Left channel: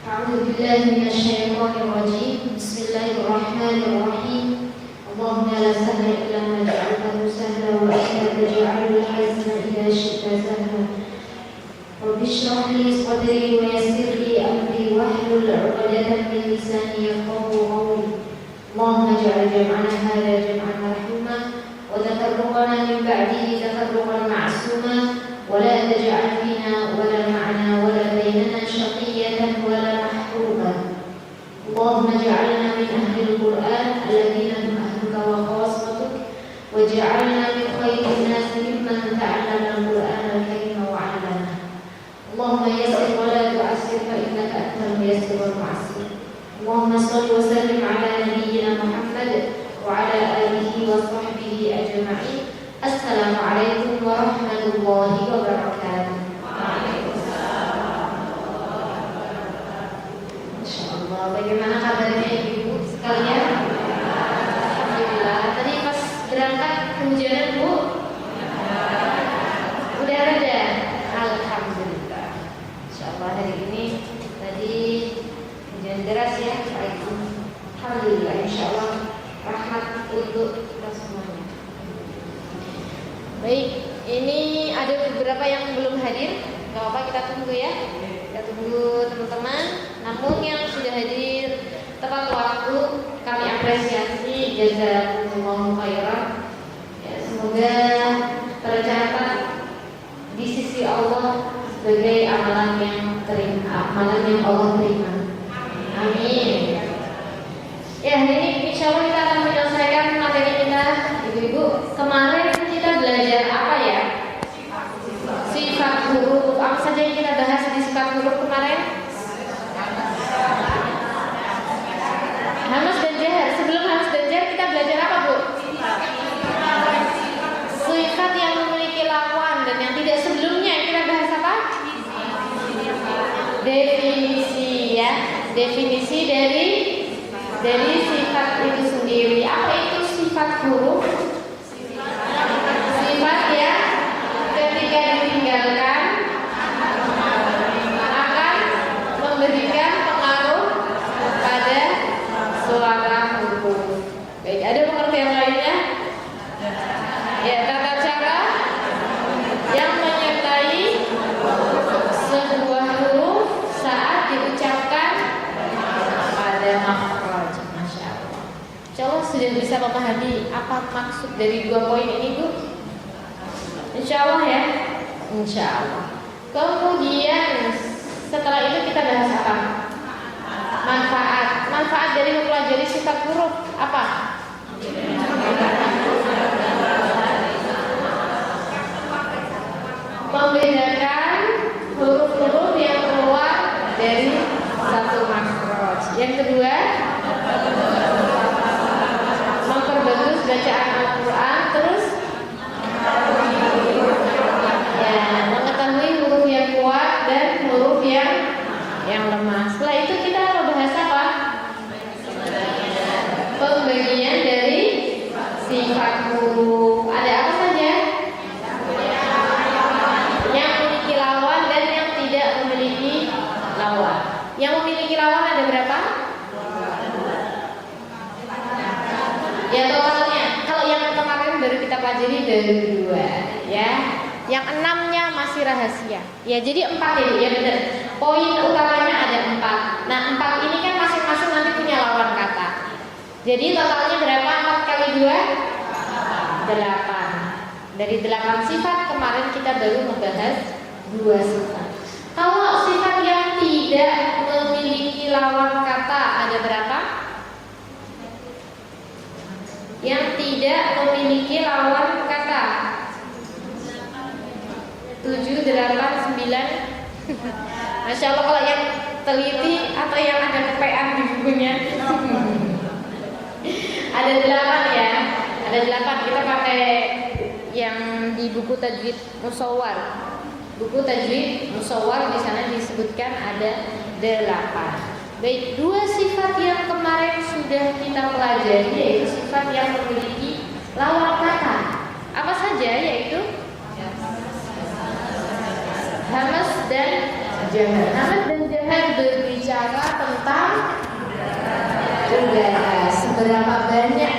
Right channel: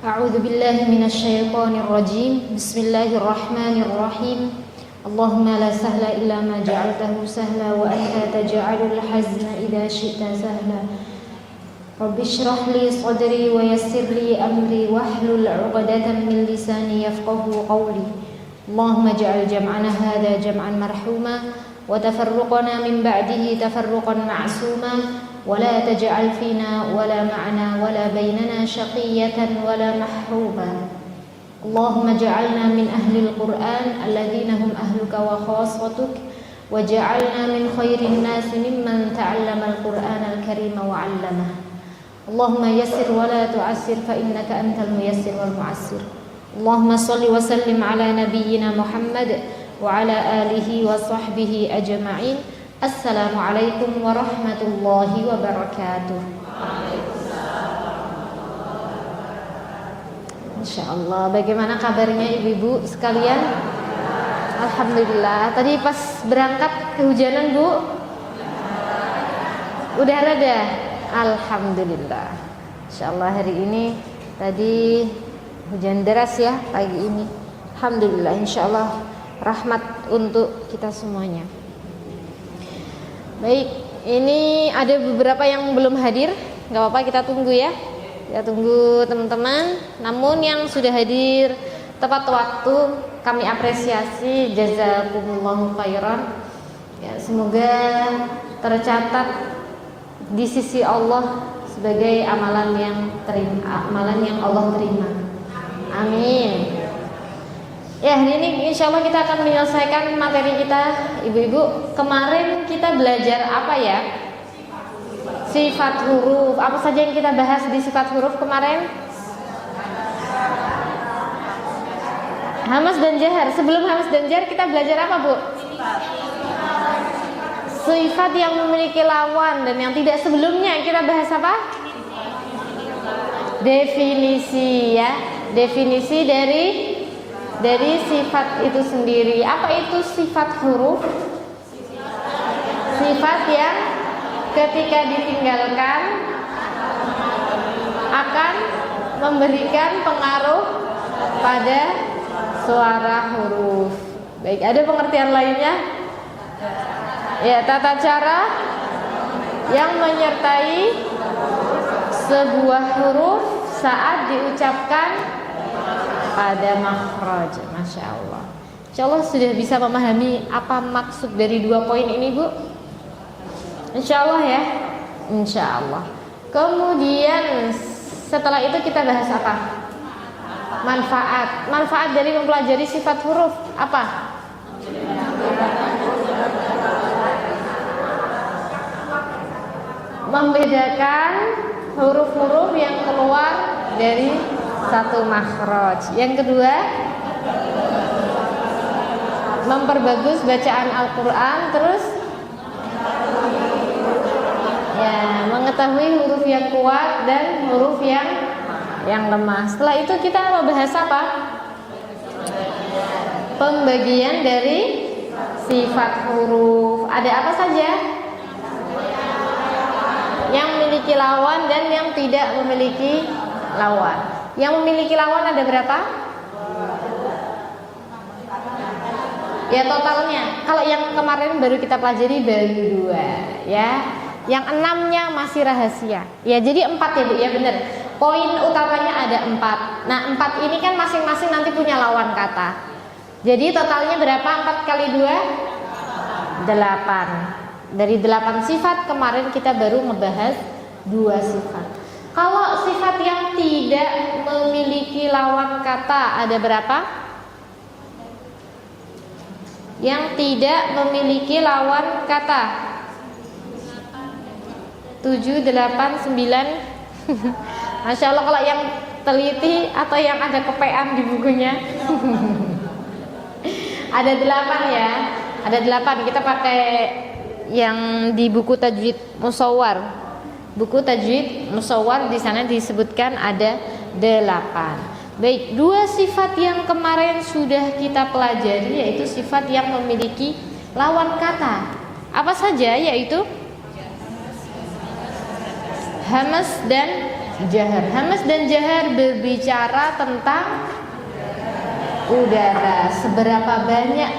أعوذ بالله من الشيطان الرجيم. بسم الله الرحمن الرحيم. اللهم لا سهل إلا ما جعلته سهلا وأنت تجعل الحزن إذا شئت سهلا. رب اشرح لي صدري ويسر لي أمري واحلل عقدة من لساني يفقهوا قولي. اللهم اجعل جمعنا هذا جمعا مرحوما وتفرقنا من بعده تفرقا معصوما ولا تجعل فينا ولا معنا ولا بيننا شقية ولا محروما. اللهم اجعلنا من أهل القرآن الذين هم أهلك وخاصتك وجعلنا من خير الناس ممن تعلم القرآن الكريم وعلمه. اللهم يسر ولا تعسر فإنك أنت الميسر والمعسر. اللهم صل وسلم على نبينا محمد وعلى آله وصحبه أجمعين. Assalamualaikum warahmatullahi wabarakatuh. Insyaallah. Bagaimana kabarnya ibu-ibu sekalian? Alhamdulillah. Tadi pas berangkat kehujanan, Bu? Udah reda? Alhamdulillah. Insyaallah hari ini tadi hujan deras ya pagi ini. Alhamdulillah, insyaallah rahmat untuk kita semuanya. Baik, ini ada beberapa yang belum hadir. Gak apa-apa, kita tunggu ya. Kita tunggu teman-teman. Namun yang sudah hadir tepat waktu kami apresiasi, jazakumullahu khairan ya, semoga tercatat di sisi Allah sebagai amalan yang Allah terima. Amin. Ya, hari ini insya Allah kita akan menyelesaikan materi kita, ibu-ibu. Kemarin kita belajar apa ya? Sifat huruf. Apa saja yang kita bahas di sifat huruf kemarin? Hamas dan jahar. Sebelum hamas dan jahar kita belajar apa, Bu? Sifat yang memiliki lawan dan yang tidak. Sebelumnya kita bahas apa? Definisi ya. Definisi dari sifat itu sendiri. Apa itu sifat huruf? Sifat yang ketika ditinggalkan akan memberikan pengaruh pada suara huruf. Baik, ada pengertian lainnya? Ya, tata cara yang menyertai sebuah huruf saat diucapkan pada makhraj. Masya Allah. Insya Allah sudah bisa memahami apa maksud dari 2 poin ini, Bu? Insya Allah ya. Insya Allah. Kemudian setelah itu kita bahas apa? Manfaat. Manfaat dari mempelajari sifat huruf apa? Membedakan huruf-huruf yang keluar dari satu makhraj. Yang kedua, memperbagus bacaan Al-Quran. Terus ya, mengetahui huruf yang kuat dan huruf yang lemah. Setelah itu kita bahas apa? Pembagian dari sifat huruf. Ada apa saja? Yang memiliki lawan dan yang tidak memiliki lawan. Yang memiliki lawan ada berapa? Ya, totalnya. Kalau yang kemarin baru kita pelajari baru 2 ya. Yang 6-nya masih rahasia. Ya, jadi 4 ya, Bu ya, benar. Poin utamanya ada 4. Nah, 4 ini kan masing-masing nanti punya lawan kata. Jadi totalnya berapa? 4 kali 2? 8. Dari 8 sifat kemarin kita baru membahas 2 sifat. Kalau sifat yang tidak memiliki lawan kata ada berapa? Yang tidak memiliki lawan kata 7, 8, 9. Masya Allah, kalau yang teliti atau yang ada kepean di bukunya ada 8 ya. Ada 8. Kita pakai yang di buku Tajwid Musawwar. Buku Tajwid Musawwar di sana disebutkan ada 8. Baik, 2 sifat yang kemarin sudah kita pelajari yaitu sifat yang memiliki lawan kata. Apa saja? Yaitu hamas dan jahar. Hamas dan jahar berbicara berbicara tentang udara. Seberapa banyak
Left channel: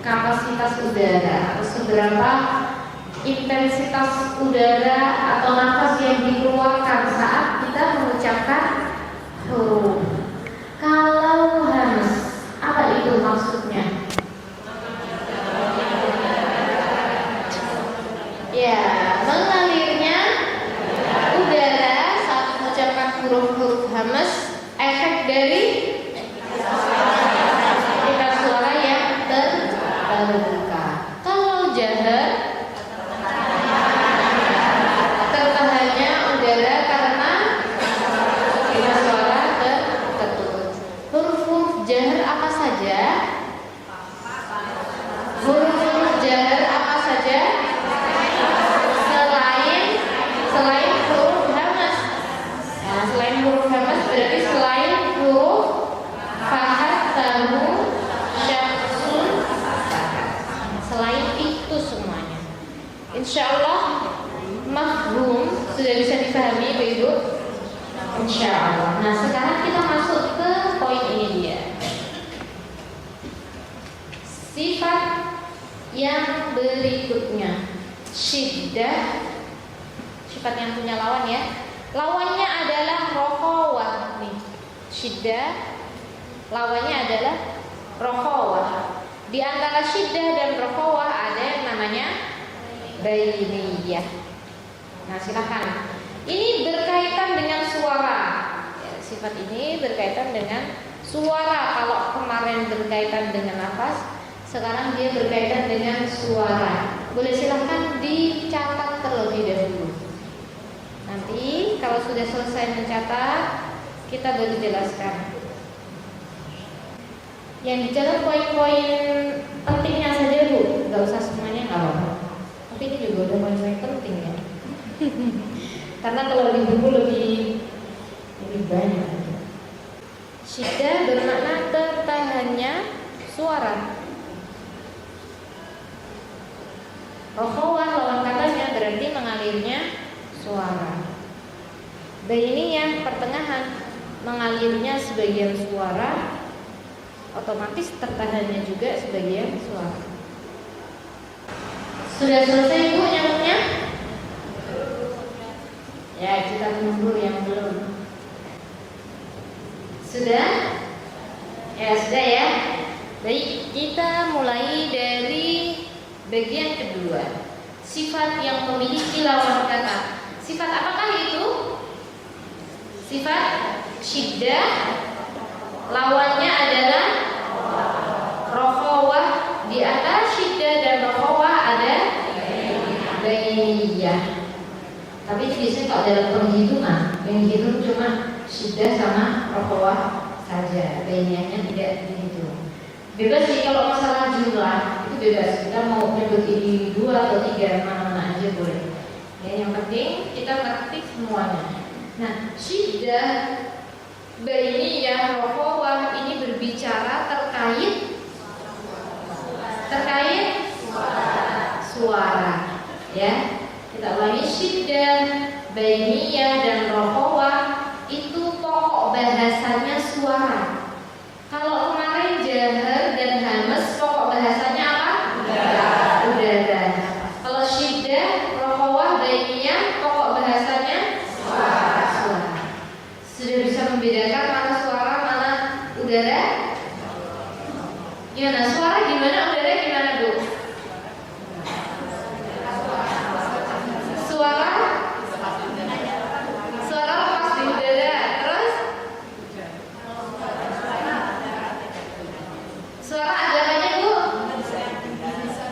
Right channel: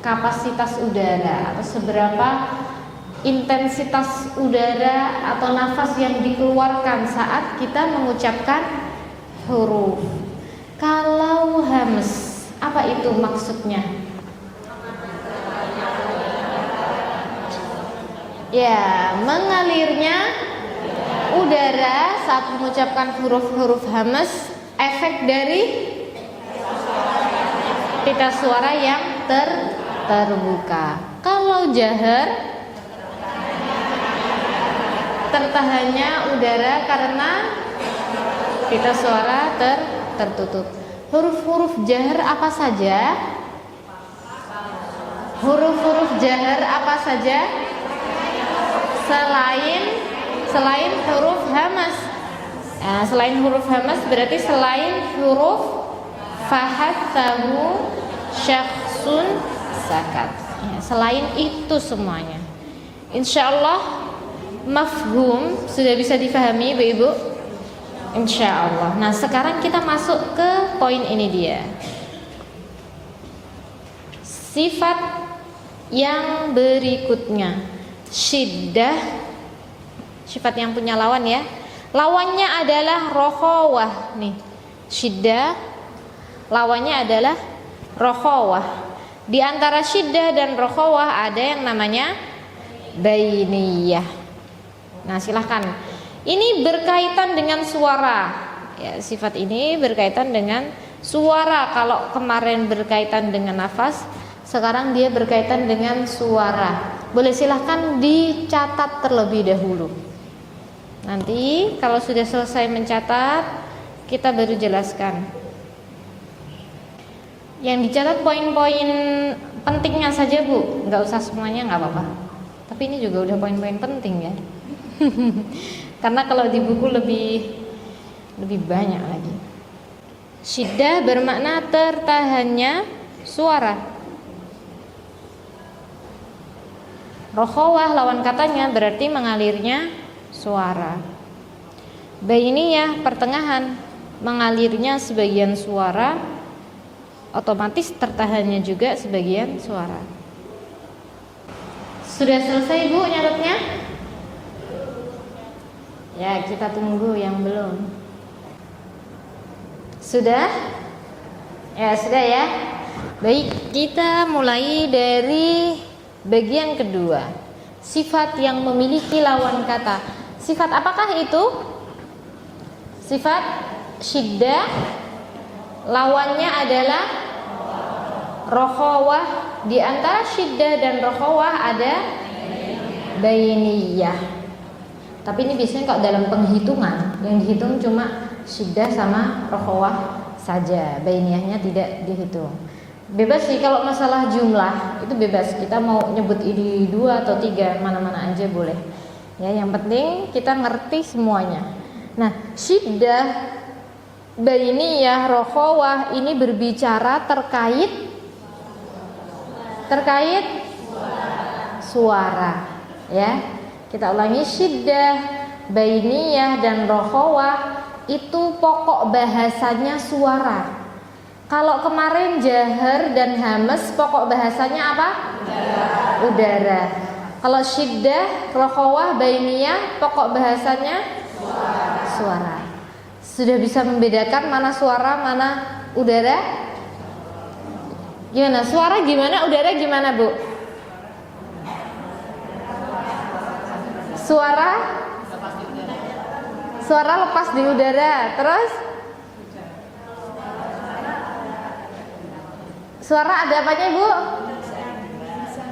kapasitas udara atau seberapa intensitas udara atau nafas yang dikeluarkan saat kita mengucapkan huruf. Kalau hams, apa itu maksudnya? Ya, mengalirnya udara saat mengucapkan huruf-huruf hams, efek dari pita suara yang terbuka. Kalau jahar, tertahannya udara karena pita suara tertutup. Huruf-huruf jahar apa saja? Huruf-huruf jahar apa saja? Selain huruf hamas. Nah, selain huruf hamas berarti selain huruf fahad, tahu, syakhsun, sakat. Selain itu semuanya, insya Allah mafhum sudah bisa difahami Ibu-ibu? Insya Allah. Nah, sekarang kita masuk ke poin ini dia. Sifat yang berikutnya, syiddah. Sifat yang punya lawan ya. Lawannya adalah rokhawah nih. Syiddah lawannya adalah rokhawah. Di antara syiddah dan rokhawah ada yang namanya bainiyah. Nah, silahkan. Ini berkaitan dengan suara. Ya, sifat ini berkaitan dengan suara. Kalau kemarin berkaitan dengan nafas, sekarang dia berkaitan dengan suara. Boleh silahkan dicatat terlebih dahulu. Nanti kalau sudah selesai mencatat, kita baru jelaskan. Yang dicatat poin-poin pentingnya saja Bu, nggak usah semuanya, nggak apa-apa. Tapi ini juga udah poin-poin penting ya. Karena kalau di buku lebih banyak lagi. Syiddah bermakna tertahannya suara. Rokhawah lawan katanya berarti mengalirnya suara. Bainiyah pertengahan, mengalirnya sebagian suara, otomatis tertahannya juga sebagian suara. Sudah selesai Bu nyatetnya? Ya, kita tunggu yang belum. Sudah? Ya, sudah ya. Baik, kita mulai dari bagian kedua. Sifat yang memiliki lawan kata. Sifat apakah itu? Sifat syiddah, lawannya adalah rokhawah. Di antara syiddah dan rokhawah ada bainiyah. Tapi ini biasanya kalau dalam penghitungan, yang dihitung cuma syiddah sama rokhawah saja. Bainiyahnya tidak dihitung. Bebas sih kalau masalah jumlah, itu bebas. Kita mau nyebut ini 2 atau 3, mana-mana aja boleh. Ya, yang penting kita ngerti semuanya. Nah, syiddah, bainiyah, rokhawah ini berbicara terkait suara. Ya, kita ulangi, syiddah, bainiyah dan rokhawah itu pokok bahasanya suara. Kalau kemarin jahar dan hamas pokok bahasanya apa? Udara. Kalau syiddah, rokhawah, bainiyah pokok bahasanya suara. Sudah bisa membedakan mana suara, mana udara? Gimana? Suara gimana, udara gimana Bu? Suara lepas di udara. Terus suara ada apanya Bu?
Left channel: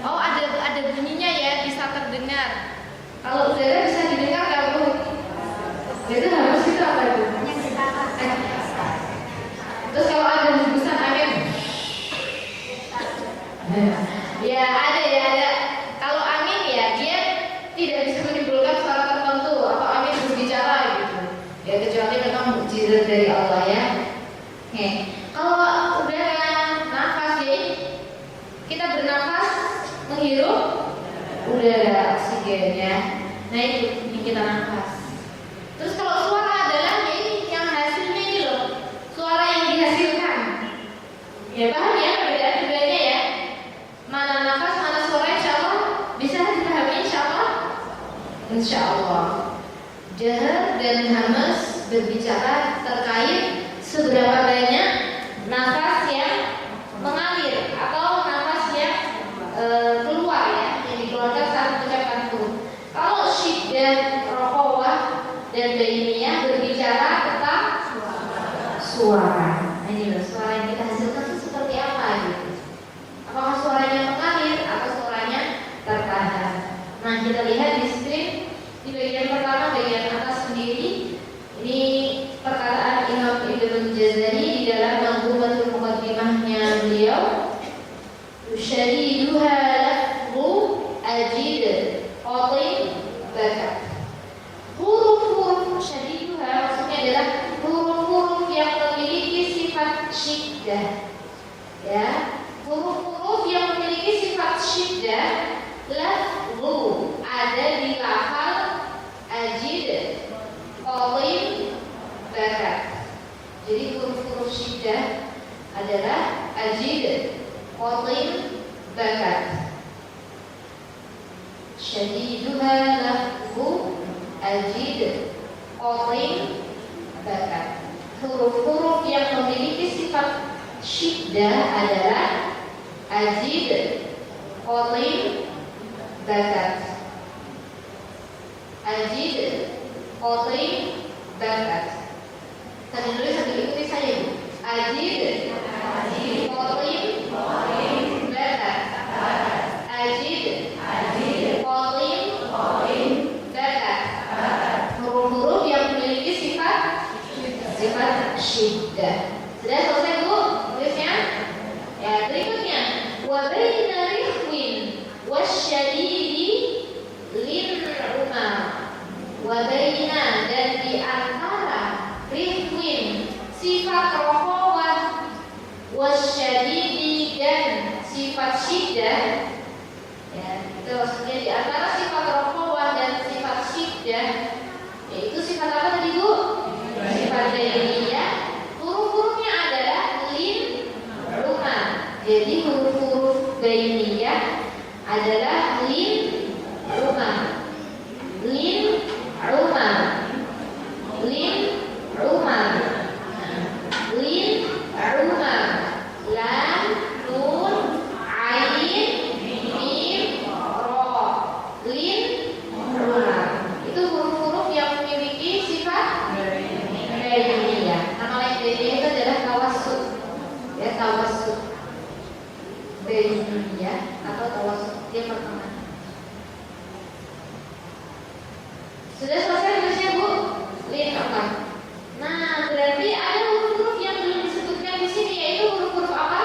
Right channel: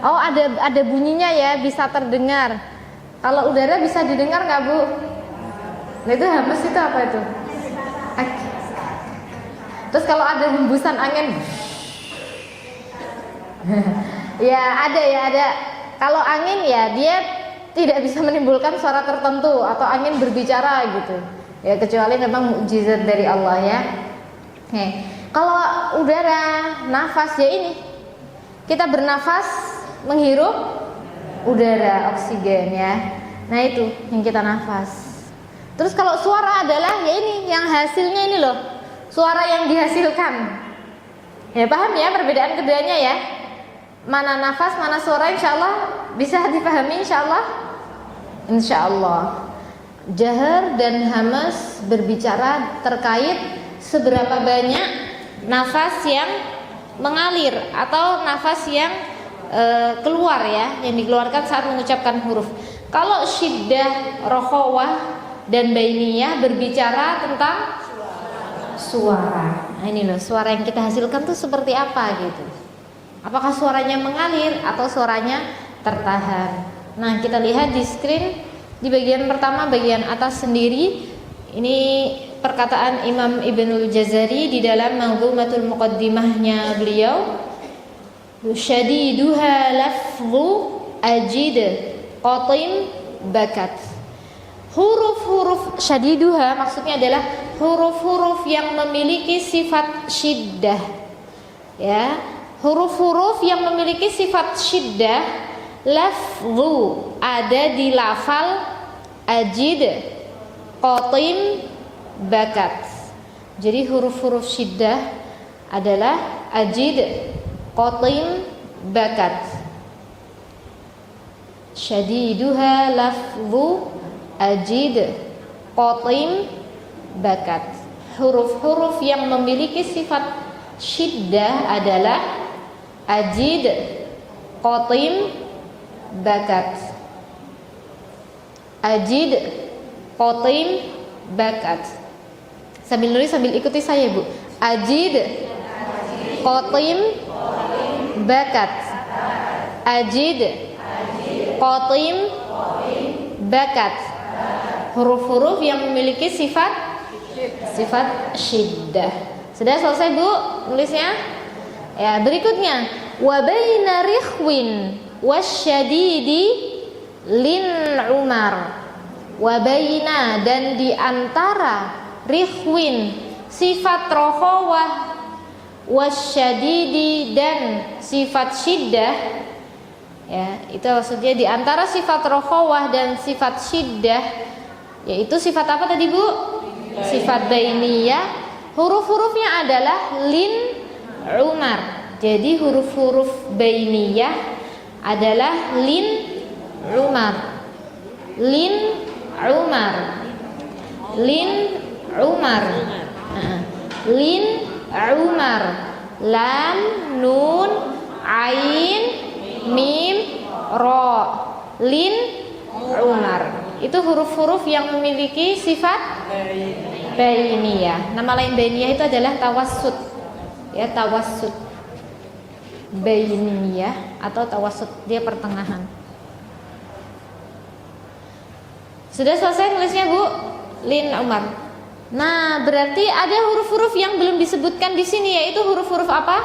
Oh, ada bunyinya ya, bisa terdengar. Kalau udara bisa didengar nggak Bu? Nah, itu hamas itu apa itu? Terus kalau ada hembusan angin, ya ada. Kalau angin ya dia tidak bisa menimbulkan suara tertentu atau angin berbicara gitu. Ya kecuali memang mukjizat dari Allah ya. Oke. Kalau udara, nafas ya ini. Kita bernafas, menghirup udara, oksigen ya. Nah itu yang kita nafas. Terus kalau suara adalah ya ini yang hasilnya ini loh. suara yang dihasilkan. Ya, paham ya perbedaan keduanya ya. Mana nafas, mana suara, insya Allah bisa dipahami insya Allah. Insya Allah. Jahar dan hamas berbicara terkait seberapa banyak nafas yang mengalir atau nafas yang keluar ya, yang dikeluarkan saat mengucapkan huruf. Kalau syiddah, rokhawah dan bainiyah berbicara tentang suara. Nah, ini loh, suara yang kita hasilkan tuh seperti apa gitu. Apakah suaranya mengalir atau suaranya tertahan? Nah, kita lihat di screen di bagian pertama, bagian atas sendiri. Ini perkataan Imam Ibnul Jazari di dalam Manzumatul Muqaddimahnya beliau. Syadiduha lafzu ajid qatim bakat. Huruf-huruf syadiduha maksudnya adalah huruf-huruf yang memiliki sifat syiddah. Ya, huruf-huruf yang memiliki sifat syiddah, lafzu ada di lafal ajid qatim bakat. Jadi huruf-huruf syiddah adalah ajid qatim bakat. Syadiduha lafzu ajid qatim bakat. Huruf-huruf yang memiliki sifat syiddah adalah ajid qatim bakat. Ajid qatim bakat. Sambil nulis sambil ikuti saya, Bu. Ajid qatim bakat. Ajid qatim bakat. Huruf-huruf yang memiliki sifat syiddah. Sudah selesai, Bu, nulisnya? Ya, berikutnya wa baina rikhwin wasyadidi lin umar. Wa baina dan di antara rikhwin sifat rokhawah wasyadidi dan sifat syiddah. Ya, itu maksudnya di antara sifat rokhawah dan sifat syiddah, yaitu sifat apa tadi, Bu? Sifat bainiyah. Huruf-hurufnya adalah lin umar. Jadi huruf-huruf bainiyah adalah lin umar. Lin umar. Lin umar. Lin umar. Lam, nun, ain, mim, ro. Lin umar. Itu huruf-huruf yang memiliki sifat bainiyah. Nama lain bainiyah itu adalah tawassut. Ya, tawassut. Bainiyah atau tawassut, dia pertengahan. Sudah selesai tulisnya, Bu? Lin umar. Nah, berarti ada huruf-huruf yang belum disebutkan di sini, yaitu huruf-huruf apa?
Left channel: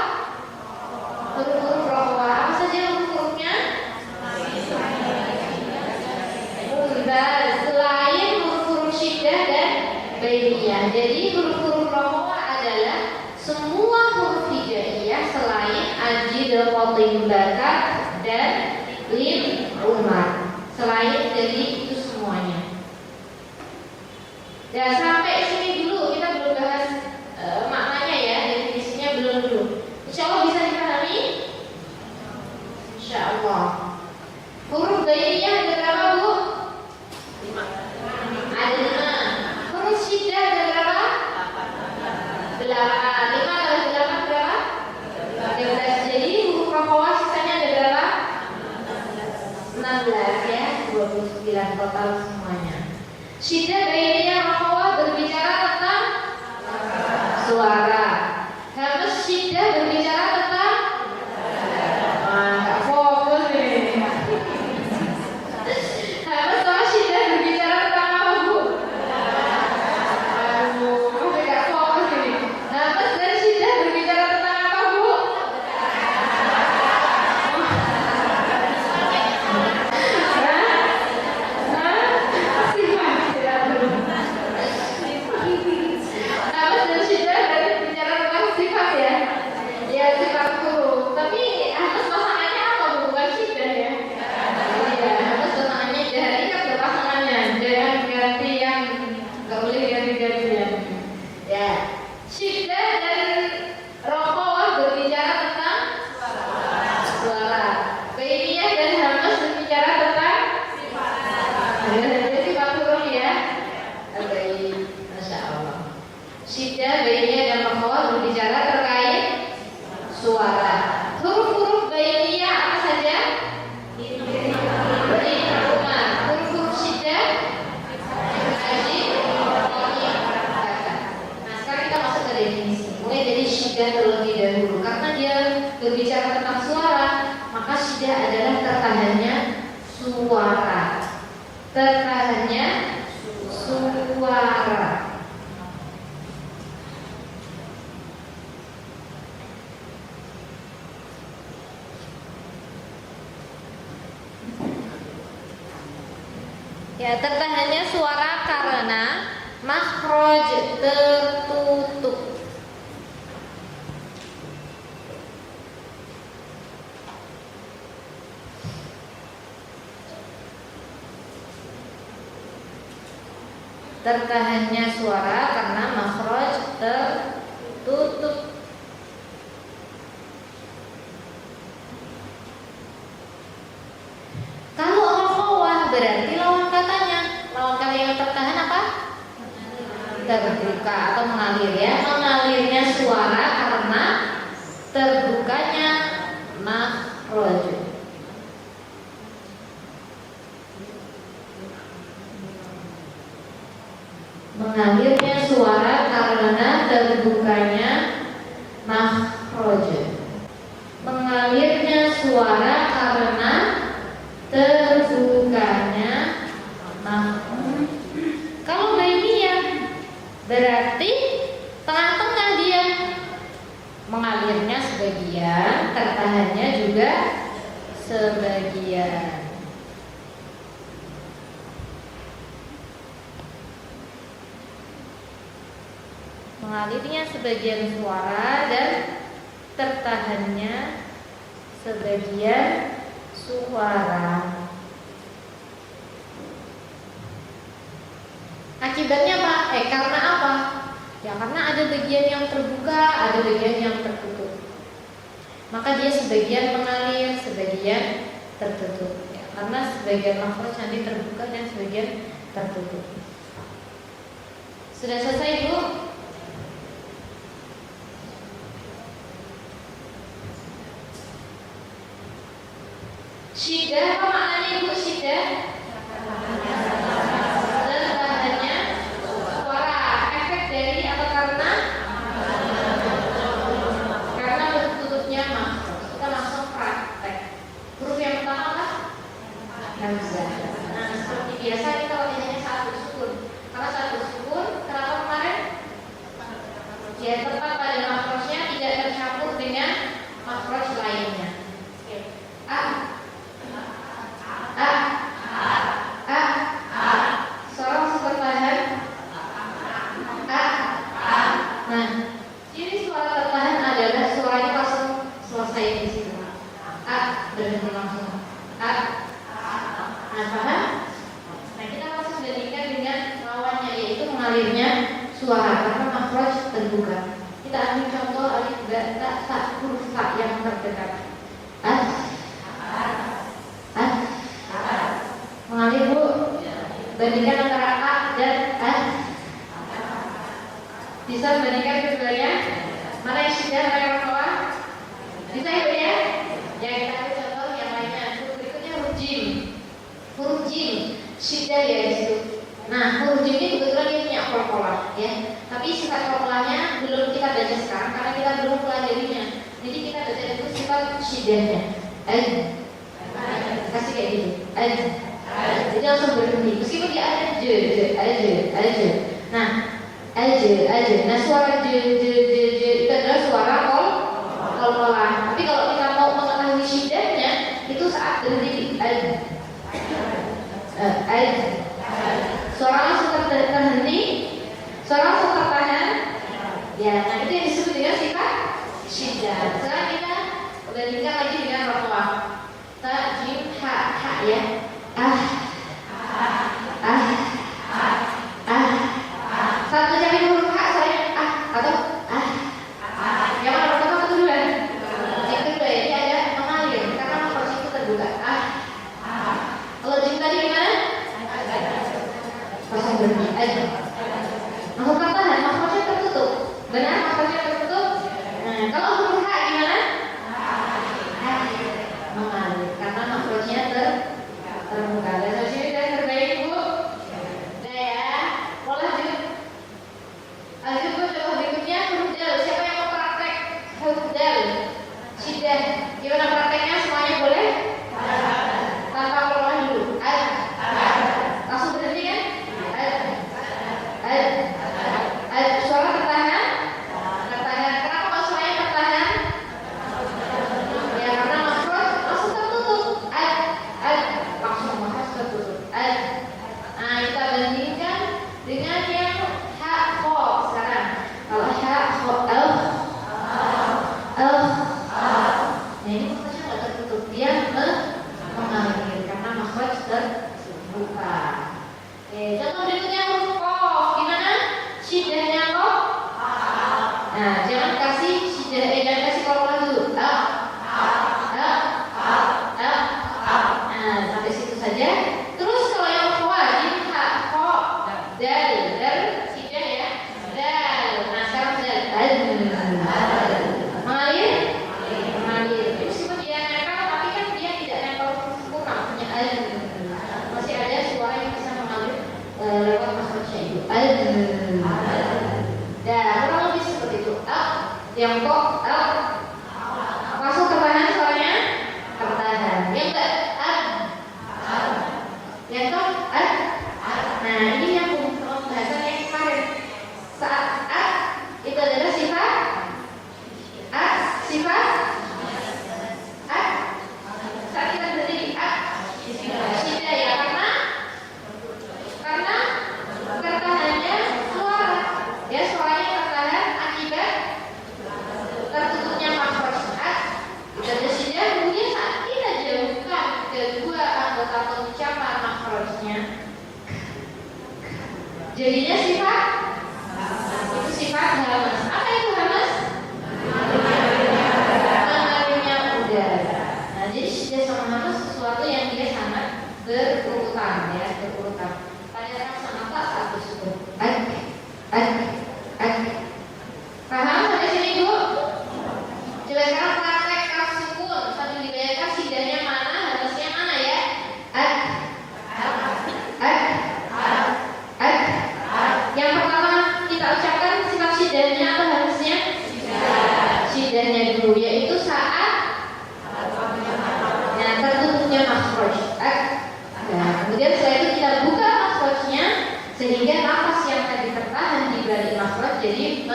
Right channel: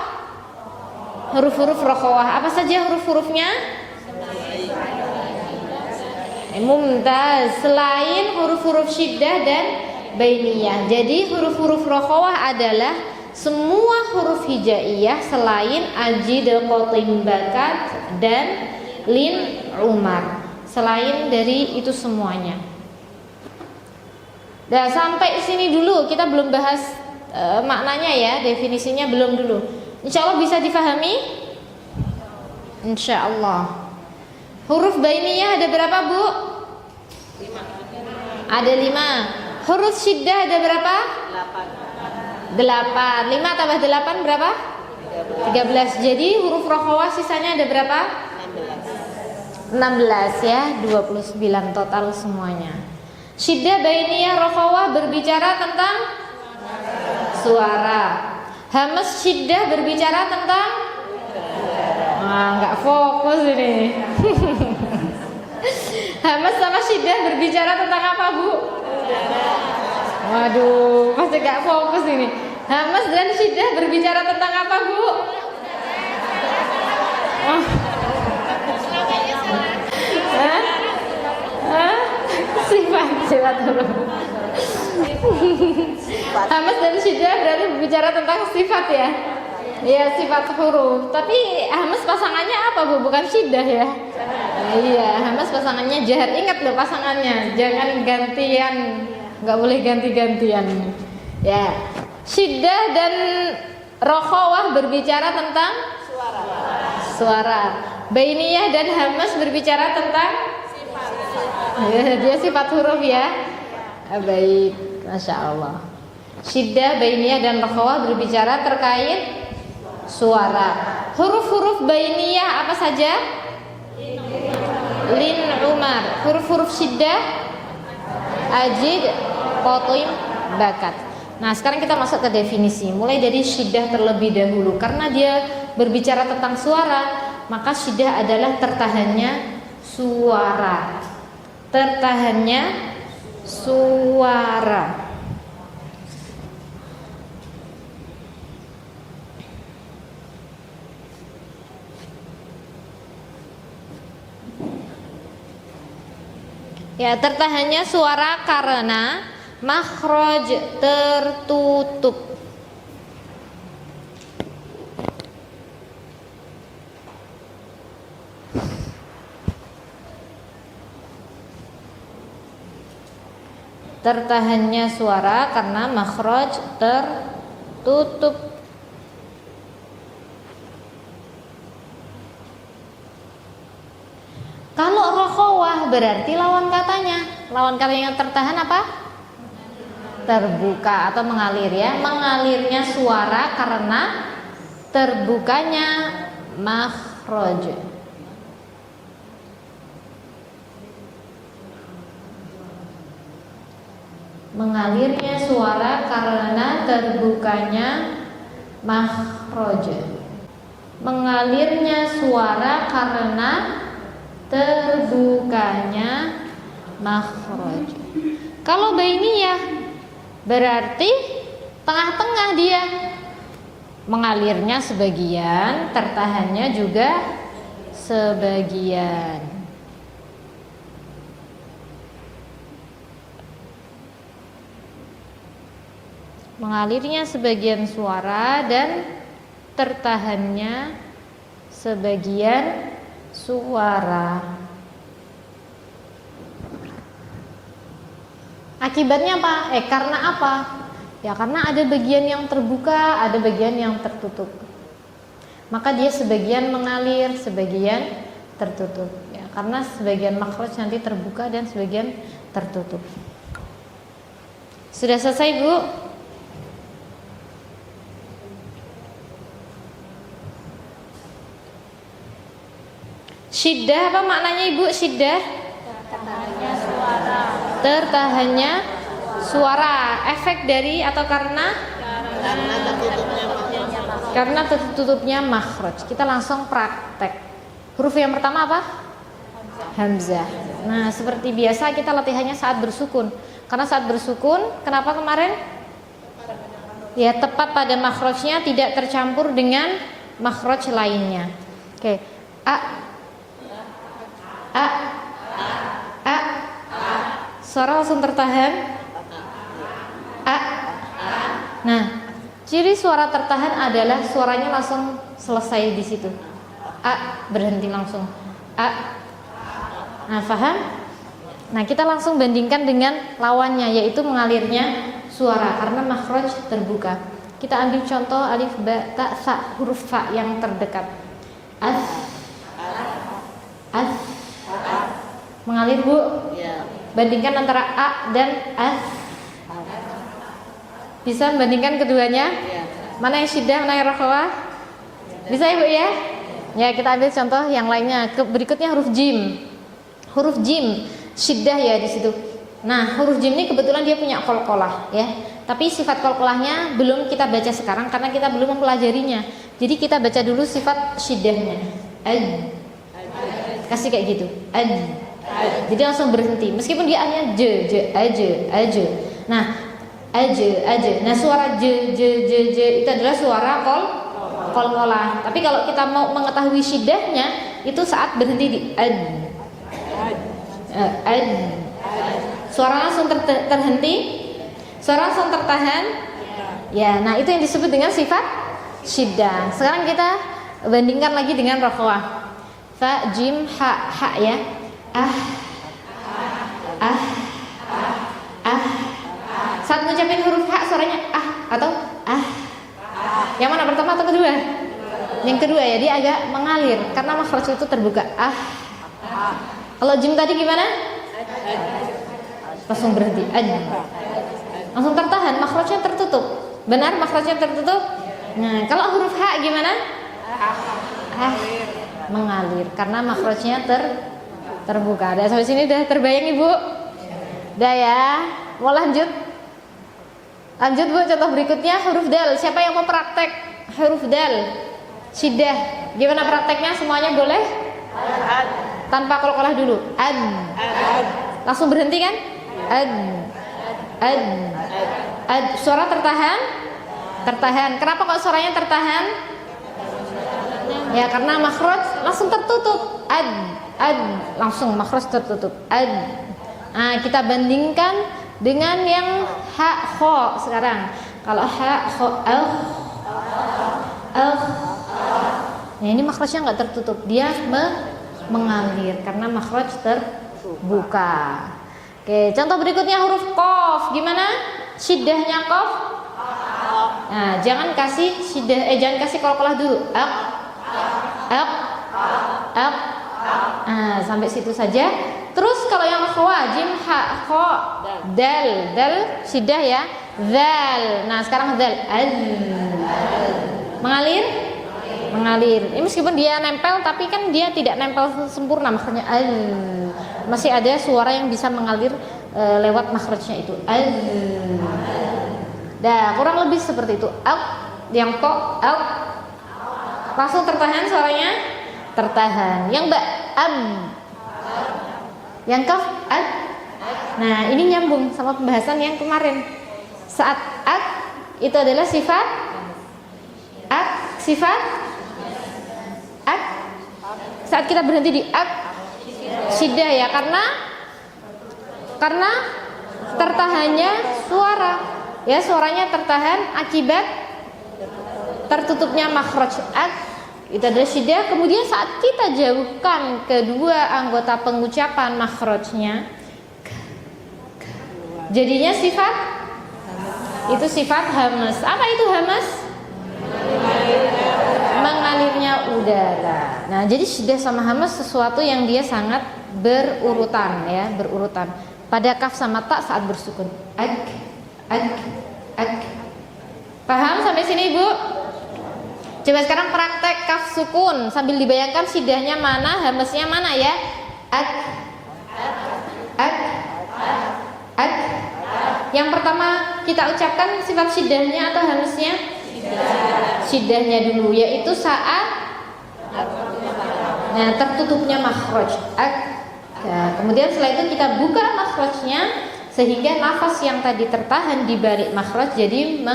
Huruf-huruf rokhawah. Apa saja huruf-hurufnya? Mumtaz. Selain huruf-huruf syiddah dan bainiyah. Jadi huruf-huruf rokhawah adalah semua huruf hijaiyah selain ajid qatim bakat dan lin umar. Selain dari itu semuanya. Nah, sampai sini dulu, kita belum bahas maknanya ya, definisinya belum dulu. Insya Allah bisa dipahami? Insya Allah. Huruf bainiyah ada berapa, Bu? 5. Ada 5. Huruf syiddah ada berapa? 8. 5 tambah 8 berapa? 13. Jadi huruf rokhawah sisanya ada berapa? 16 ya, 29 total semuanya. Syiddah, bainiyah, rokhawah berbicara tentang suara. Hamas syiddah berbicara tentang nggak fokus ini. Hamas sama syiddah berbicara tentang apa, Bu? Waduh, pasti nggak fokus ini. Hamas dan syiddah berbicara tentang apa, Bu? Sifat. Hamas dan syiddah berarti berbicara tentang sifat ya. Ya, sifat huruf. Tapi hamas pasangannya apa, Bu? Bukan syiddah ya. Iya, hamas pasangannya jahar. Ingat loh pasangannya. Jangan gantian. Nggak boleh ganti-gantian. Ya. Syiddah dan rokhawah berbicara tentang suara. Bainiyah dan hamas berbicara tentang dia sifat huruf ya. Baik, masya Allah. Syiddah, bainiyah dan rokhawah berbicara terkait suara. Huruf-huruf bainiyah apa saja? Lin, umar. Huruf-huruf syiddah, ajid, qati, bakat. Nah, sekarang kita masuk ke definisi. Mulai dari syiddah terlebih dahulu. Karena dia berbicara tentang suara, maka syiddah adalah tertahannya suara. Tertahannya suara. Ya, tertahannya suara karena makhraj tertutup. Tertahannya suara karena makhraj tertutup. Kalau rokhawah berarti lawan katanya. Lawan kata yang tertahan apa? Terbuka atau mengalir ya. Mengalirnya suara karena terbukanya makhraj. Mengalirnya suara karena terbukanya makhraj. Mengalirnya suara karena terbukanya makhraj. Kalau bainiyah berarti tengah-tengah dia. Mengalirnya sebagian, tertahannya juga sebagian. Mengalirnya sebagian suara dan tertahannya sebagian suara. Akibatnya apa? Karena apa? Ya karena ada bagian yang terbuka, ada bagian yang tertutup. Maka dia sebagian mengalir, sebagian tertutup. Ya, karena sebagian makhraj nanti terbuka dan sebagian tertutup. Sudah selesai, Bu? Syiddah apa maknanya, Ibu? Syiddah? Tertahannya suara. Efek dari atau karena tertutupnya makhraj. Kita langsung praktek. Huruf yang pertama apa? Hamzah. Nah, seperti biasa kita latihannya saat bersukun. Karena saat bersukun, kenapa kemarin? Ya, tepat pada makhrajnya, tidak tercampur dengan makhraj lainnya. Oke. A. Suara langsung tertahan. A. Nah, ciri suara tertahan adalah suaranya langsung selesai di situ. A, berhenti langsung. A. Nah, paham? Nah, kita langsung bandingkan dengan lawannya, yaitu mengalirnya suara karena makhraj terbuka. Kita ambil contoh alif, ba, ta, sa, huruf fa yang terdekat. As. Mengalir, Bu. Bandingkan antara a dan as. Bisa bandingkan keduanya? Mana yang syiddah, mana yang rokhawah? Bisa, Ibu ya? Ya, kita ambil contoh yang lainnya. Berikutnya huruf jim. Huruf jim syiddah ya di situ. Nah, huruf jim ini kebetulan dia punya qalqalah ya. Tapi sifat qalqalahnya belum kita baca sekarang karena kita belum mempelajarinya. Jadi kita baca dulu sifat syiddahnya. Kasih kayak gitu. Jadi langsung berhenti. Meskipun dia hanya je. Nah, aja. Nah, suara je itu adalah suara qalqalah. Tapi kalau kita mau mengetahui syiddahnya, itu saat berhenti di suara langsung terhenti, suara langsung tertahan. Ya, nah itu yang disebut dengan sifat syiddah. Sekarang kita bandingkan lagi dengan rokhawah. Fa, jim, ha ya. Saat mengucapkan huruf ha suaranya atau makhraj itu terbuka. Kalau jim tadi gimana? Langsung berhenti. Langsung tertahan, makhrajnya tertutup. Benar, makhrajnya tertutup. Nah, kalau huruf H gimana? Mengalir karena makhrajnya terbuka. Dan sampai sini udah terbayang Ibu? Udah ya. Mau lanjut? Lanjut Bu, contoh berikutnya huruf dal. Siapa yang mau praktek huruf dal? Syiddah. Gimana prakteknya? Semuanya boleh? Tanpa qalqalah dulu. Langsung berhenti kan? Suara tertahan? Tertahan. Kenapa kok suaranya tertahan? Ya karena makhraj langsung tertutup. Langsung makhraj tertutup. Nah, kita bandingkan dengan yang ha kha sekarang. Kalau ha kha nah ini makhrajnya nggak tertutup, dia mengalir karena makhraj terbuka. Oke, contoh berikutnya huruf qaf. Gimana? Syiddahnya qaf. Nah, jangan kasih syiddah, jangan kasih qalqalah dulu. Nah, sampai situ saja. Terus kalau yang jim ha kha dal syiddah ya. Zal. Nah, sekarang dal. Mengalir. Ini meskipun dia nempel tapi kan dia tidak nempel sempurna, makanya masih ada suara yang bisa mengalir lewat makhrajnya itu. Dah, kurang lebih seperti itu. Yang to langsung tertahan suaranya, tertahan. Yang ba yang kaf Nah, ini nyambung sama pembahasan yang kemarin. Saat itu adalah sifat saat kita berhenti di syiddah ya, karena tertahannya suara ya, suaranya tertahan akibat tertutupnya makhraj itu adalah syiddah. Kemudian saat kita jauhkan kedua anggota pengucapan makhrajnya, jadinya sifat hamas. Apa itu hamas? Mengalirnya udara. Nah, jadi syiddah sama hamas sesuatu yang dia sangat berurutan ya, berurutan. Pada kaf sama ta saat bersukun. Paham sampai sini, Bu? Coba sekarang praktek kaf sukun sambil dibayangkan syiddahnya mana, hamasnya mana ya. Yang pertama kita ucapkan sifat syiddahnya atau hamasnya? Syiddahnya dulu, yaitu saat tertutupnya makhraj. Nah, kemudian setelah itu kita buka makhrajnya sehingga nafas yang tadi tertahan di balik makhraj jadi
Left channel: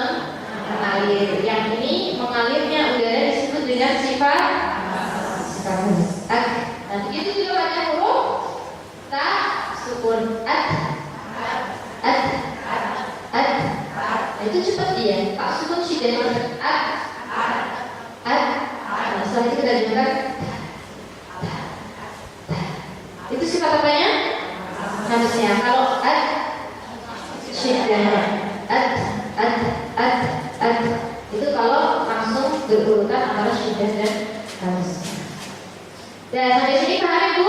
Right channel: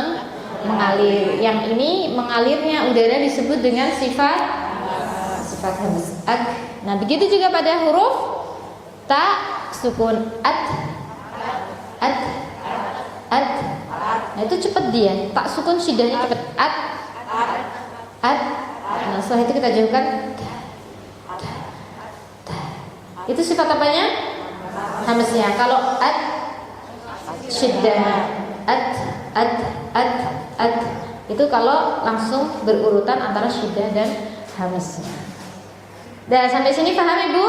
mengalir. Yang ini mengalirnya udara disebut dengan sifat hamas. Nah, begitu juga pada huruf ta sukun Nah, itu cepat dia. Tak sukun syiddahnya cepat. Nah, setelah itu kita jauhkan. Itu sifat apanya? Hamasnya. Kalau syiddah itu kalau langsung berurutan antara syiddah dan hamasnya. Dan sampai sini paham Ibu?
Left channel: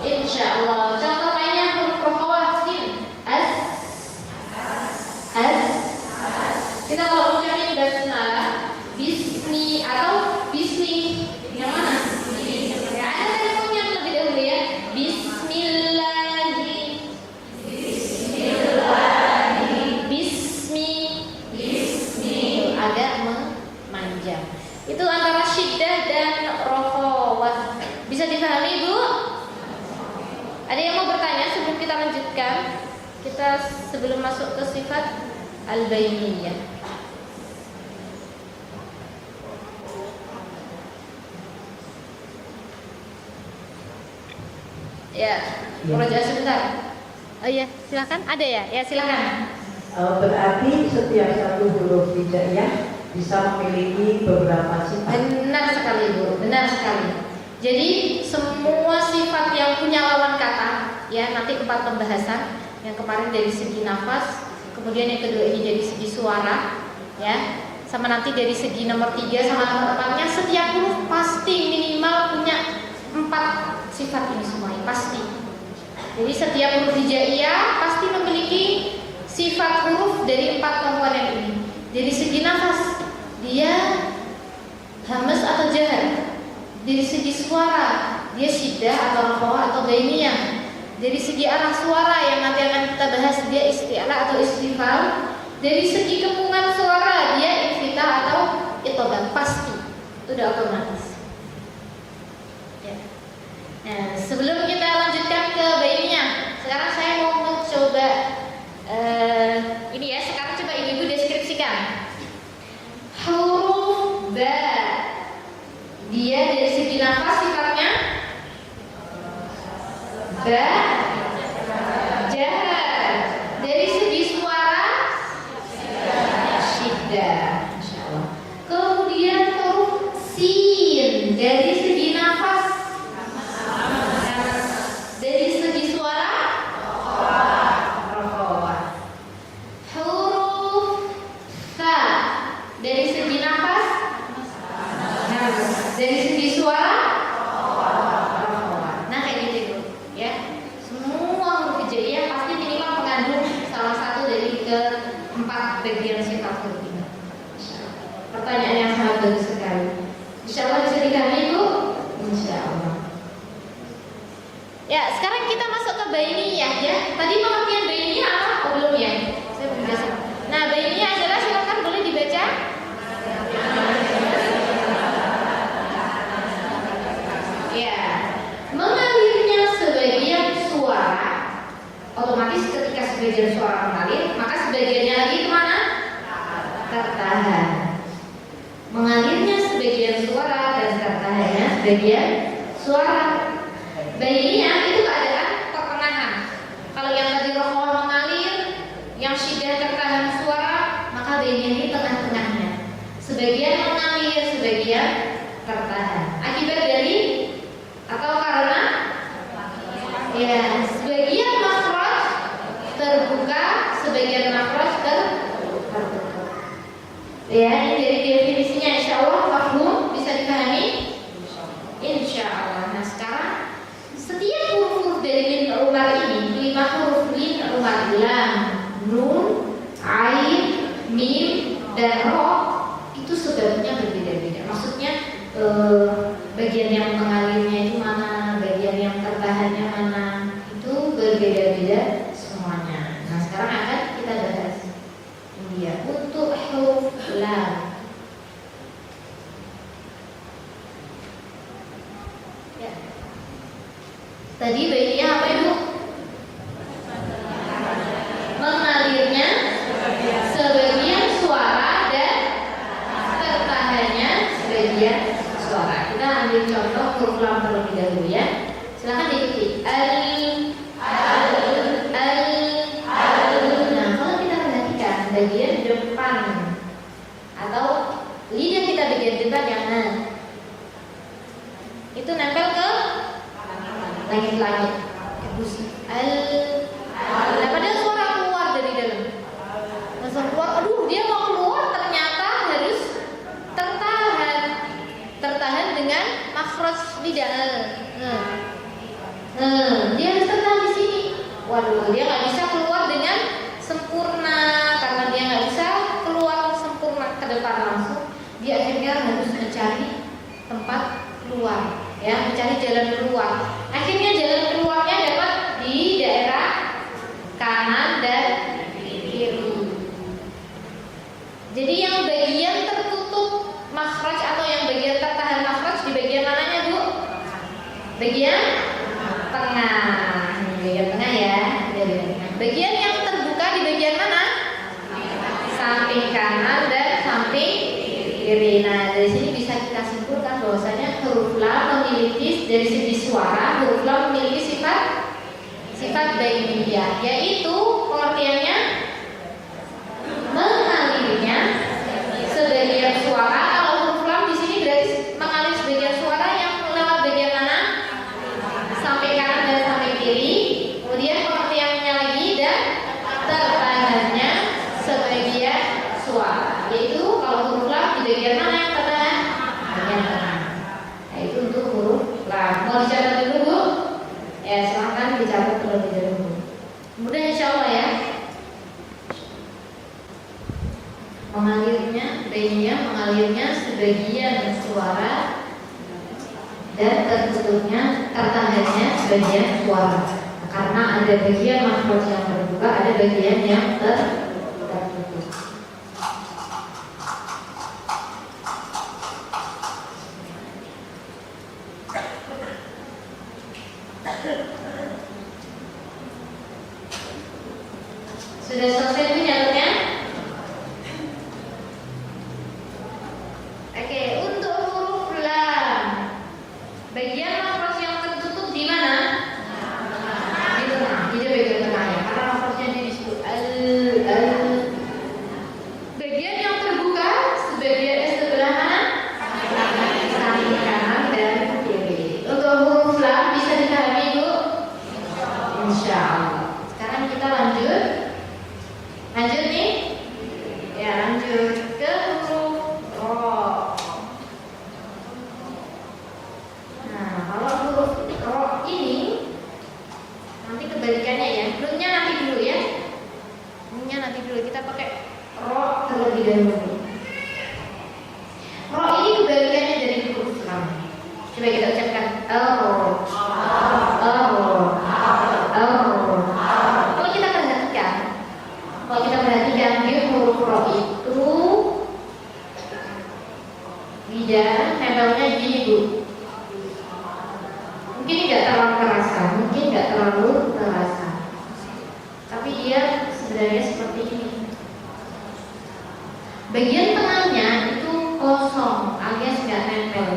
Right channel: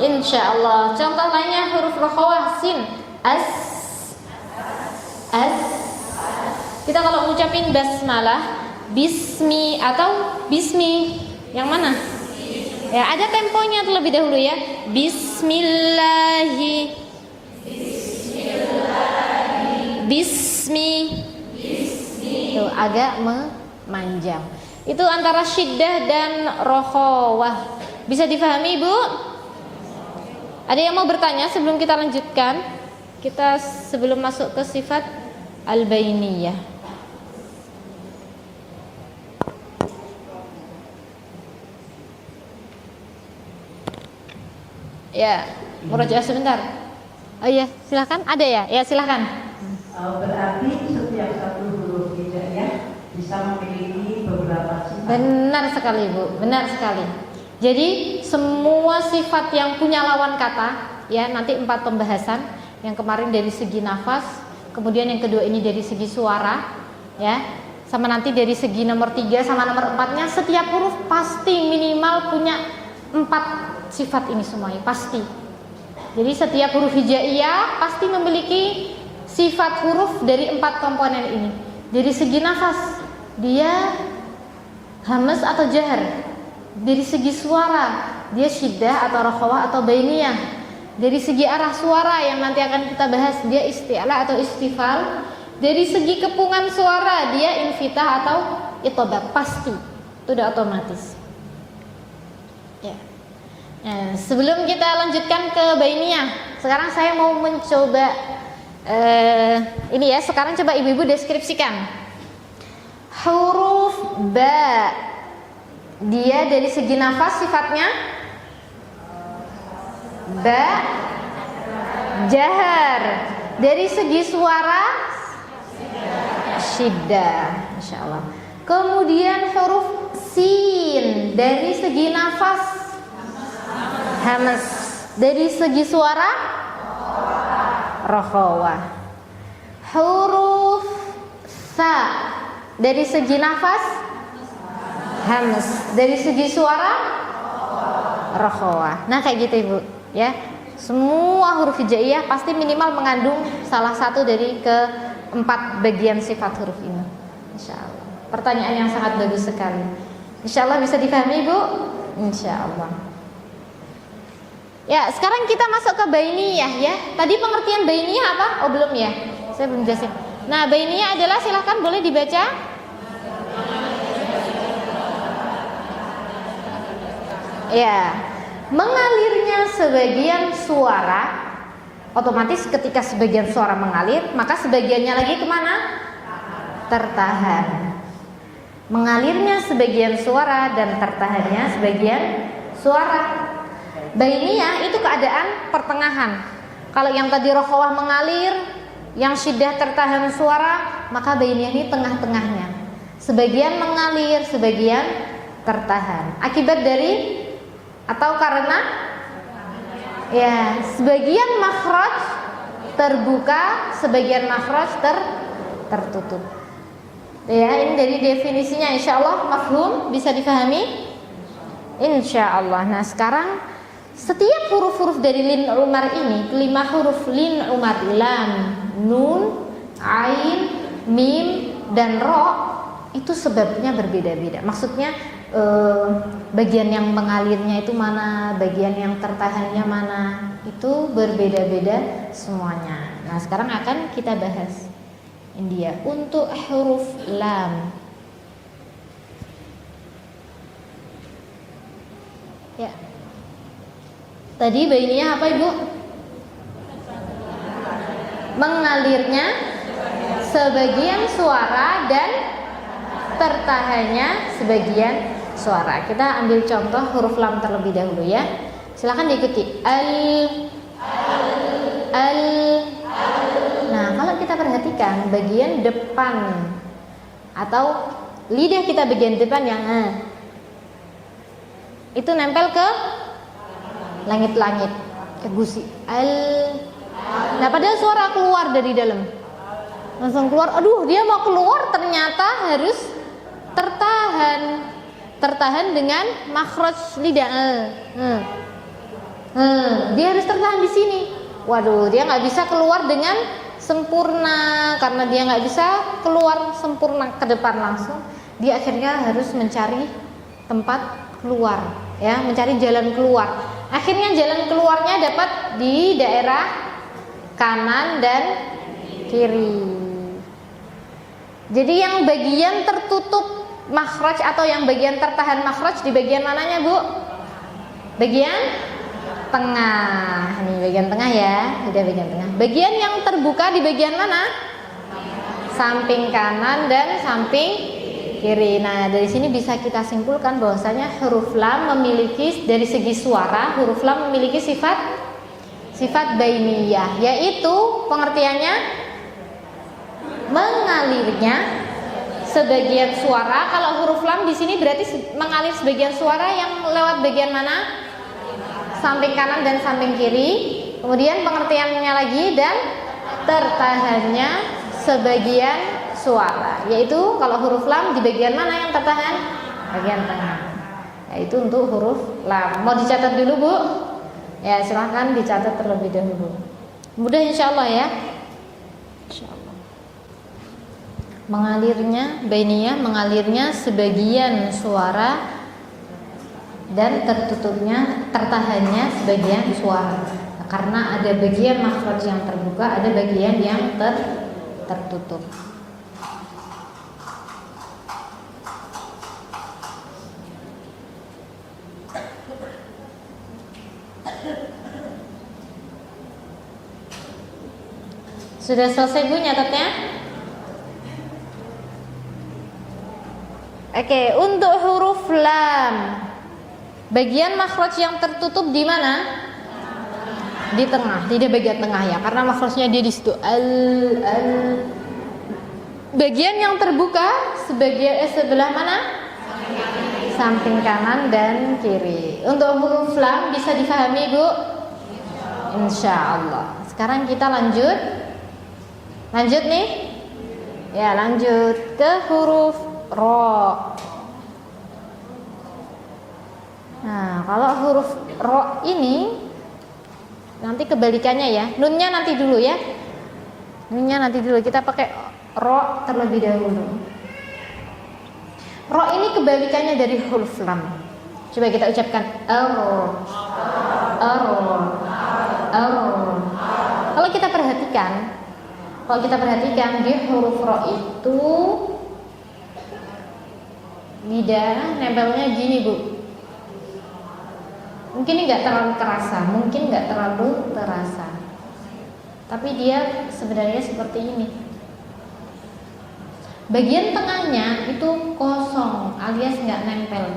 Insyaallah. Contoh lainnya huruf rokhawah sin. Kita kalau ucapin basmalah, bismi atau bismi, yang mana? Ya, ada temponya terlebih dahulu ya. Bismi. Itu agak memanjang. Itu antara syiddah dan rokhawah. Bisa dipahami, Bu? Ada yang mau bertanya sebelum kita lanjutkan? Kita sebelum masuk ke sifat al-bainiyah. Ya, murajaah sebentar. Oh iya, silakan. Ada ya? Ya, silakan. Berarti setiap satu huruf hijaiyah bisa memiliki beberapa sifat. Benar sekali, Bu. Benar sekali. Jadi semua sifat yang punya lawan kata, ya nanti 4 pembahasan. Yang kemarin dari segi nafas, kemudian yang kedua ini dari segi suara, ya. sama nanti dari segi nomor 3 sama nomor 4-nya, setiap huruf pasti minimal punya 4 sifat ini semuanya, pasti. Jadi setiap huruf hijaiyah pasti memiliki sifat huruf dari 4 komponen ini. Dari segi nafas, dia hamas atau jahar. Dari segi suara, dia syiddah atau rakhawah atau bainiyah. Dari segi arah suara yang nanti akan kita bahas, dia isti'la atau istifal. Dari segi kepungan suara, dia infitah atau itobat, pasti. Itu udah otomatis. Ya. Nah, sebelum kita lanjutkan ke bainiyah, sekarang saya mau mencoba ini ya. Sekarang coba ibu-ibu deskripsikan huruf ba. Dia dari segi nafas sifatnya ba, jahar. Dari segi suara syiddah, Masya Allah. Kemudian huruf sin, dari segi nafas hamas. Dari segi suara rakhawah. Huruf sa, dari segi nafas hamas. Dari segi suara rakhawah. Nah kayak gitu ibu ya. Semua huruf hijaiyah pasti minimal mengandung salah satu dari keempat bagian sifat huruf ini. Insyaallah. Pertanyaan yang sangat bagus sekali. Insyaallah bisa dipahami Bu? Insyaallah. Ya, sekarang kita masuk ke bainiyah ya. Tadi pengertian bainiyah apa? Oh belum ya. Saya belum jelasin. Nah, bainiyah adalah, silakan boleh dibaca. Ya, mengalirnya sebagian suara, otomatis ketika sebagian suara mengalir, maka sebagiannya lagi kemana? Tertahan. Mengalirnya sebagian suara dan tertahannya sebagian suara. Bainiyah itu keadaan pertengahan. Kalau yang tadi rakhawah mengalir, yang syiddah tertahan suara, maka bainiyah ini tengah-tengahnya. Sebagian mengalir, sebagian tertahan. Akibat dari atau karena ya, sebagian makhraj terbuka, sebagian makhraj tertutup. Ya, ini dari definisinya, insyaallah mafhum, bisa dipahami? Insyaallah. Nah, sekarang setiap huruf-huruf dari lin umar ini, 5 huruf lin umar, lam, nun, ain, mim, dan ro, itu sebabnya berbeda-beda. Maksudnya bagian yang mengalirnya itu mana, bagian yang tertahannya mana, itu berbeda-beda semuanya. Nah, sekarang akan kita bahas ini dia. Untuk huruf lam, ya, tadi bainiyah apa ibu? Mengalirnya sebagian suara dan tertahannya sebagian suara. Kita ambil contoh huruf lam terlebih dahulu ya. Silakan diikuti. Al. Nah, kalau kita perhatikan bagian depan atau lidah kita bagian depan yang itu nempel ke langit-langit, ke gusi. Nah, padahal suara keluar dari dalam, langsung keluar. Aduh, dia mau keluar, ternyata harus tertahan dengan makhraj lidah. Dia harus tertahan di sini. Waduh, dia nggak bisa keluar dengan sempurna karena dia nggak bisa keluar sempurna ke depan langsung. Dia akhirnya harus mencari tempat keluar, ya, mencari jalan keluar. Akhirnya jalan keluarnya dapat di daerah kanan dan kiri. Jadi yang bagian tertutup makhraj atau yang bagian tertahan makhraj di bagian mananya Bu? Bagian tengah. Ini bagian tengah ya, di bagian tengah. Bagian yang terbuka di bagian mana? Samping kanan dan samping kiri. Nah, dari sini bisa kita simpulkan bahwasanya huruf lam memiliki, dari segi suara, huruf lam memiliki sifat bainiyah, yaitu pengertiannya mengalirnya sebagian suara. Kalau huruf lam di sini berarti mengalir sebagian suara yang lewat bagian mana? Samping kanan dan samping kiri. Kemudian pengertiannya lagi, dan tertahannya sebagian suara, yaitu kalau huruf lam di bagian mana yang tertahan? Bagian tengah. Yaitu untuk huruf lam. Mau dicatat dulu, Bu? Ya, silahkan dicatat terlebih dahulu. Mudah insya Allah ya. Mengalirnya, bainiyah mengalirnya sebagian suara dan tertutupnya, tertahannya sebagian suara. Karena ada bagian makhraj yang terbuka, ada bagian yang tertutup. Sudah selesai Bu nyatetnya? Oke, untuk huruf lam, bagian makhraj yang tertutup di mana? Di tengah, tidak bagian tengah ya, karena makhrajnya dia di situ. Bagian yang terbuka sebelah mana? Samping kanan dan kiri. Untuk huruf lam bisa dipahami Bu? Insya Allah. Sekarang kita lanjut nih. Ya, lanjut ke huruf ro. Nah, kalau huruf ro ini nanti kebalikannya ya. Nunnya nanti dulu ya. Nunnya nanti dulu. Kita pakai ro terlebih dahulu. Ro ini kebalikannya dari huruf lam. Coba kita ucapkan ro. Kalau kita perhatikan di huruf ro itu lidah nempelnya gini Bu. Mungkin ini nggak terlalu terasa, tapi dia sebenarnya seperti ini. Bagian tengahnya itu kosong alias nggak nempel.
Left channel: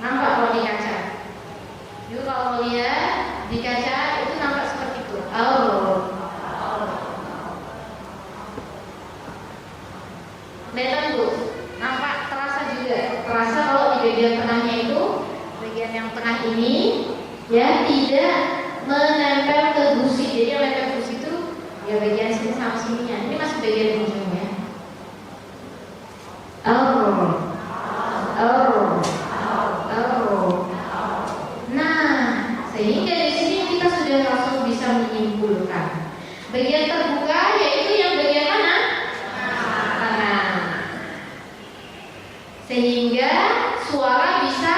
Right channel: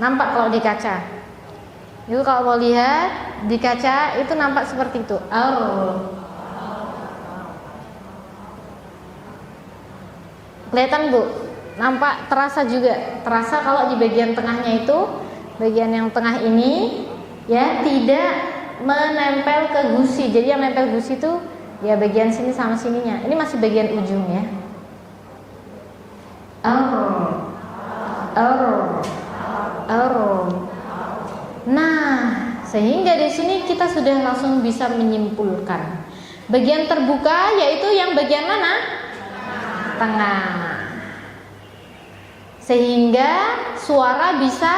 Nampak kalau di kaca. Yuk kalau mau lihat di kaca itu nampak seperti itu. Kelihatan Bu? Nampak, terasa juga. Terasa kalau di bagian tengahnya itu, bagian yang tengah ini ya tidak menempel ke gusi. Jadi yang nempel gusi itu ya bagian sini sama sininya. Ini masih bagian ujungnya. Nah, sehingga di sini kita sudah langsung bisa menyimpulkan bagian terbuka yaitu yang bagian mana? Tengah. Sehingga suara bisa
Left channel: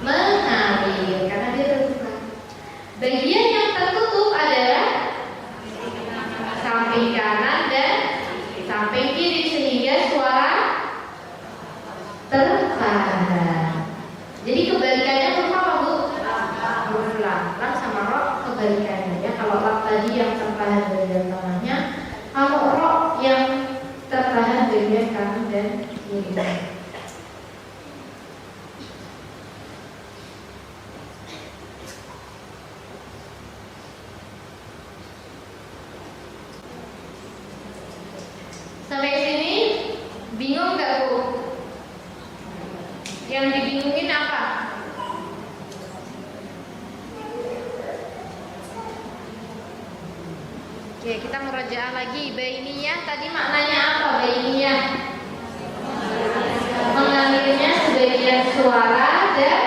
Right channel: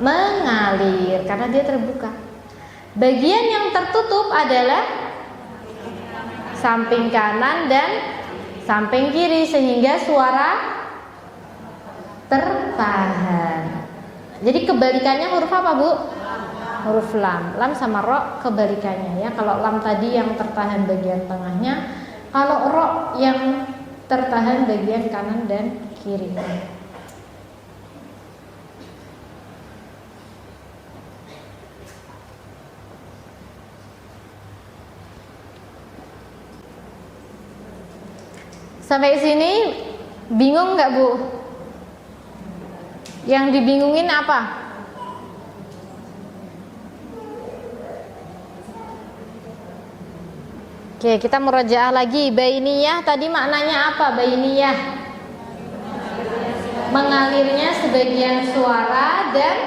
mengalir karena dia terbuka. Bagian yang tertutup adalah samping kanan dan samping kiri sehingga suara tertahan. Jadi kebalikannya huruf apa Bu? Huruf lam. Lam sama ro kebalikannya ya. Kalau lam tadi yang tertahan bagian tengahnya, kalau ro yang tertahan bagian kanan dan kiri. Sampai sini bingung nggak Bu? Yang dibingungin apa? Oke, kita murajaah lagi. Bainiyah tadi maknanya apa? Bainiyah mengalirnya sebagian suara dan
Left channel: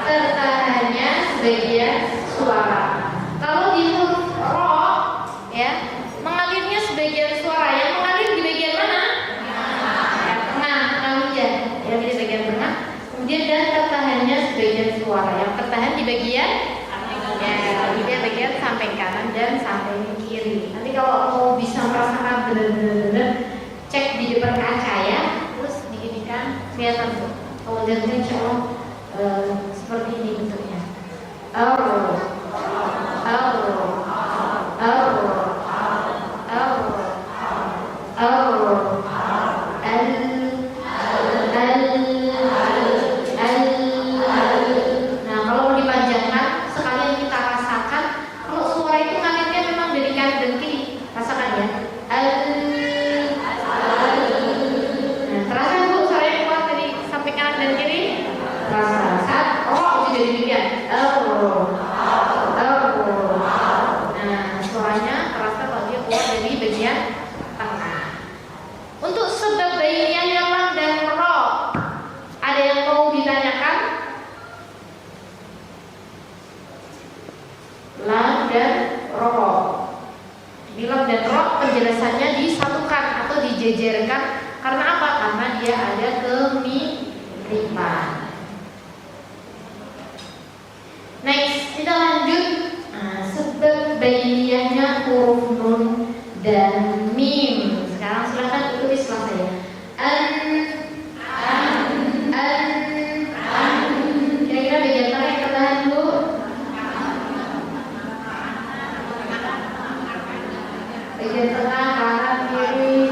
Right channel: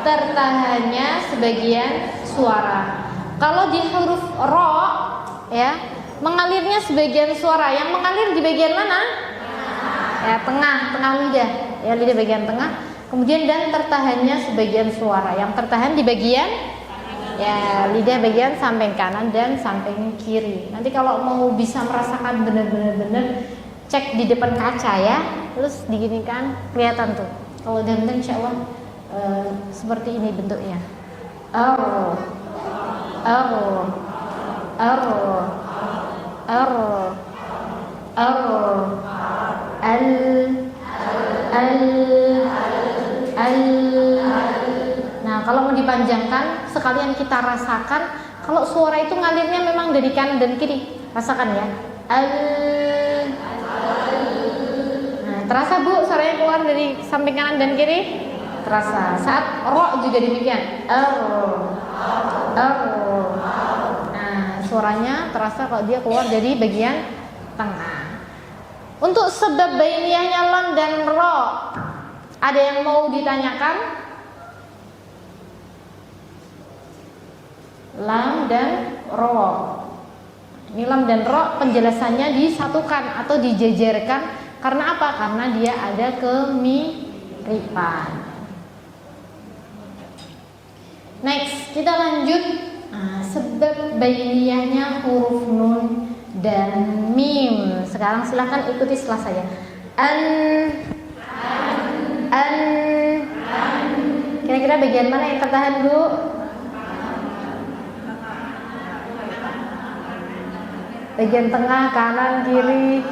tertahannya sebagian suara. Kalau di huruf ro ya, mengalirnya sebagian suara. Yang mengalir di bagian mana? Ya, tengah lidah. Ya, lidah bagian tengah. Kemudian dan tertahannya sebagian suara. Yang tertahan di bagian ya lidah bagian samping kanan dan samping kiri. Nanti kalau mau bisa merasakan benar-benar cek di depan kaca ya, terus diginikan kelihatan tuh. Kalau dilihat insya Allah seperti ini bentuknya. Nah, kalau mau dipanjangkan sekalian kita rasakan kalau suara itu ngalirnya memang dari kanan dan kiri. Rasakan ya. Nah, terasa Bu suara yang keluar dari samping kanan dan kiri? terasa. Saat ro juga demikian. Nah, suaranya terasa kalau dia keluar dari bagian tengah. Untuk sebab bainiyahnya lam dan ro, ada yang mau ditanyakan? Lam dan ro. Ini lam dan ro penjelasannya disatukan atau dijejerkan karena apa? Karena dia ada kemiripan. Next, kita lanjut. Nah, sebab bainiyahnya huruf nun dan mim. Sekarang silahkan ikuti setelah saya. Kira-kira bagian mana yang tertahan dulu? Bagian tengah, kanan, kiri.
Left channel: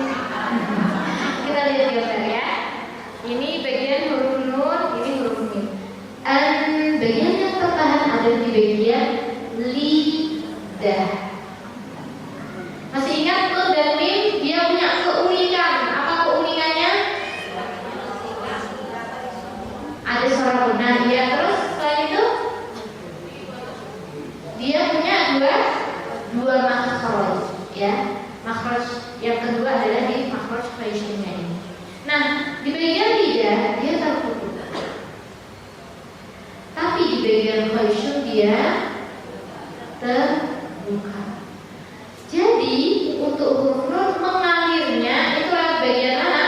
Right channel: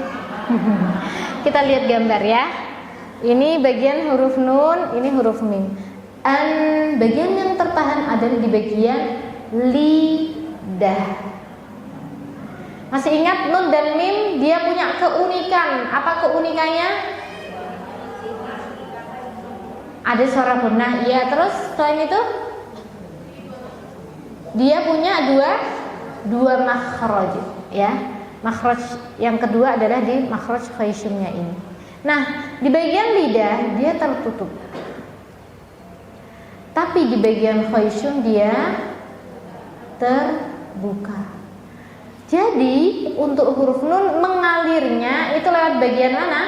Kita lihat gambar ya. Ini bagian huruf nun, ini huruf mim. Bagian yang tertahan adalah di bagian lidah. Masih ingat nun dan mim dia punya keunikan. Apa keunikannya? Ada suara gunah. Iya, terus selain itu dia punya dua makhraj, ya. Makhraj yang kedua adalah di makhraj khayshumnya ini. Nah, di bagian lidah dia tertutup. Tapi di bagian khayshum dia terbuka. Jadi untuk huruf nun mengalirnya itu lewat bagian mana?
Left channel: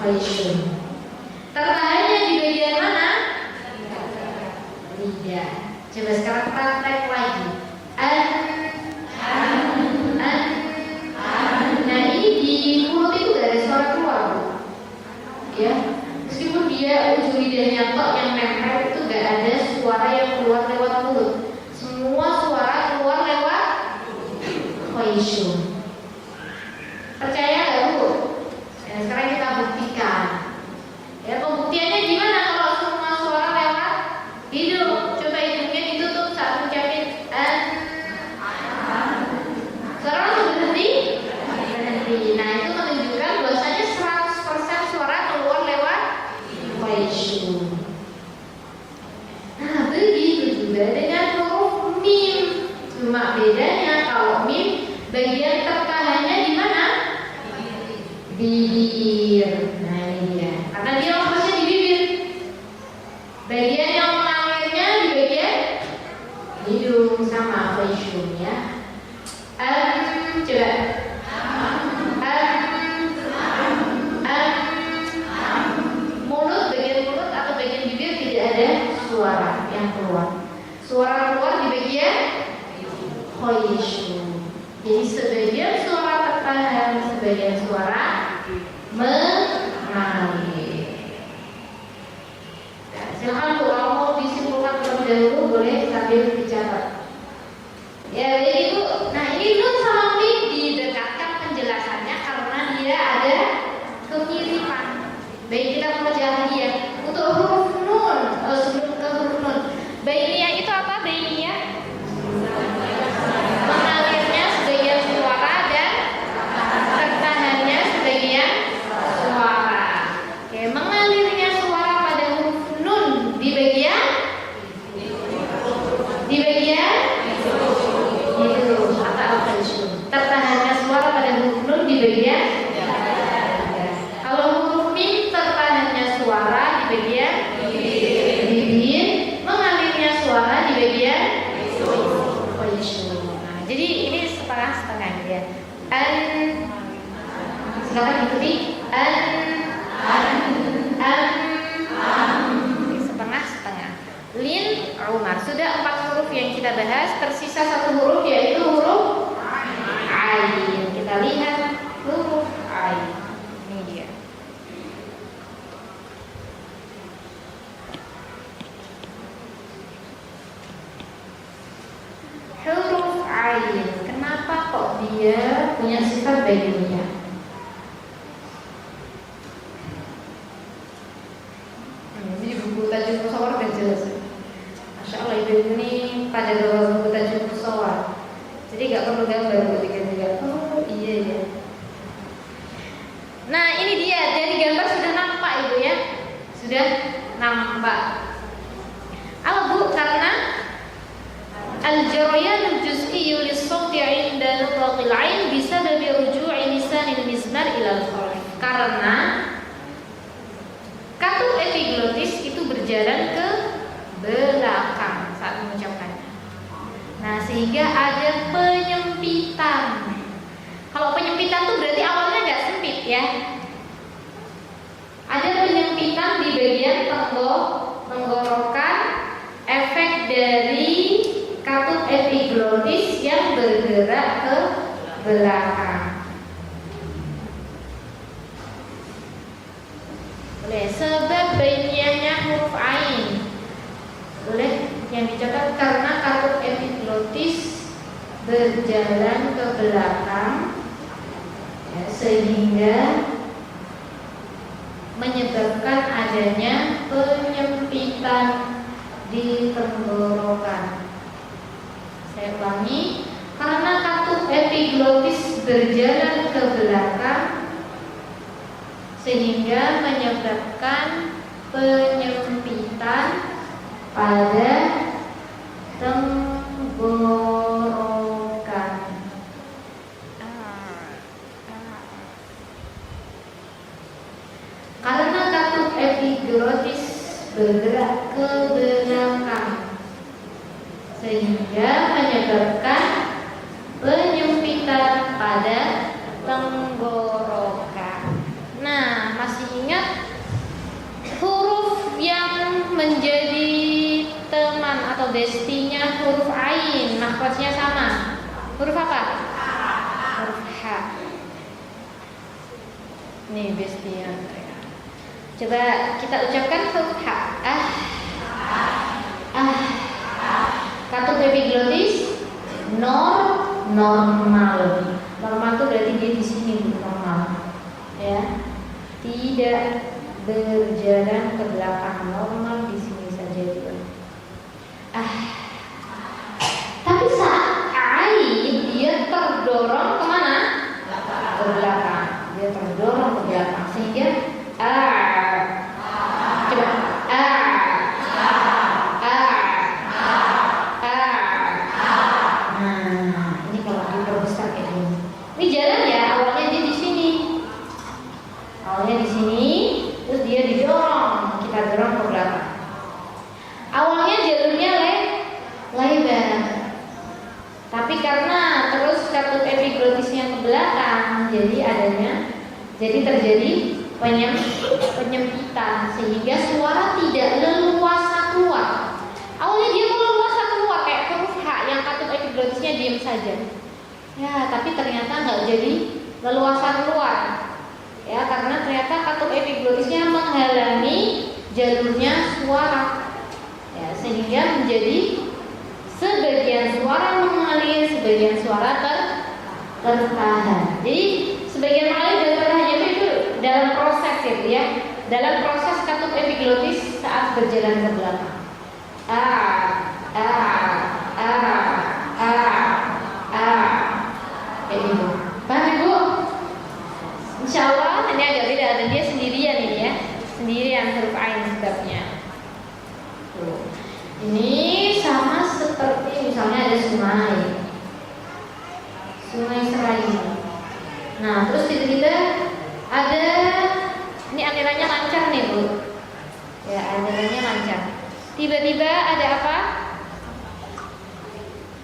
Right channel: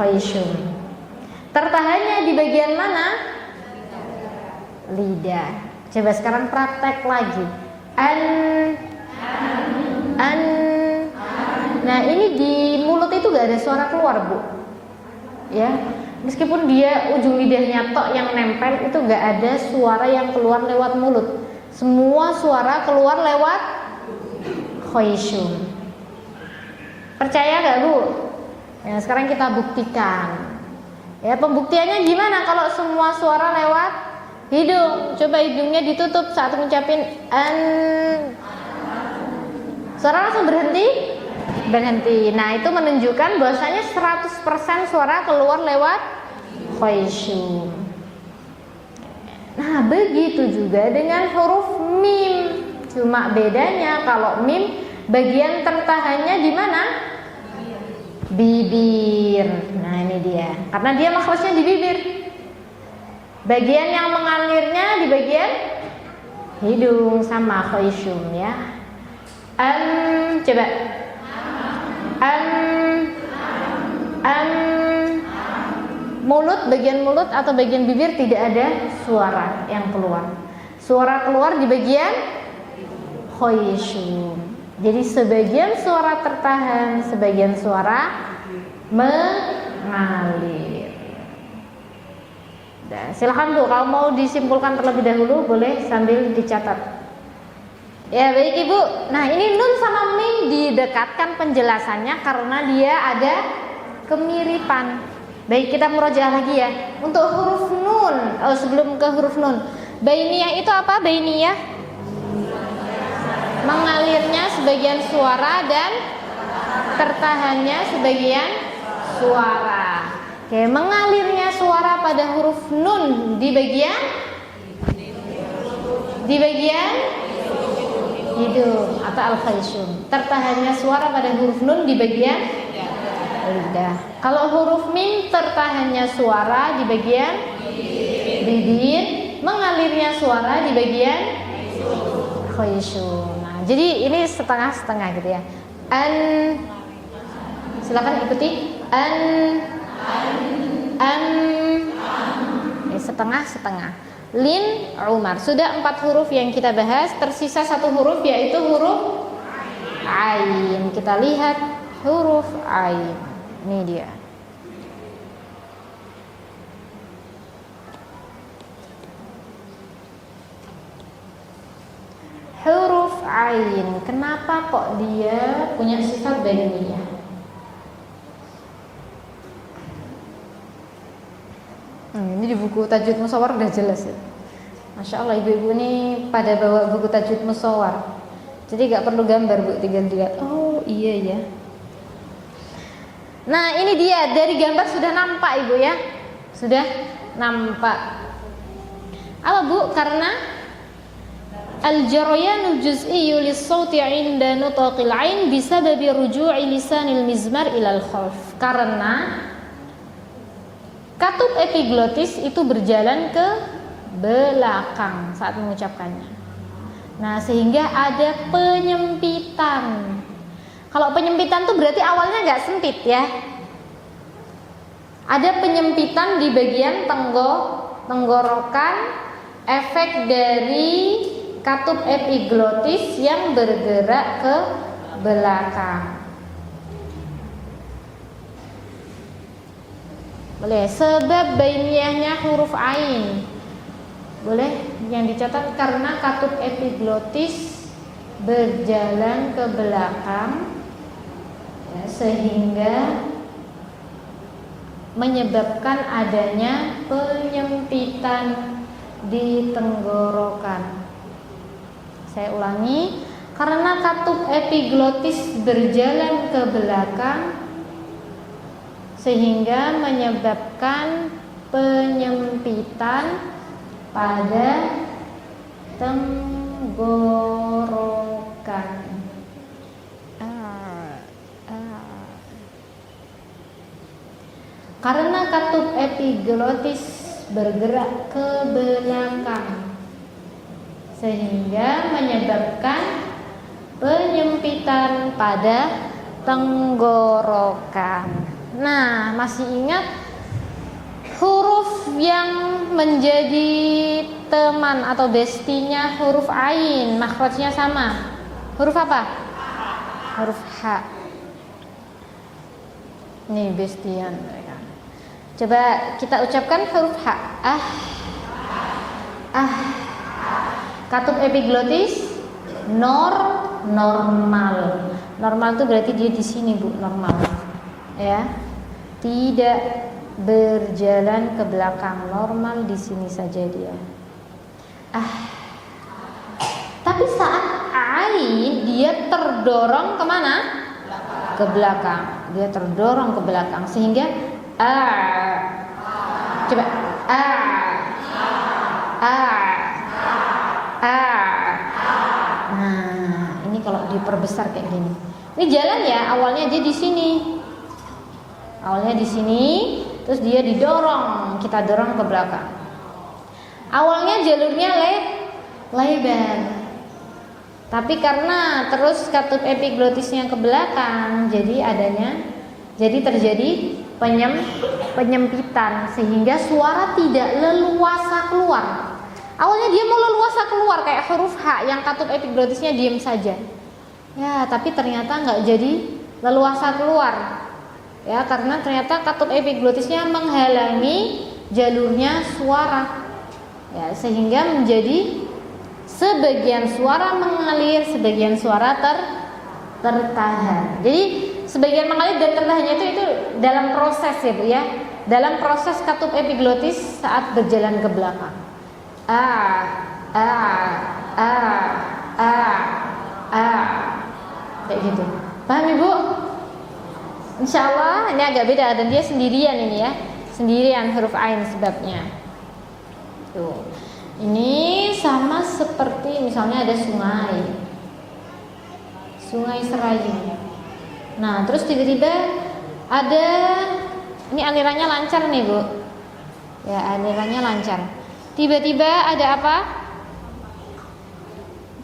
Khayshum. Tertahannya di bagian mana? Lidah. Coba sekarang praktek lagi. Nah, ini di mulut itu gak ada suara keluar, Bu. Ya. Meskipun dia ujung lidahnya tok yang nempel, itu gak ada suara yang keluar lewat mulut. Semua suara keluar lewat khayshum. Percaya gak, Bu? Ya, sekarang kita buktikan. Ya, pembuktiannya gimana kalau semua suara lewat hidung? Coba hidungnya ditutup saat ngucapin suara langsung berhenti. Nah, itu menunjukkan bahwasanya 100% suara keluar lewat khayshum. Nah, begitu juga dengan huruf mim. Cuma bedanya kalau mim bagian tertahannya di mana? Bibir. Nah, ini dia. Karena dia makhrajnya di bibir. Bagian yang mengalirnya di bagian hidung sama khayshum ya. Coba. Mulut, bagian mulut atau bagian bibir tidak ada suara yang keluar. Suara keluar di bagian khayshum. Jadi sebagian suara tertahan, sebagian suara mengalir. Nah, silahkan Bu, kalau mau disimpulkan terlebih dahulu boleh sambil dicatat. Ya baik Ibu. Nah, ini nun sama mim didekatkan penjelasannya karena dia ada kemiripan. Baik, kita murojaah lagi ya. Untuk huruf nun, sebelum ke huruf nun, bainiyah itu apa? Bainiyah mengalirnya sebagian suara dan tertahannya sebagian suara. Oke, mengalirnya suara pada huruf nun di bagian itu atau al-khayshum. Tertahannya suara pada huruf nun di bagian lidah. Kalau huruf mim tertahannya suara di bagian bibir, mengalirnya suara di bagian khayshum. Nah, jadi ini setengah-setengah gitu ya. Silakan ikuti. Setengah-setengah. Lin, Umar. Sudah 4 huruf yang kita bahas. Tersisa 1 huruf yaitu huruf ain. Kita lihat huruf ain. Ini dia. Huruf ain. Kenapa kok dia punya sifat bainiyah? Ini di buku Tajwid Musawwar udah jelas ya. Masya Allah, ibu-ibu ini pada bawa buku Tajwid Musawwar. Jadi gak perlu gambar, Bu, tinggal lihat. Oh iya ya. Nah, ini dia, dari gambar sudah nampak Ibu ya. Sudah nampak. Apa Bu? Karena al-jaryan al-juz'i lis-sauti 'inda nutaqil 'ain bisababi ruju'i lisanil mizmar ila al-khalf. Karena katup epiglotis itu berjalan ke belakang saat mengucapkannya. Nah, sehingga ada penyempitan. Kalau penyempitan itu berarti awalnya nggak sempit ya. Ada penyempitan di bagian tenggorokan, efek dari katup epiglotis yang bergerak ke belakang. Boleh. Sebab bainiyahnya huruf ain. Boleh. Yang dicatat karena katup epiglotis berjalan ke belakang, ya, sehingga menyebabkan adanya penyempitan di tenggorokan. Saya ulangi, karena katup epiglotis berjalan ke belakang sehingga menyebabkan penyempitan pada tenggorokan. Karena katup epiglotis bergerak ke belakang sehingga menyebabkan penyempitan pada tenggorokan. Nah, masih ingat huruf yang menjadi teman atau bestinya huruf ain, makhrajnya sama. Huruf apa? Huruf H. Nih bestian. Coba kita ucapkan huruf H. Katup epiglotis normal. Normal itu berarti dia di sini Bu, normal. Ya. Tidak berjalan ke belakang, normal di sini saja dia. Tapi saat ain dia terdorong kemana? Ke belakang. Dia terdorong ke belakang sehingga coba Nah, ini kalau diperbesar kayak gini. Ini jalan ya, awalnya dia di sini. Awalnya di sini, terus dia didorong, kita dorong ke belakang. Awalnya jalurnya lebar. Tapi karena terus katup epiglotisnya ke belakang, jadi terjadi penyempitan sehingga suara tidak leluasa keluar. Awalnya dia mau leluasa keluar kayak huruf H yang katup epiglotisnya diam saja. Ya, tapi ternyata nggak jadi leluasa keluar. Ya, karena ternyata katup epiglotisnya menghalangi jalurnya suara. Ya, sehingga menjadi sebagian suara mengalir, sebagian suara tertahan. Jadi sebagian mengalir dan tertahannya itu dalam proses itu ya, dalam proses katup epiglotis saat berjalan ke belakang. Kayak gitu. Paham Ibu? Insya Allah ini agak beda dan dia sendirian ini ya, sendirian huruf ain sebabnya. Tuh. Ini sama seperti misalnya ada sungai Serayu. Nah, terus tiba-tiba ada, ini alirannya lancar nih Bu. Ya, alirannya lancar. Tiba-tiba ada apa?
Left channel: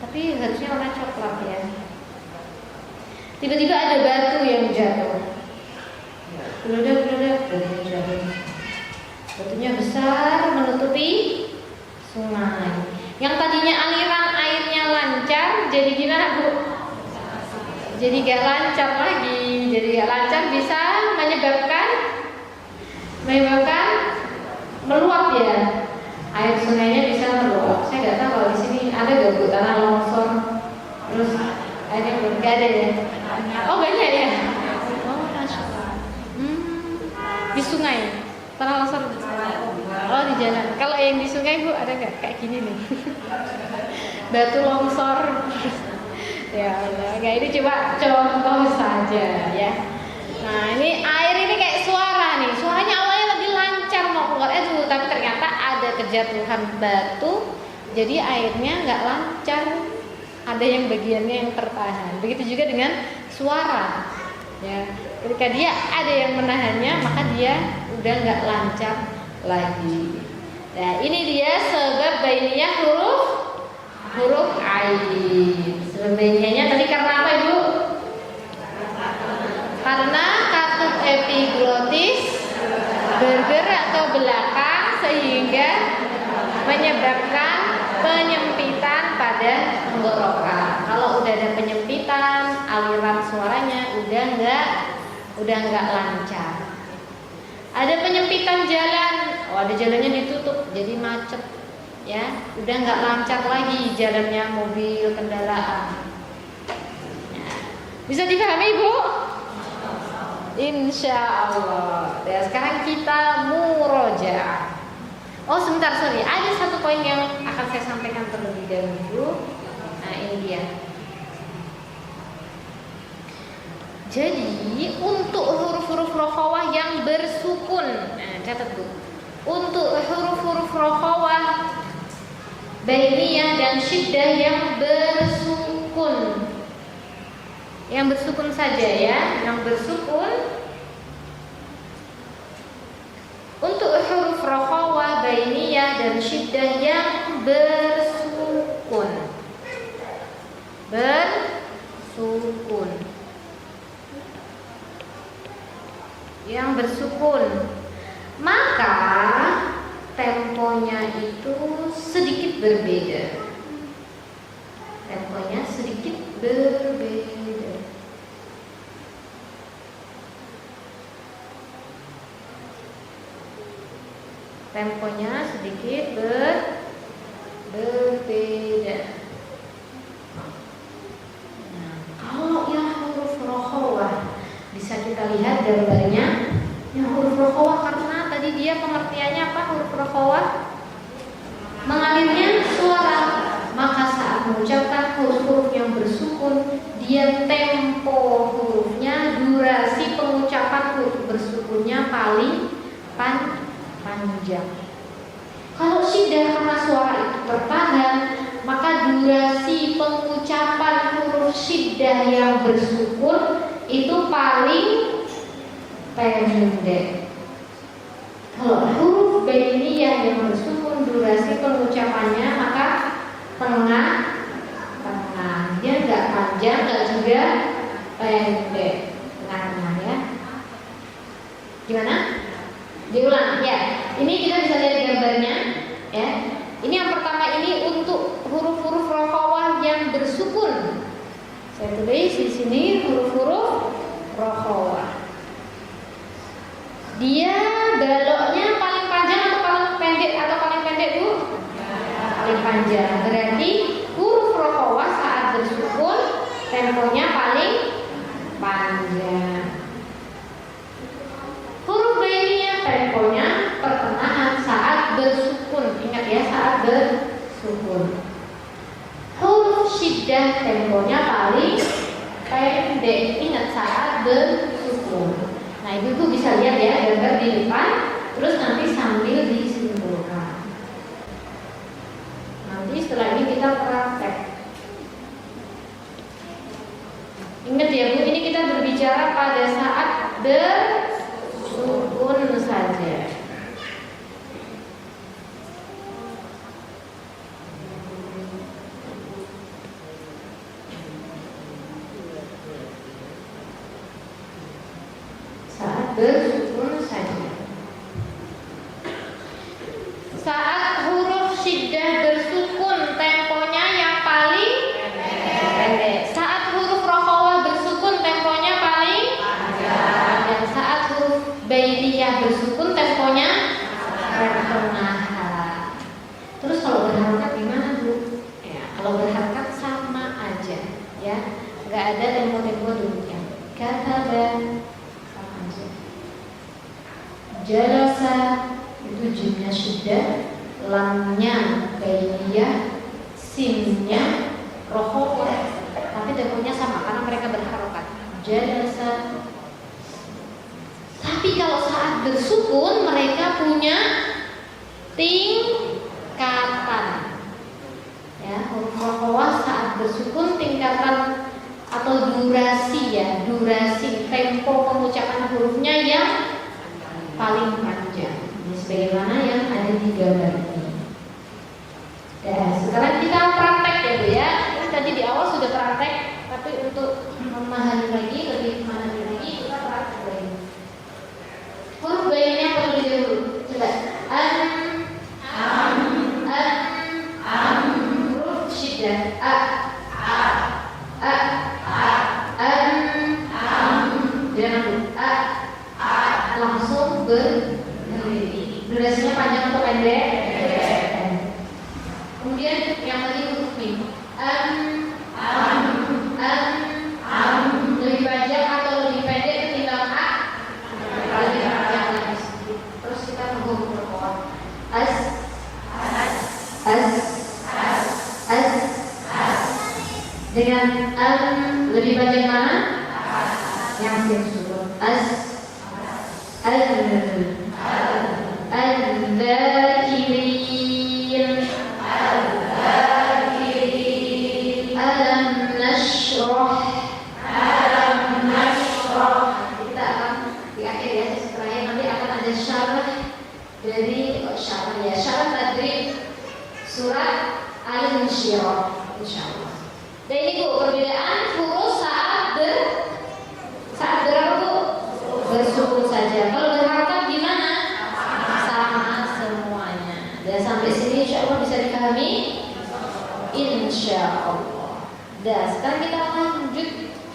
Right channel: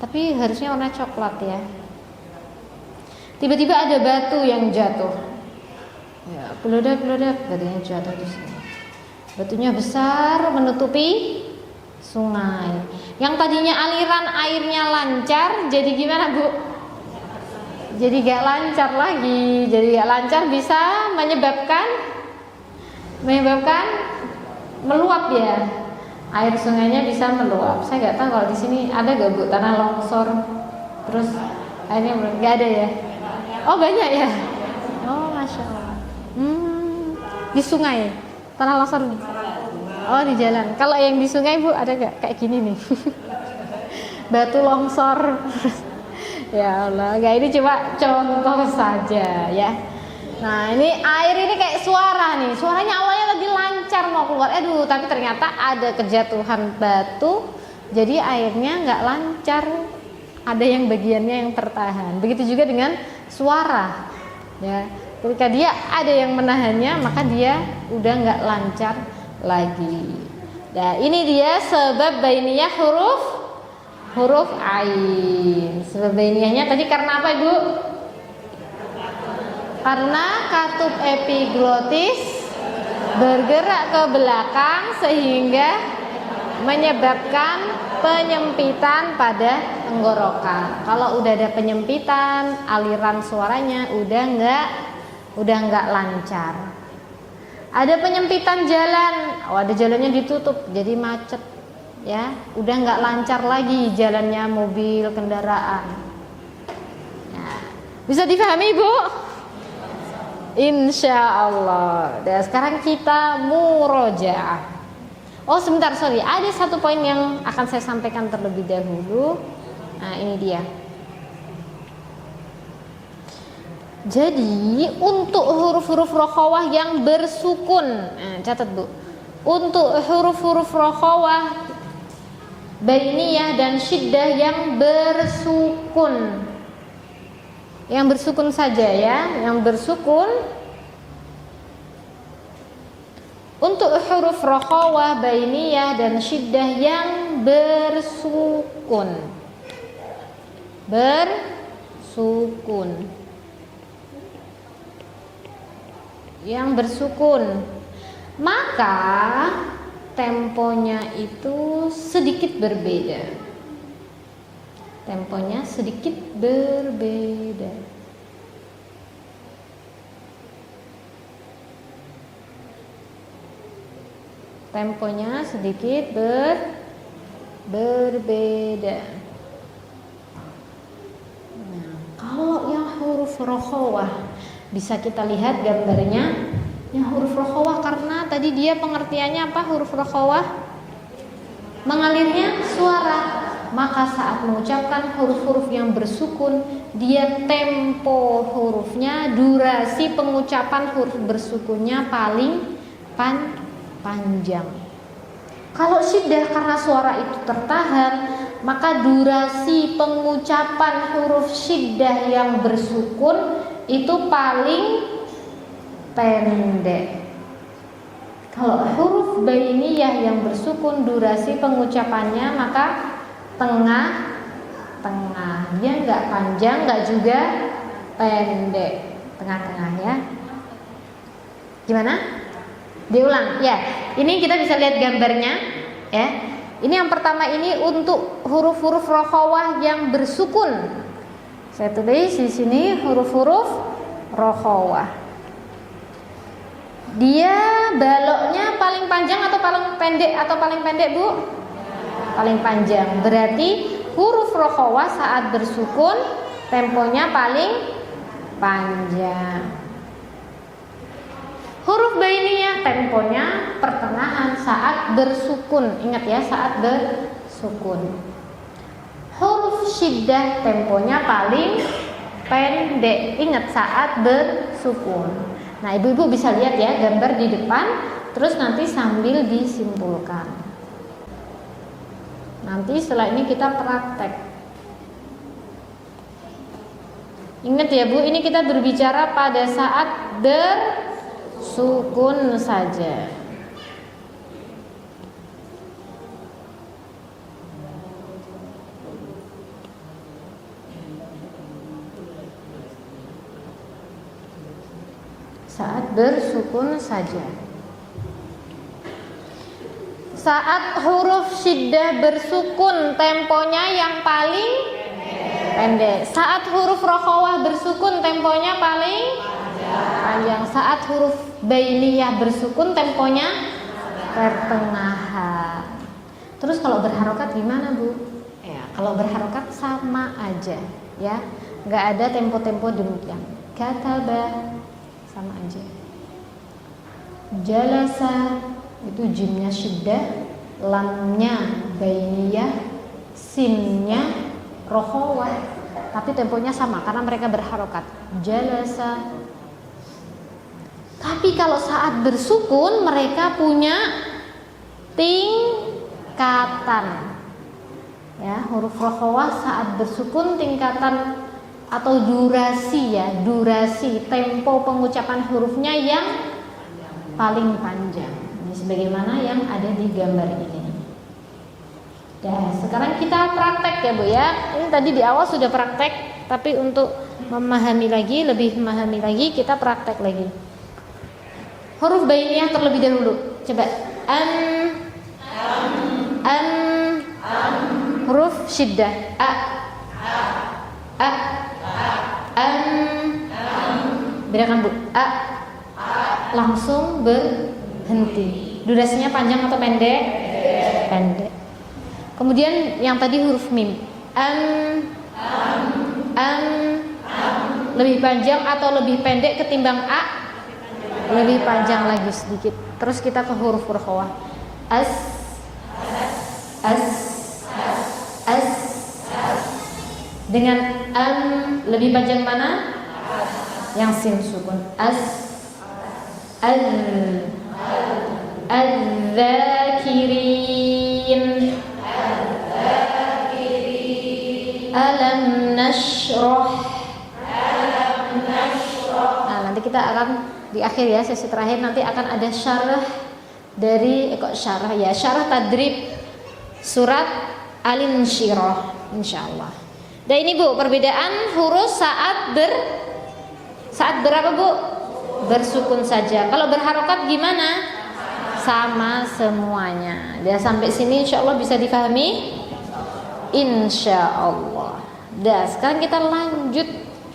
Tapi harusnya warna coklat ya. Tiba-tiba ada batu yang jatuh. Bludak, batunya jatuh. Batunya besar menutupi sungai. Yang tadinya aliran airnya lancar, jadi gimana Bu? Jadi gak lancar lagi. Jadi gak lancar bisa menyebabkan meluap ya. Air sungainya bisa meluap. Saya nggak tahu kalau di sini ada gak Bu tanah longsor. Terus airnya nggak ada ya? Oh banyak ya. Oh masya Allah. Di sungai tanah longsor. Oh di jalan. Kalau yang di sungai Bu ada gak kayak gini nih? Batu longsor. Ya Allah, nggak, ini cuma contoh saja ya. Nah ini air ini kayak suara nih. Suaranya awalnya lagi lancar mau keluar, tapi ternyata ada kejatuhan batu, jadi airnya nggak lancar. Ada yang bagiannya yang tertahan. Begitu juga dengan suara. Ya, ketika dia ada yang menahannya, maka dia udah nggak lancar lagi. Nah, ini dia sebab bainiyah huruf ain. Sebab bainiyahnya tadi karena apa, Ibu? Karena katup epiglotis bergerak ke belakang sehingga menyebabkan penyempitan pada tenggorokan. Kalau udah ada penyempitan, aliran suaranya udah nggak lancar. Ada penyempitan jalan, ada jalannya ditutup, jadi macet, ya, udah nggak lancar lagi jalannya mobil kendaraan. Nah, bisa dipahami, Bu? Insya Allah. Dan sekarang kita murojaah. Oh sebentar, sorry, ada satu poin yang akan saya sampaikan terlebih dahulu. Nah ini dia. Jadi untuk huruf-huruf rokhawah yang bersukun, nah catat Bu. Untuk huruf-huruf rokhawah bainiyah dan syiddah yang bersukun saja ya, yang bersukun. Untuk huruf rokhawah bainiyah dan syiddah yang bersukun, yang bersukun, maka temponya itu sedikit berbeda. Temponya sedikit berbeda. Temponya sedikit berbeda. Nah, kalau yang huruf rokhawah bisa kita lihat gambarnya. Yang huruf rokhawah karena tadi dia pengertiannya apa? Huruf rokhawah mengalirnya suara. Maka saat mengucapkan huruf-huruf yang bersukun, dia tempo hurufnya, durasi pengucapan huruf bersukunnya paling panjang. Kalau syiddah karena suara itu tertahan, maka durasi pengucapan huruf syiddah yang bersukun itu paling pendek. Kalau huruf bainiyah yang bersukun, durasi pengucapannya maka tengah-tengah. Dia nggak panjang, nggak juga pendek, tengah-tengah ya. Gimana? Diulang ya. Ini kita bisa lihat gambarnya ya. Ini yang pertama ini untuk huruf-huruf rokhawah yang bersukun. Saya tulis di sini huruf-huruf rokhawah. Dia baloknya paling panjang atau paling pendek Bu? Paling panjang. Berarti huruf rokhawah saat bersukun temponya paling panjang. Huruf bainiyah temponya pertengahan saat bersukun. Ingat ya, saat bersukun. Huruf syiddah temponya paling pendek. Ingat saat bersukun. Nah, ibu-ibu bisa lihat ya gambar di depan, terus nanti sambil disimpulkan. Nanti setelah ini kita praktek. Ingat ya Bu, ini kita berbicara pada saat bersukun saja. Saat bersukun saja. Saat huruf syiddah bersukun temponya yang paling pendek. Saat huruf rokhawah bersukun temponya paling panjang. Saat huruf bainiyah bersukun temponya pertengahan. Terus kalau berharokat gimana Bu? Ya, kalau berharokat sama aja ya, nggak ada tempo-tempo demikian. Kataba sama aja. Jalasa itu jimnya syiddah, lamnya bainiyah, sinnya rokhawah, tapi temponya sama karena mereka berharokat. Jalasa. Tapi kalau saat bersukun mereka punya tingkatan. Ya, huruf rokhawah saat bersukun tingkatan atau durasi ya, durasi tempo pengucapan hurufnya yang paling panjang. Ini sebagaimana yang ada di gambar ini. Dan sekarang kita praktek ya Bu ya. Ini tadi di awal sudah praktek, tapi untuk memahami lagi, lebih memahami lagi, kita praktek lagi. Huruf bainiyah terlebih dahulu. Coba huruf syiddah bedakan Bu. Langsung berhenti. Durasinya panjang atau pendek? Pendek. Kemudian yang tadi huruf mim. Lebih panjang atau lebih pendek ketimbang a? Lebih panjang lagi sedikit. Terus kita ke huruf rokhawah. Dengan lebih panjang mana? Yang sin sukun. Az-zakirin. Alam nashrah. Nah, nanti kita akan di akhir ya, sesi terakhir nanti akan ada syarah dari syarah tadrib surat Al-Insyirah insyaallah. Dan ini Bu, perbedaan huruf saat berapa Bu? Bersukun saja. Kalau berharokat gimana? Sama semuanya. Dan sampai sini insyaallah bisa dipahami? Insyaallah. Dan sekarang kita lanjut.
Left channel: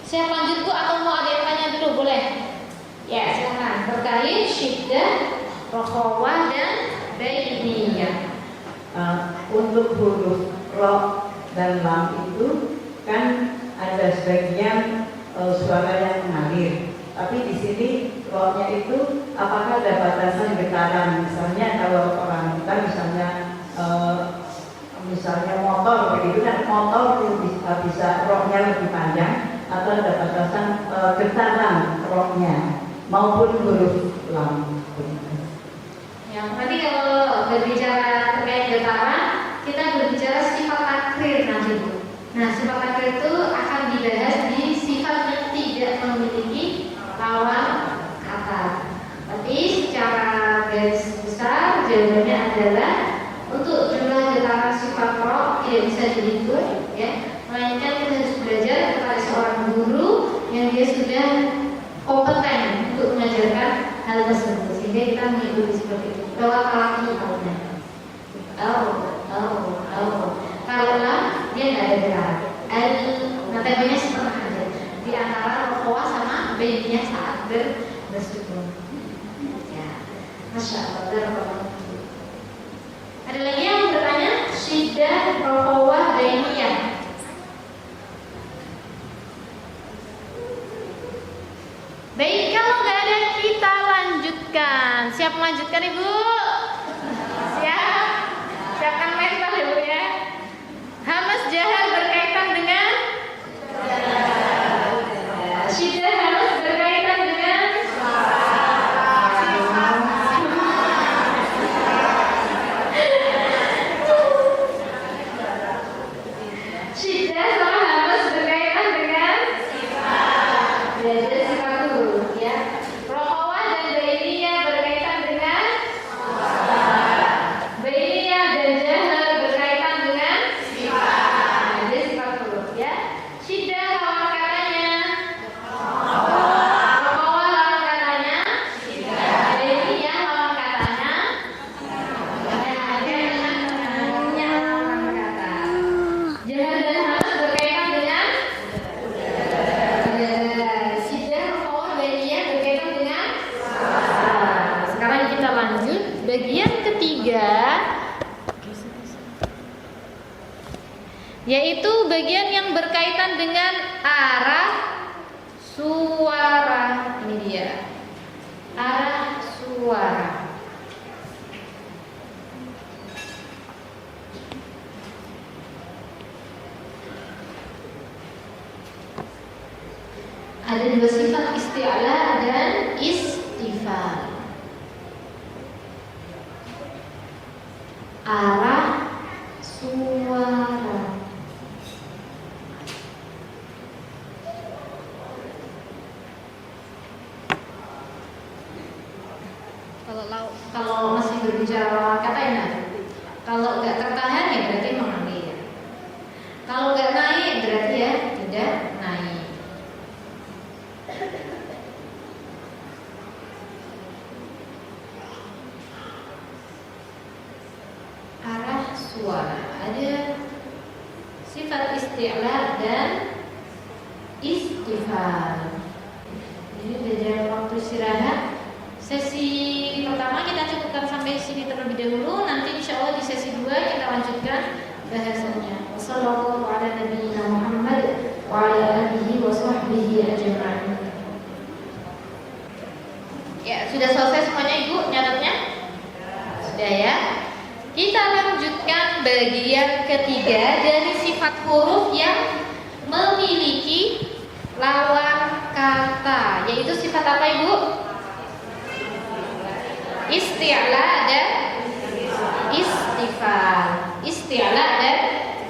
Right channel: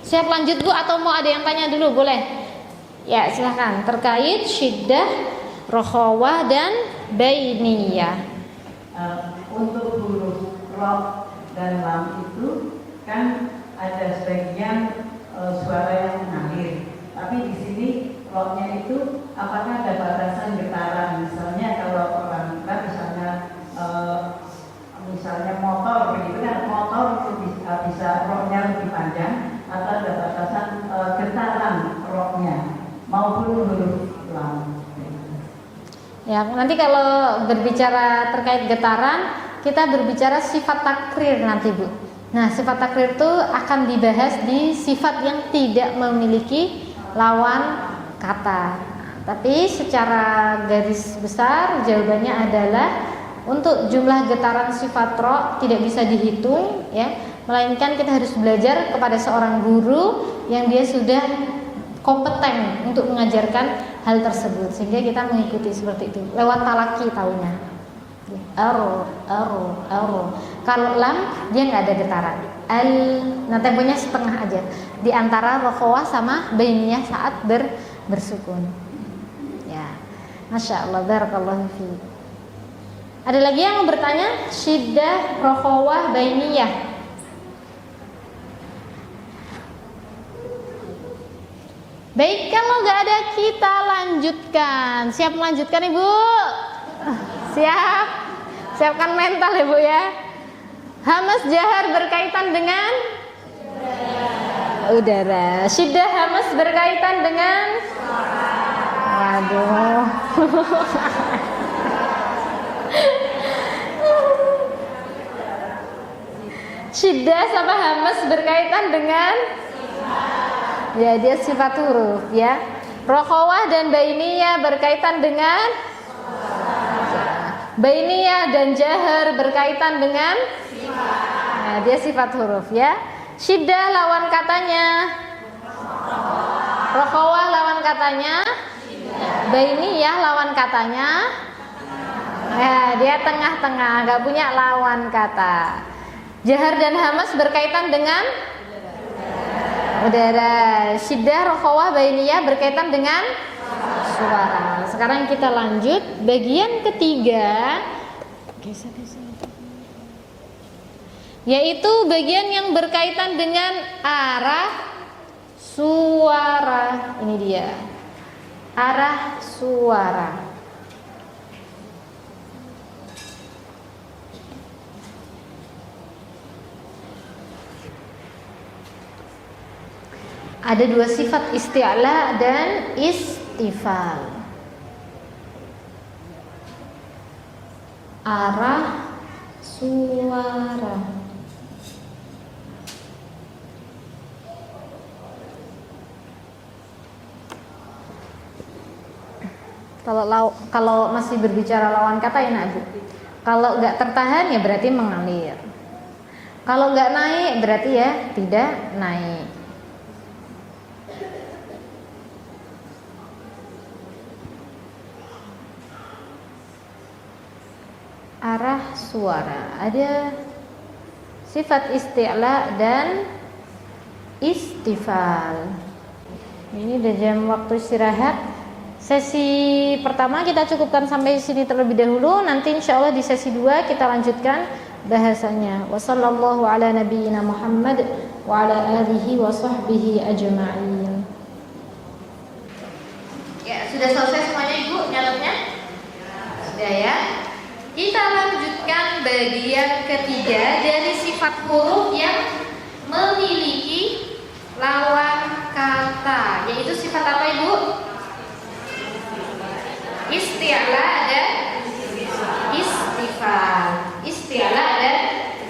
Siap lanjut Bu atau mau ada yang tanya dulu? Boleh? Ya silakan. Terkait syiddah, rokhawah dan bainiyah. Untuk huruf ro dan lam itu kan ada sebagian suara yang mengalir. Tapi di sini ro-nya itu apakah ada batasan getaran? Misalnya kalau orang kita misalnya motor begitu kan, motor bisa ro-nya lebih panjang atau ada batasan getaran ro-nya maupun huruf lam. Ya, nanti kalau berbicara terkait getaran, kita berbicara sifat takrir nanti Bu. Nah, sifat takrir itu akan dibahas di sifat yang tidak memiliki lawan kata. Tapi secara garis besar jawabannya adalah untuk jumlah getaran sifat ro tidak bisa dihitung ya, melainkan kita harus belajar kepada seorang guru yang dia sudah kompeten untuk mengajarkan hal tersebut, sehingga kita mengikuti seperti itu lewat talaki tahunan. Kalau lam dia nggak ada getaran. Nah temponya setengah aja di antara rokhawah sama bainiyah saat bersukun. Ya, masya Allah, barakallahu fiik. Ada lagi yang mau bertanya? Syiddah, rokhawah, bainiyah. Baik, kalau nggak ada kita lanjutkan. Siap melanjutkan Ibu? Siap? Siapkan mental Ibu ya. Hamas jahar berkaitan dengan udara. Syiddah hamas berkaitan dengan aduh. Syiddah sama hamas berkaitan dengan ya, dia sifat huruf ya. Rokhawah dan bainiyah berkaitan dengan bainiyah dan jahar berkaitan dengan nah, dia sifat huruf ya. Syiddah lawan katanya rokhawah, lawan katanya bainiyah, lawan katanya nah, dia tengah-tengah, gak punya lawan kata. Jahar dan hamas berkaitan dengan udara. Syiddah, rokhawah, bainiyah berkaitan dengan suara. Sekarang kita lanjut bagian ketiga, yaitu bagian yang berkaitan dengan arah suara. Ini dia, arah suara. Ada dua sifat, isti'la dan istifal. arah suara. Kalau masih berbicara lawan kata ya nak. Kalau nggak tertahan ya berarti mengalir. Kalau nggak naik berarti ya tidak naik. Arah suara ada sifat isti'la dan istifal. Ini udah jam waktu istirahat. Sesi pertama kita cukupkan sampai sini terlebih dahulu. Nanti insya Allah di sesi 2 kita lanjutkan bahasannya. Wassallallahu ala nabiyyina Muhammad wa ala alihi wa sahbihi ajma'in. Ya, sudah selesai semuanya Ibu nyatetnya? Sudah ya. Kita lanjutkan bagian ketiga dari sifat huruf yang memiliki lawan kata. Yaitu sifat apa Ibu? Isti'la dan istifal. Isti'la dan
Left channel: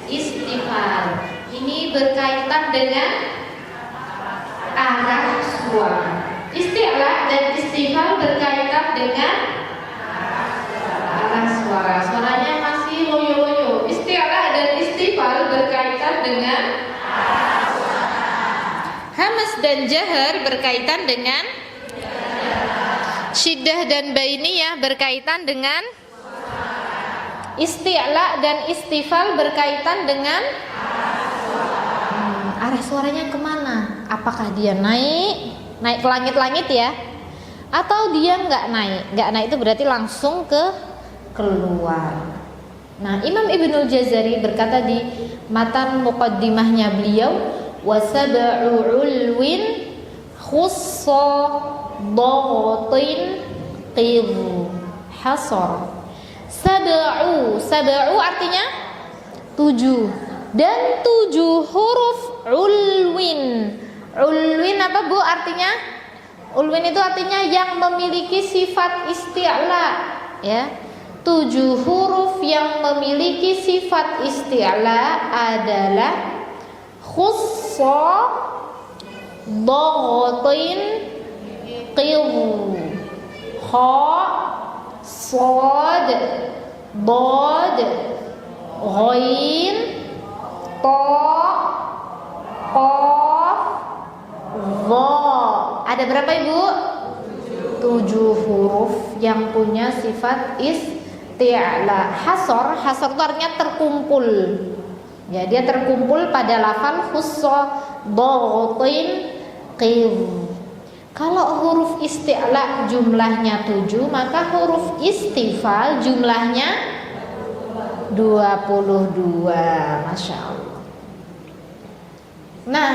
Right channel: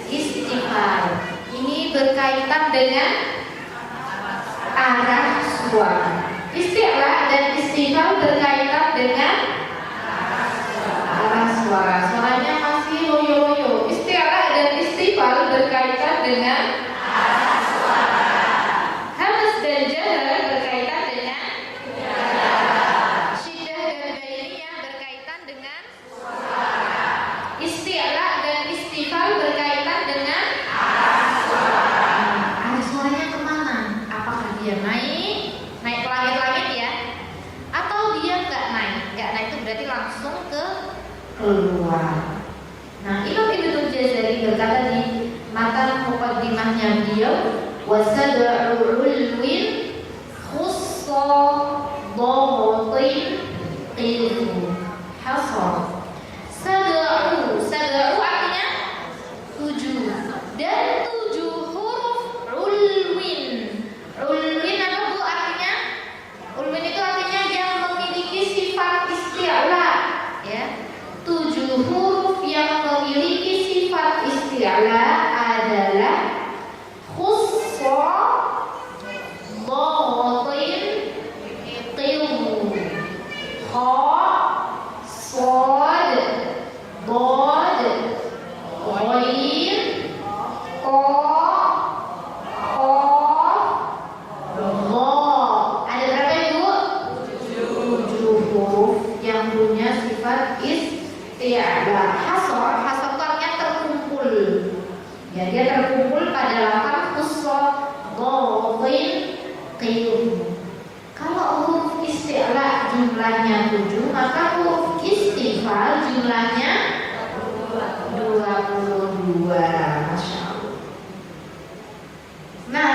istifal. Ini berkaitan dengan arah suara. Isti'la dan istifal berkaitan dengan arah suara. Suaranya masih loyo-loyo. Isti'la dan istifal berkaitan dengan arah suara. Hamas dan jahar berkaitan dengan syiddah dan bainiyah berkaitan dengan isti'la dan istifal berkaitan dengan arah suaranya kemana? Apakah dia naik ke langit-langit ya? Atau dia nggak naik? Nggak naik itu berarti langsung keluar. Nah, Imam Ibnul Jazari berkata di matan muqaddimahnya beliau, wasad'u ulwin khussa dhatin qid hasar. Sad'u artinya 7 dan 7 huruf ulwin. Ulwin apa Bu artinya? Ulwin itu artinya yang memiliki sifat isti'la ya. 7 huruf yang memiliki sifat isti'la adalah khussa dhatin qid kha sad dad ghain ta qaf dha. Ada berapa Ibu? 7 huruf yang punya sifat isti'la. Hasor itu artinya terkumpul. Ya, dia terkumpul pada lafal khussa dhatin qid. Kalau huruf isti'la jumlahnya 7, maka huruf istifal jumlahnya 22. Masya Allah. Nah,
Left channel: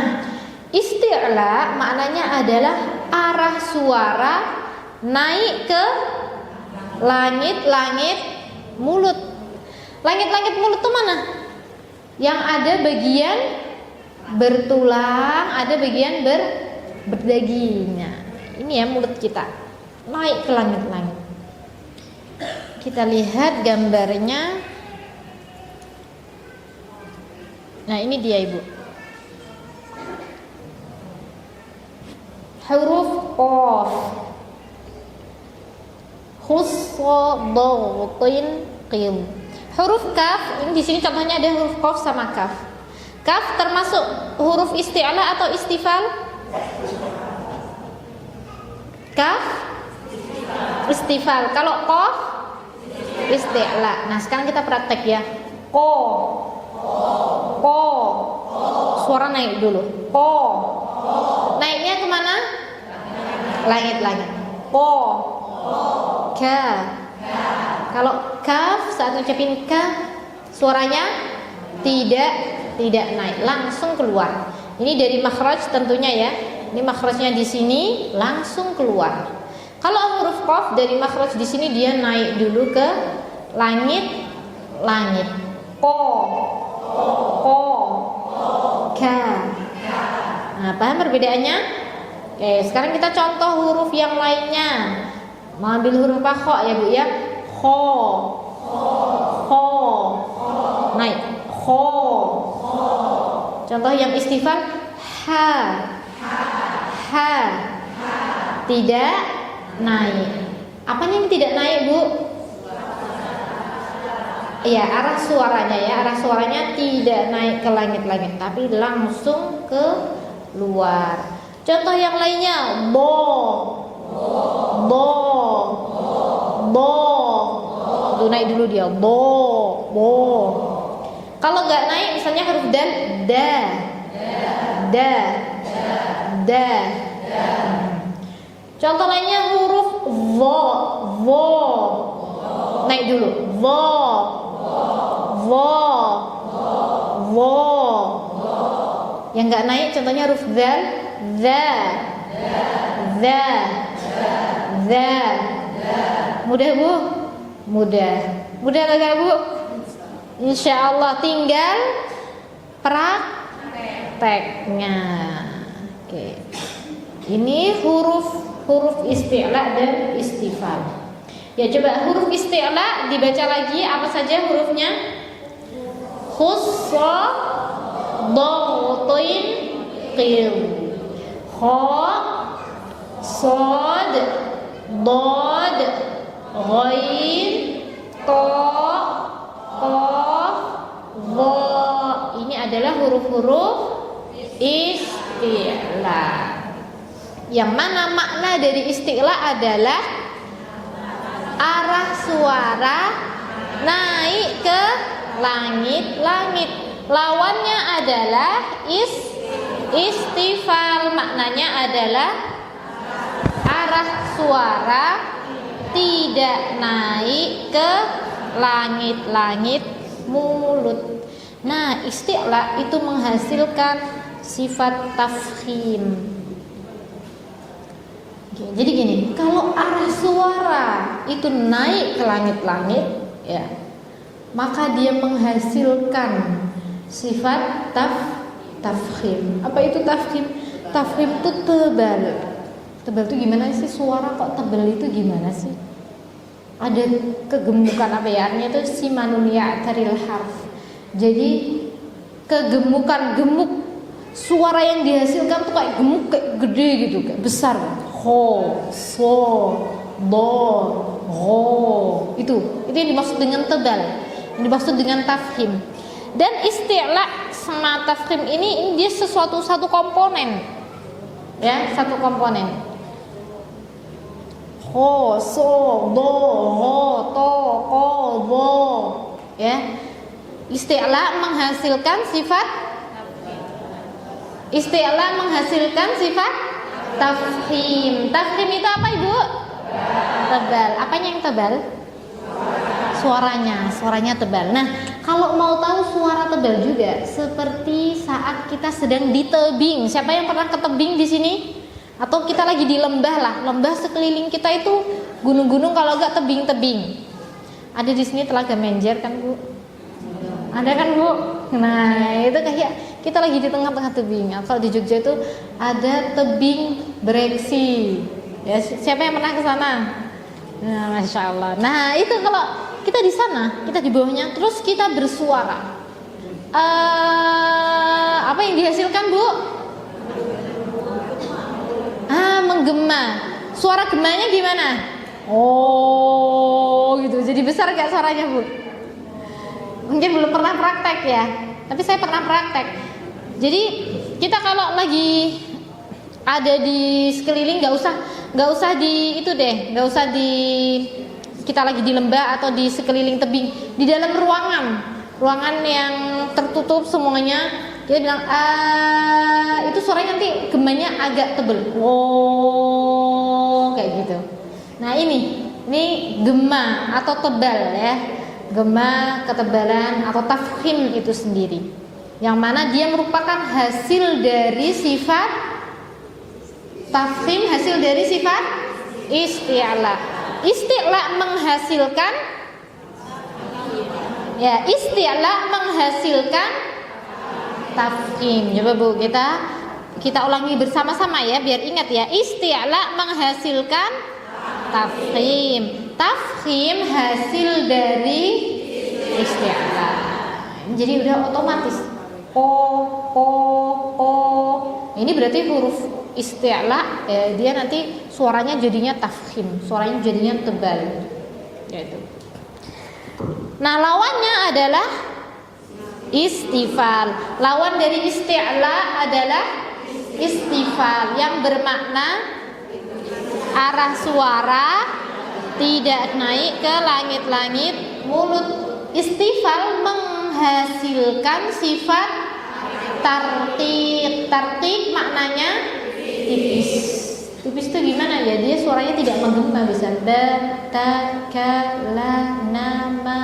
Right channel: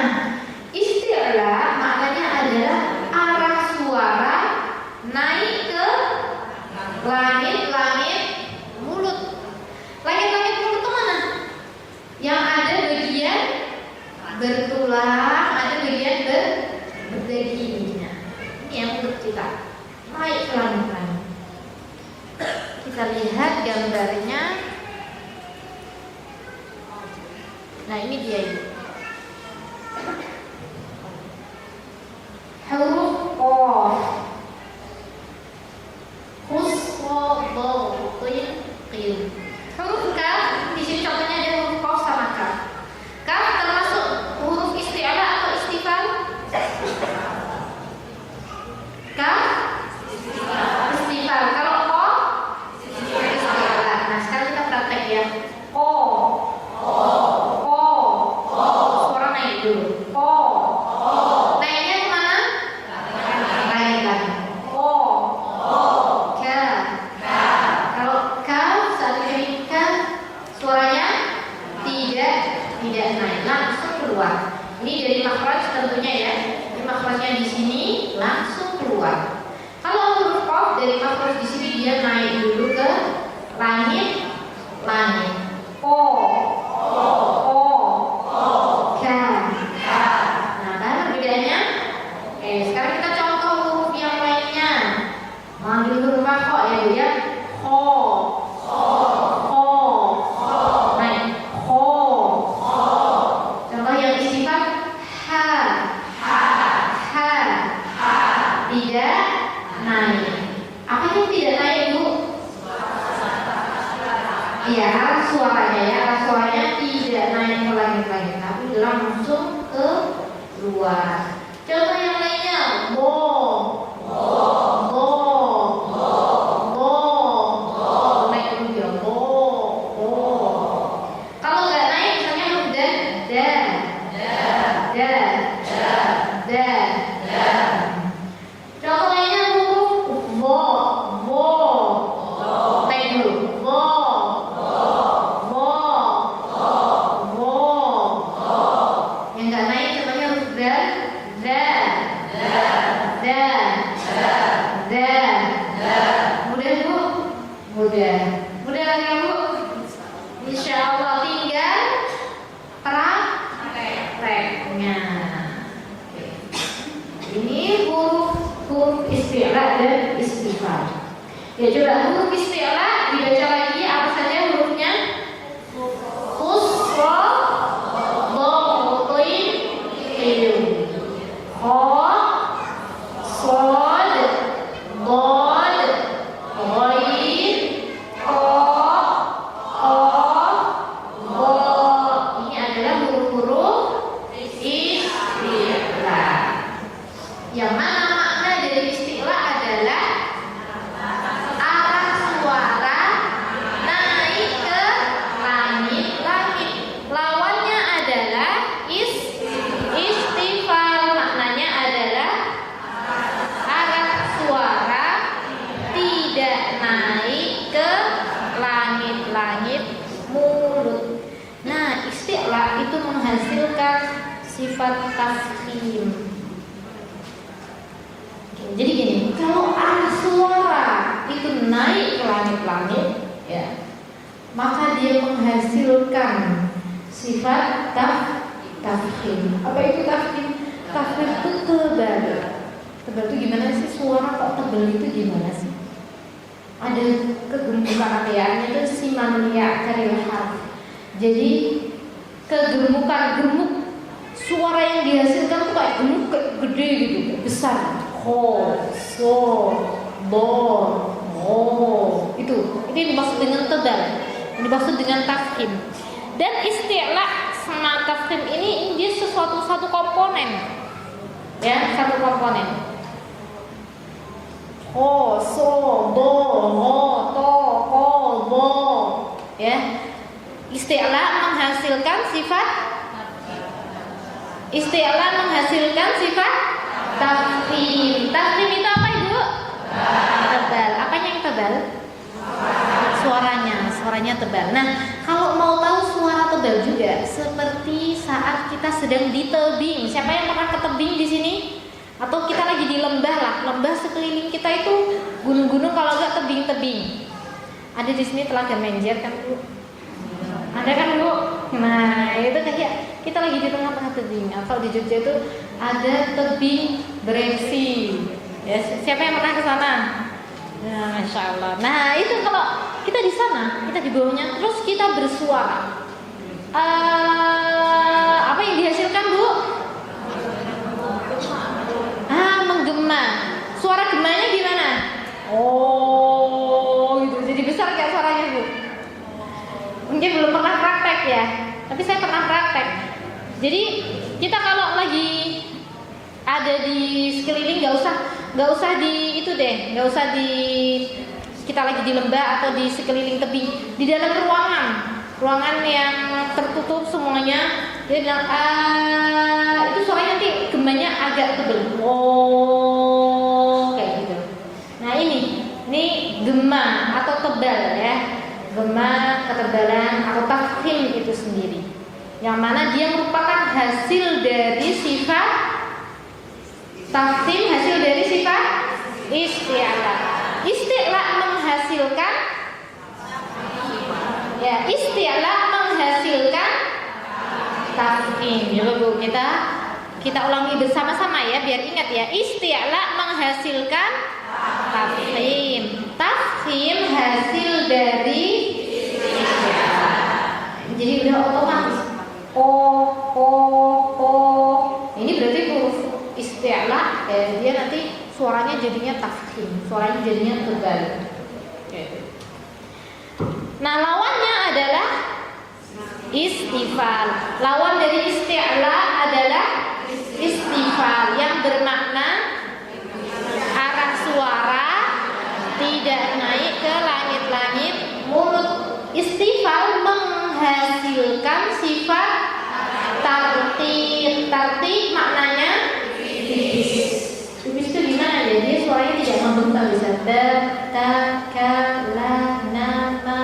isti'la maknanya adalah arah suara naik ke langit-langit mulut. Langit-langit mulut itu mana? Yang ada bagian bertulang, ada bagian berdagingnya. Ini ya mulut kita naik ke langit-langit. Kita lihat gambarnya. Nah, ini dia Ibu. Huruf qaf. Khussa dhatin qid. Huruf kaf, di sini contohnya ada huruf qaf sama kaf. Kaf termasuk huruf isti'la atau istifal? Kaf istifal. Kalau qaf isti'la. Nah, sekarang kita praktek ya. Ko. Suara naik dulu. Ko. Naiknya kemana? Langit-langit. Ko. Ka. Kalau kaf saat ucapin kaf, suaranya tidak naik, langsung keluar. Ini dari makhraj tentunya ya. Ini makhrajnya di sini langsung keluar. Kalau huruf qaf dari makhraj di sini dia naik dulu ke langit. Po. Ka. Nah, apa perbedaannya? Sekarang kita contoh huruf yang lainnya. Mau ambil huruf kha ya Bu ya. Kho. yang istifham ha. Ha. Tidak naik. Apanya yang tidak naik, Bu? Iya, arah suaranya ya. Arah suaranya tidak naik ke langit-langit, tapi langsung ke luar. Contoh yang lainnya, bo. Bo. Bo. Tuh naik dulu dia, bo. Bo. Kalau nggak naik, misalnya huruf dal, da. Da. Da. Contoh lainnya huruf vo. Vo. Naik dulu, vo. Vo. Vo. Yang nggak naik contohnya huruf zal, za. Za. Za. Mudah, Bu? Mudah. Mudah lagi, Bu? Insya Allah tinggal prakteknya. Oke. Ini huruf isti'la dan istifham. Ya, coba huruf isti'la dibaca lagi, apa saja hurufnya? Khussa, dhatin, qil. Kha, shad, dad, ghain, qa, qaf, dha. Ini adalah huruf-huruf isti'la. Yang mana makna dari isti'la adalah arah suara naik ke langit-langit. Lawannya adalah istifal. Maknanya adalah arah suara tidak naik ke langit-langit mulut. Nah, isti'la itu menghasilkan sifat tafkhim. Jadi gini, kalau arah suara itu naik ke langit-langit, ya, maka dia menghasilkan sifat tafkhim. Apa itu tafkhim? Tafkhim itu tebal. Tebal itu gimana sih? Suara kok tebal itu gimana sih? Ada kegemukan apa ya? Artinya itu simanul ya'taril harf. Jadi kegemukan, gemuk suara yang dihasilkan tuh kayak gemuk, kayak gede gitu, kayak besar. Ho, so, do, ho. Itu yang dimaksud dengan tebal. Yang dimaksud dengan tafkhim. Dan isti'la sama tafkhim ini dia satu komponen. Ya, satu komponen. Ho, so, do, ho, to, ko, do. Ya. Isti'la menghasilkan sifat tafkhim. Tafkhim itu apa, Ibu? Tebal. Apanya yang tebal? Suaranya tebal. Nah, kalau mau tahu suara tebal juga seperti saat kita sedang di tebing. Siapa yang pernah ke tebing di sini? Atau kita lagi di lembah lah. Lembah sekeliling kita itu gunung-gunung, kalau enggak tebing-tebing. Ada di sini Telaga Menjer kan, Bu? Ada kan, Bu? Nah, itu kayak kita lagi di tengah-tengah tebing. Atau di Jogja itu ada tebing bereksi. Ya, siapa yang pernah ke sana? Nah, Masya Allah. Nah, itu kalau kita di sana, kita di bawahnya, terus kita bersuara. Apa yang dihasilkan, Bu? Menggema. Suara gemanya gimana? Oh, gitu. Jadi besar gak suaranya, Bu? Mungkin belum pernah praktek ya, tapi saya pernah praktek. Jadi kita kalau lagi ada di sekeliling, nggak usah di itu deh, nggak usah di kita lagi di lembah atau di sekeliling tebing, di dalam ruangan yang tertutup semuanya, dia bilang itu suaranya nanti gemanya agak tebal, oh kayak gitu. Nah ini gema atau tebal ya, gema, ketebalan atau tafkhim itu sendiri, yang mana dia merupakan hasil dari sifat tafkhim, hasil dari sifat isti'la. Isti'la menghasilkan, ya, isti'la menghasilkan tafkhim. Coba, Bu, kita ulangi bersama-sama ya, biar ingat ya. Isti'la menghasilkan tafkhim. Tafkhim hasil dari isti'la. Jadi udah ko, ko. Ini berarti huruf isti'la, ya, dia nanti suaranya jadinya tafkhim, suaranya jadinya tebal. Nah, lawannya adalah istifal. Lawan dari isti'la adalah istifal yang bermakna arah suara tidak naik ke langit-langit mulut. Istifal menghasilkan sifat tartib. Tartib maknanya tipis. Tipis itu gimana ya? Dia suaranya tidak membentang, bisa ba, ta, ka, la, nama,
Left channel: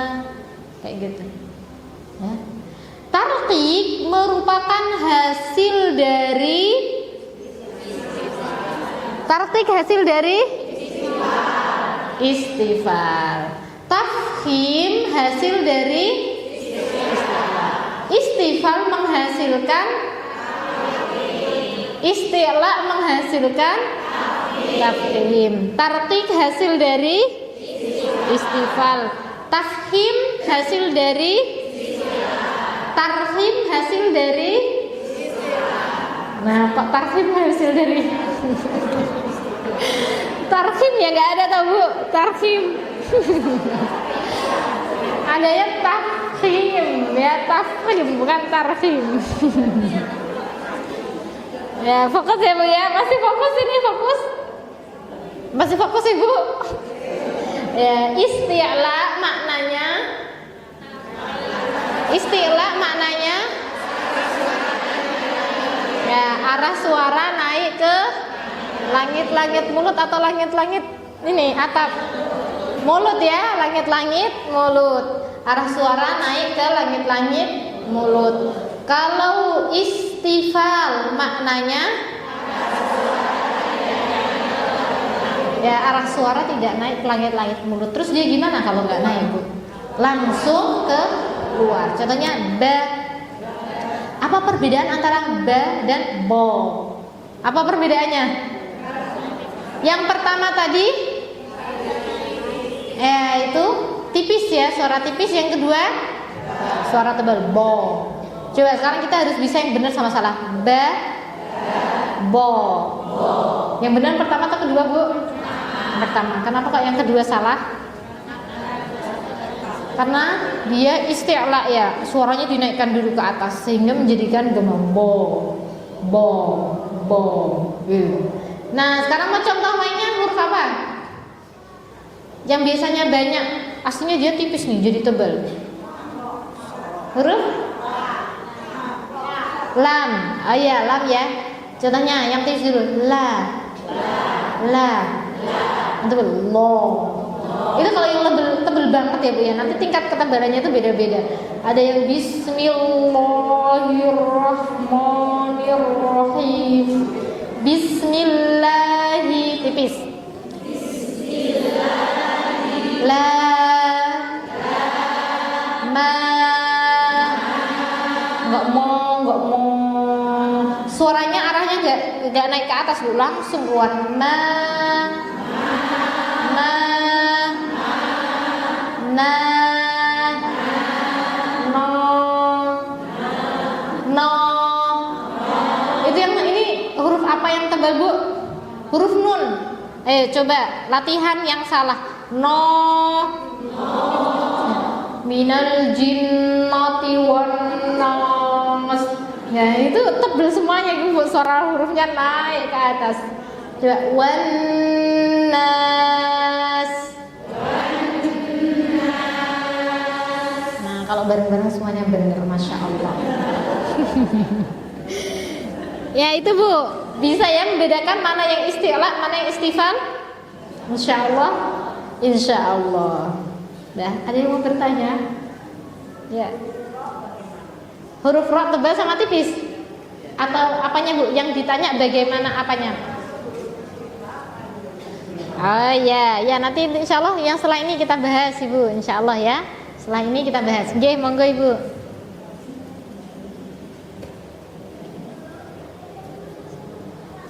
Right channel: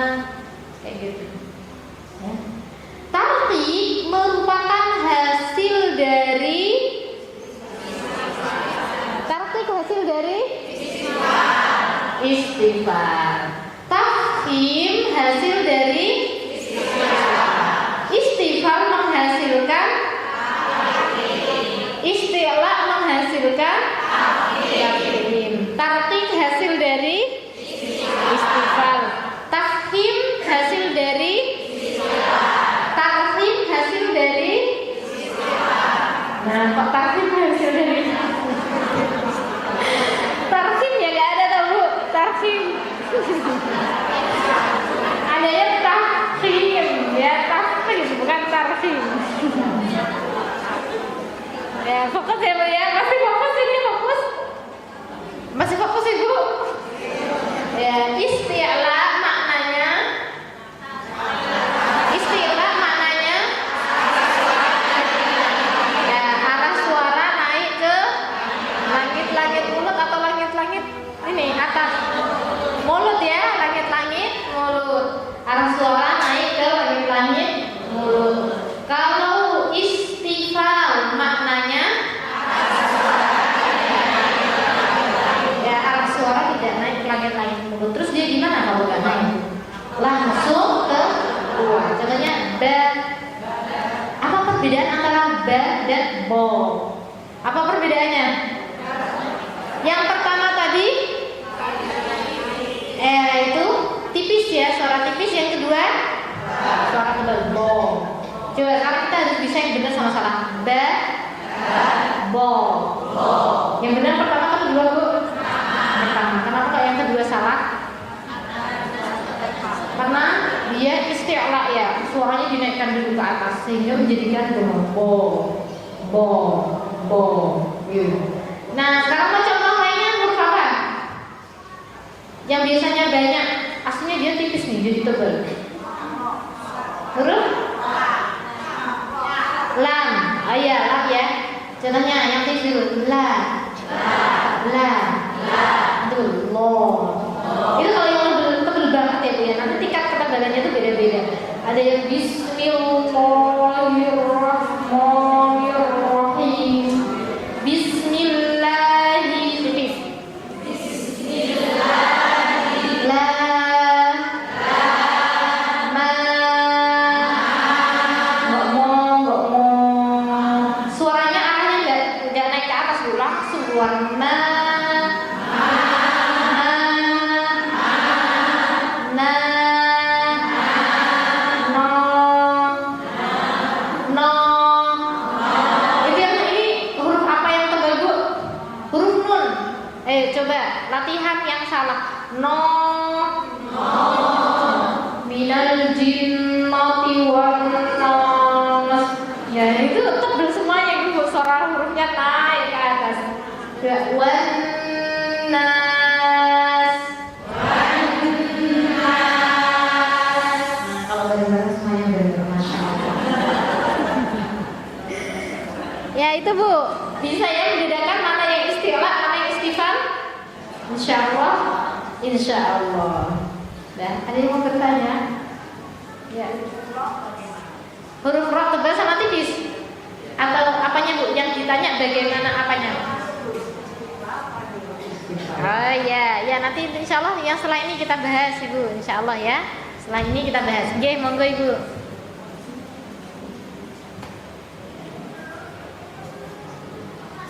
kayak gitu. Ya. Tartib merupakan hasil dari istifal. Tafkhim hasil dari istifal menghasilkan isti'la menghasilkan tafkhim. Tartib hasil dari istifal. Tafkhim hasil dari tarhim hasil dari. Nah, kok tarhim hasil dari tarhim ya, nggak ada tahu tarhim. Ada yang tafkhim, ya tafkhim bukan tarhim. Ya fokus ya, masih fokus ini, fokus. Masih fokus Ibu. Ya, isti'la maknanya ya, arah suara naik ke langit-langit mulut atau langit-langit ini atap mulut ya, langit-langit mulut. Arah suara naik ke langit-langit mulut. Kalau istifal maknanya ya, arah suara tidak naik ke langit-langit mulut. Terus dia gimana kalau nggak naik? Langsung ke keluar. Contohnya ba. Apa perbedaan antara ba dan bo? Apa perbedaannya? Yang pertama tadi itu tipis ya, suara tipis. Yang kedua suara tebal, bo. Coba sekarang kita harus bisa yang benar sama salah. Ba, bo. Yang benar pertama atau kedua, Bu? Pertama. Kenapa kok yang kedua salah? Karena dia isti'la ya, suaranya dinaikkan dulu ke atas sehingga menjadikan gemeng bo, bo, bo. Nah, sekarang mau contoh lainnya huruf apa? Yang biasanya banyak, aslinya dia tipis nih, jadi tebal. Huruf lam. Oh iya, lam ya. Contohnya yang tipis dulu, la. Itu lo. Itu kalau yang tebal banget ya Bu ya. Nanti tingkat ketebalannya tuh beda-beda. Ada yang bismillahirrahmanirrahim. Bismillahi tipis. La ma ngomong. Suaranya arahnya enggak naik ke atas dulu, langsung keluar ma. Coba latihan yang salah. No. Minal jinnati wan nas. Ya itu tebel semuanya Ibu, suara hurufnya naik ke atas. Coba wan nas. Nah, kalau bareng-bareng semuanya benar, Masya Allah. Ya itu Bu, bisa ya membedakan mana yang isti'la, mana yang istifal? Insya Allah. Nah, ada yang mau bertanya? Ya. Huruf ro tebal sama tipis? Atau apanya Bu? Yang ditanya bagaimana apanya? Oh ya, nanti insya Allah yang setelah ini kita bahas Ibu, insya Allah ya. Setelah ini kita bahas. Oke, monggo Ibu.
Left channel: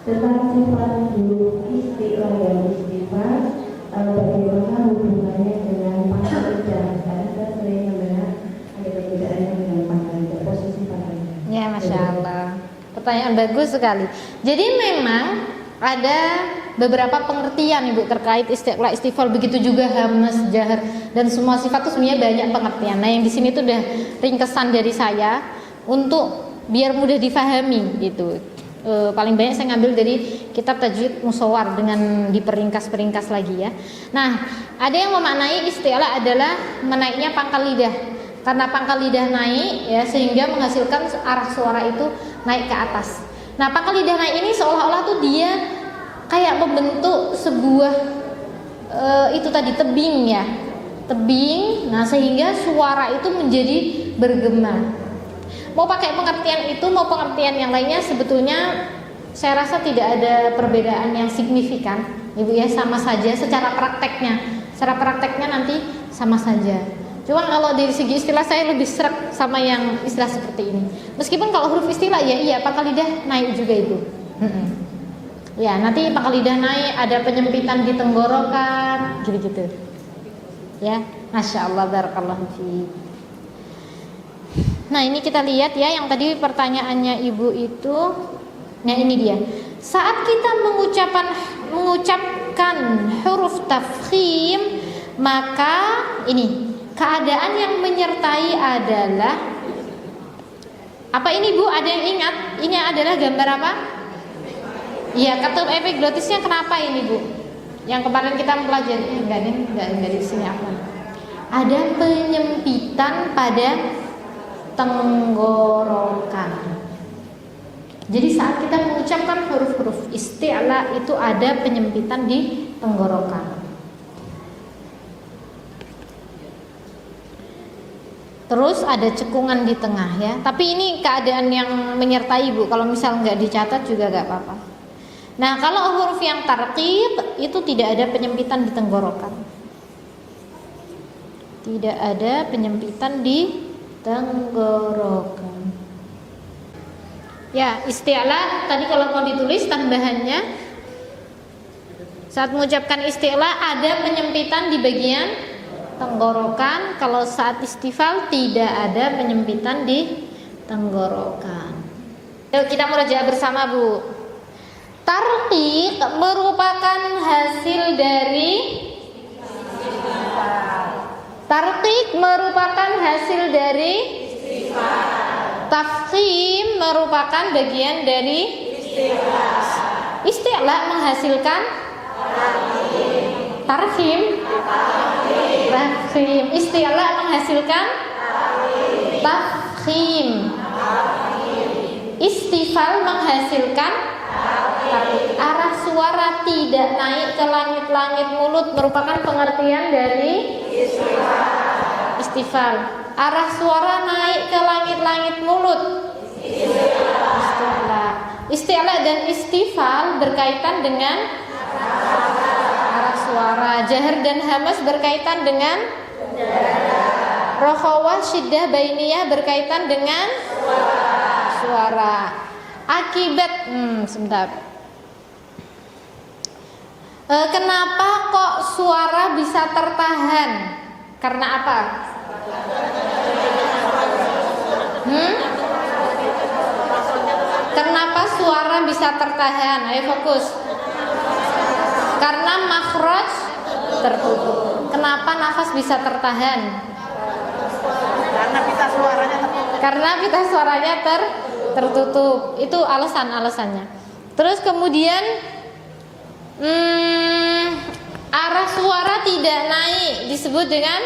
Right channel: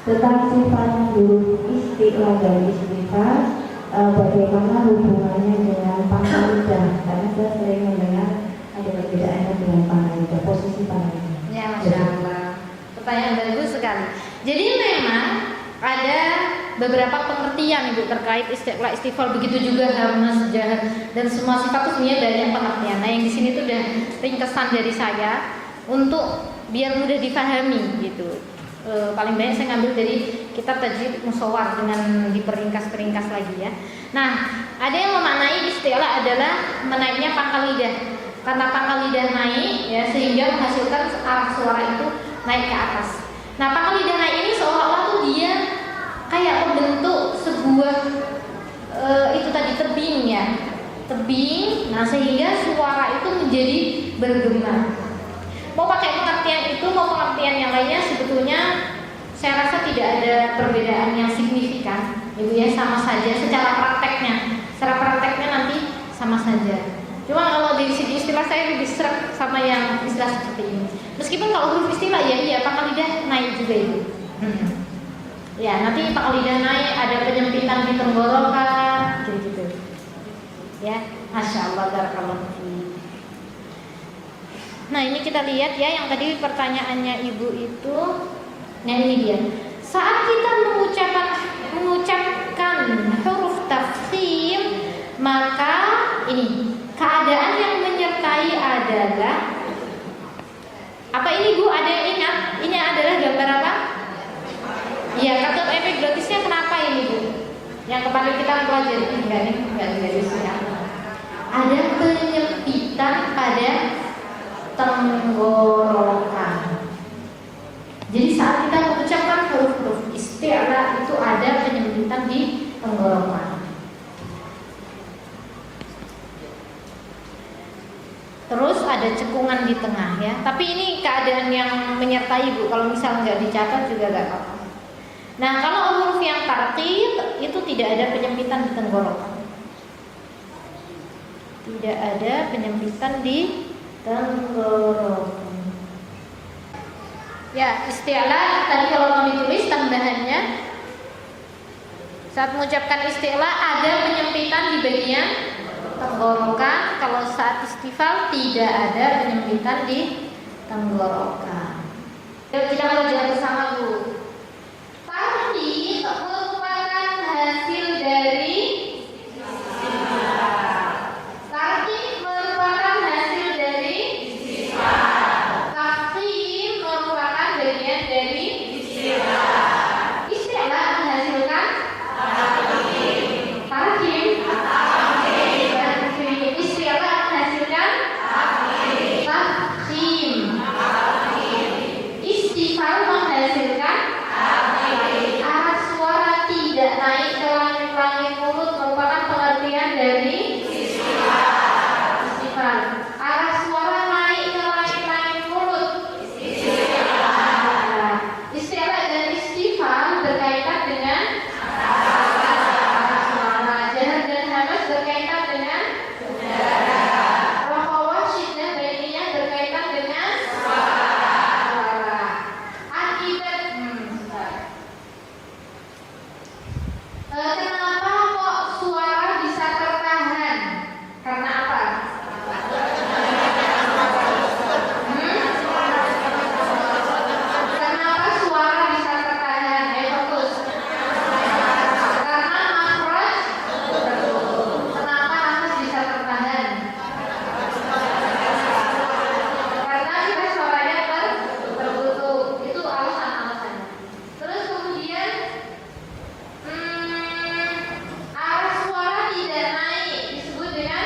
Tentang sifat huruf isti'la dan istifal, bagaimana hubungannya dengan pangkal lidah? Karena saya sering mendengar ada perbedaannya dengan pangkal lidah, posisi pangkal lidah. Ya, Masya Allah. Pertanyaan bagus sekali. Jadi memang ada beberapa pengertian Ibu terkait istiqla istifal, begitu juga hamas, jahar, dan semua sifat itu sebenarnya banyak pengertian. Nah, yang di sini tuh udah ringkesan dari saya untuk biar mudah difahami gitu. Paling banyak saya ngambil dari kitab Tajwid Musawwar dengan diperingkas-peringkas lagi ya. Nah, ada yang memaknai istiqla adalah menaiknya pangkal lidah. Karena pangkal lidah naik ya, sehingga menghasilkan arah suara itu naik ke atas. Nah, pangkal lidah naik ini seolah-olah tuh dia kayak membentuk sebuah itu tadi tebing ya, tebing. Nah, sehingga suara itu menjadi bergema. Mau pakai pengertian itu mau pengertian yang lainnya, sebetulnya saya rasa tidak ada perbedaan yang signifikan, Ibu ya, sama saja secara prakteknya. Secara prakteknya nanti sama saja. Cuma kalau dari segi istilah saya lebih seret sama yang istilah seperti ini. Meskipun kalau huruf istilah ya iya pangkal lidah naik juga Ibu. Ya, nanti pangkal lidah naik, ada penyempitan di tenggorokan, gitu-gitu. Ya, Masya Allah, barakallahu fiik. Nah, ini kita lihat ya, yang tadi pertanyaannya Ibu itu. Nah, ini dia. Saat kita mengucapkan huruf tafkhim, maka ini keadaan yang menyertai adalah apa ini Bu? Ada yang ingat? Ini adalah gambar apa? Iya, katup epiglotisnya kenapa ini Bu? Yang kemarin kita pelajari enggak dari sini. Ada penyempitan pada tenggorokan. Jadi saat kita mengucapkan huruf-huruf isti'la itu ada penyempitan di tenggorokan. Terus ada cekungan di tengah ya. Tapi ini keadaan yang menyertai Bu. Kalau misal nggak dicatat juga nggak apa-apa. Nah, kalau huruf yang tarqiq itu tidak ada penyempitan di tenggorokan. Tidak ada penyempitan di tenggorokan. Ya, isti'la tadi kalau mau ditulis tambahannya saat mengucapkan isti'la ada penyempitan di bagian tenggorokan. Kalau saat istifal tidak ada penyempitan di tenggorokan. Yuk kita merajaah bersama Bu. Tarqiq merupakan hasil dari tarqiq merupakan hasil dari tafkhim merupakan bagian dari isti'la menghasilkan tarkhim. Isti'la menghasilkan tafkhim. Istifal menghasilkan arah suara tidak naik ke langit-langit mulut merupakan pengertian dari istifal. Arah suara naik ke langit-langit mulut. Isti'la dan istifal berkaitan dengan arah suara. Jahar dan hamas berkaitan dengan rokhawah, syiddah, bainiyah berkaitan dengan suara. Akibat sebentar. Kenapa kok suara bisa tertahan? Karena apa? Kenapa suara bisa tertahan? Ayo fokus. Karena makhraj tertutup. Kenapa nafas bisa tertahan? Karena pita suaranya tertutup. Itu alasannya. Terus kemudian arah suara tidak naik disebut dengan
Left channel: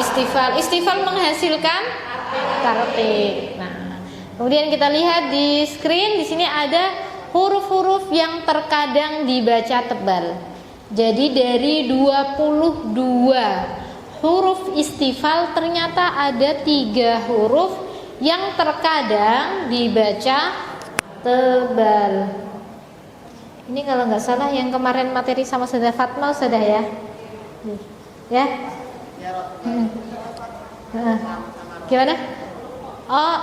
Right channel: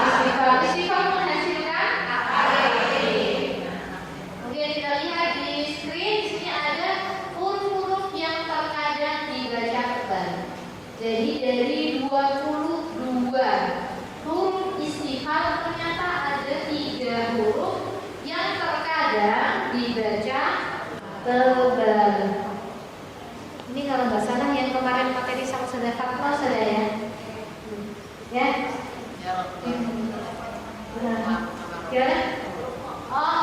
istifal. Istifal menghasilkan tarqiq. Nah, kemudian kita lihat di screen di sini ada huruf-huruf yang terkadang dibaca tebal. Jadi dari 22 huruf istifal ternyata ada 3 huruf yang terkadang dibaca tebal. Ini kalau nggak salah yang kemarin materi sama Saudara Fatma sudah ya? Ya? Gimana? Oh,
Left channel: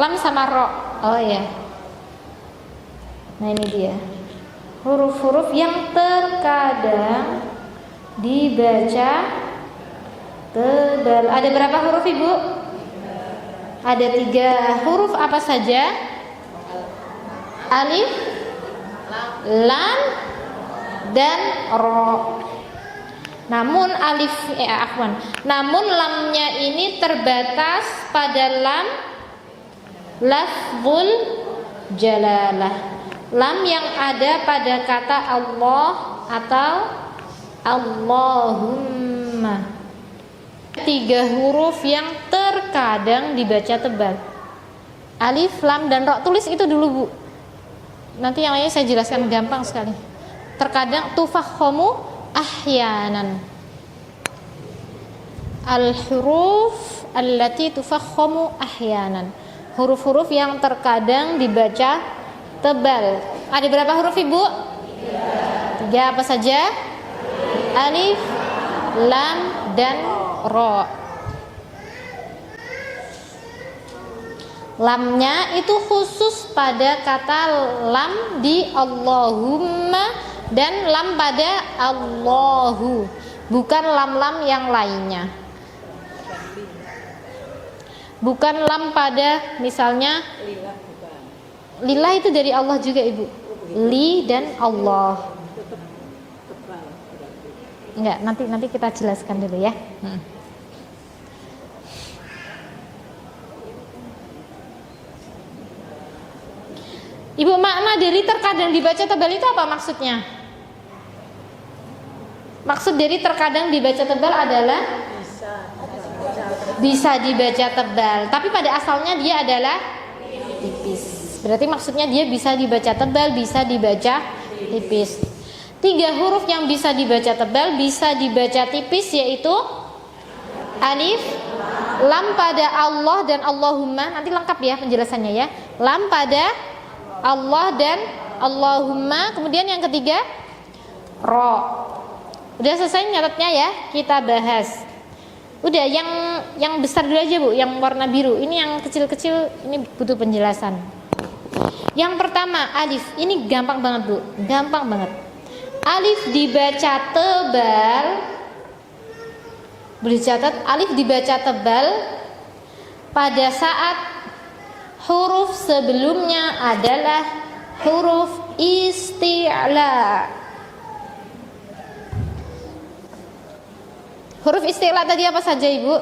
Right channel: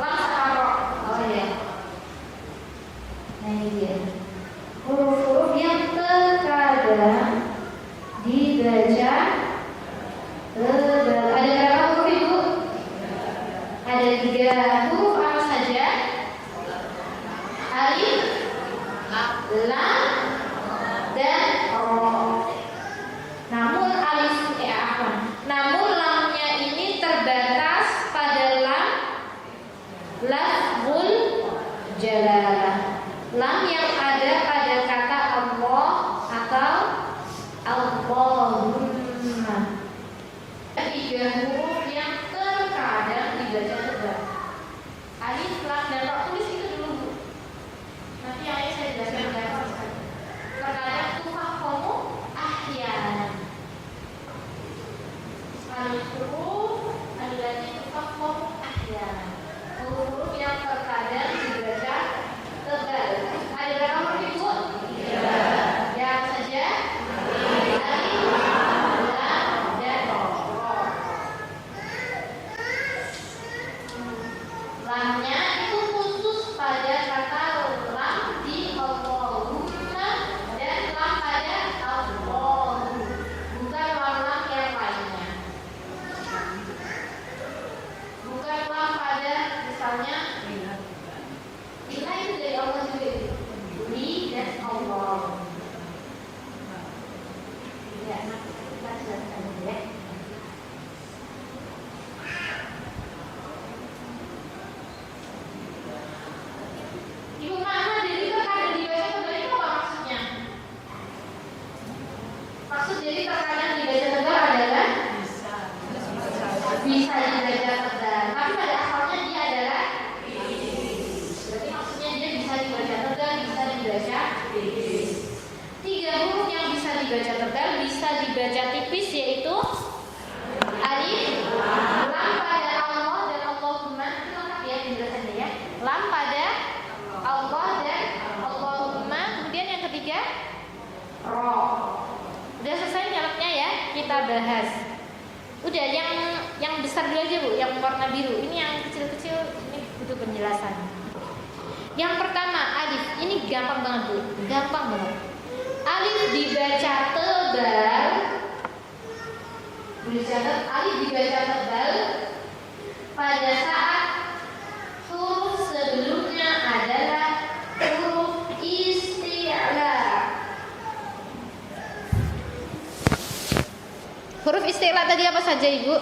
lam sama ro. Oh ya. Nah ini dia. Huruf-huruf yang terkadang dibaca tebal. Ada berapa huruf Ibu? Ada 3 huruf apa saja? Alif, lam, dan ro. Namun namun lamnya ini terbatas pada lam lafzul jalalah. Lam yang ada pada kata Allah atau Allahumma. 3 huruf yang terkadang dibaca tebal. Alif, lam, dan ro. Tulis itu dulu, Bu. Nanti yang lainnya saya jelaskan gampang sekali. Terkadang tufakhamu ahyanan. Al-huruf allati tufakhamu ahyanan. Huruf-huruf yang terkadang dibaca tebal. Ada berapa huruf, Ibu? 3 apa saja? Alif, lam, dan ro. Lamnya itu khusus pada kata lam di Allahumma dan lam pada Allahu, bukan lam-lam yang lainnya. Bukan lam pada misalnya lillah, itu dari Allah juga, Ibu. Li dan Allah. Enggak, nanti kita jelaskan dulu ya. Ibu, makna dari terkadang dibaca tebal itu apa maksudnya? Maksud dari terkadang dibaca tebal adalah bisa dibaca tebal, tapi pada asalnya dia adalah tipis. Berarti maksudnya dia bisa dibaca tebal, bisa dibaca tipis. 3 huruf yang bisa dibaca tebal, bisa dibaca tipis, yaitu alif, lam pada Allah dan Allahumma. Nanti lengkap ya penjelasannya ya. Lam pada Allah dan Allahumma. Kemudian yang ketiga ro. Udah selesai nyatetnya ya, kita bahas. Udah, yang besar dulu aja, Bu, yang warna biru. Ini yang kecil-kecil ini butuh penjelasan. Yang pertama alif, ini gampang banget, Bu, gampang banget. Alif dibaca tebal. Boleh catat, alif dibaca tebal pada saat huruf sebelumnya adalah huruf isti'la. Huruf isti'la tadi apa saja, Ibu?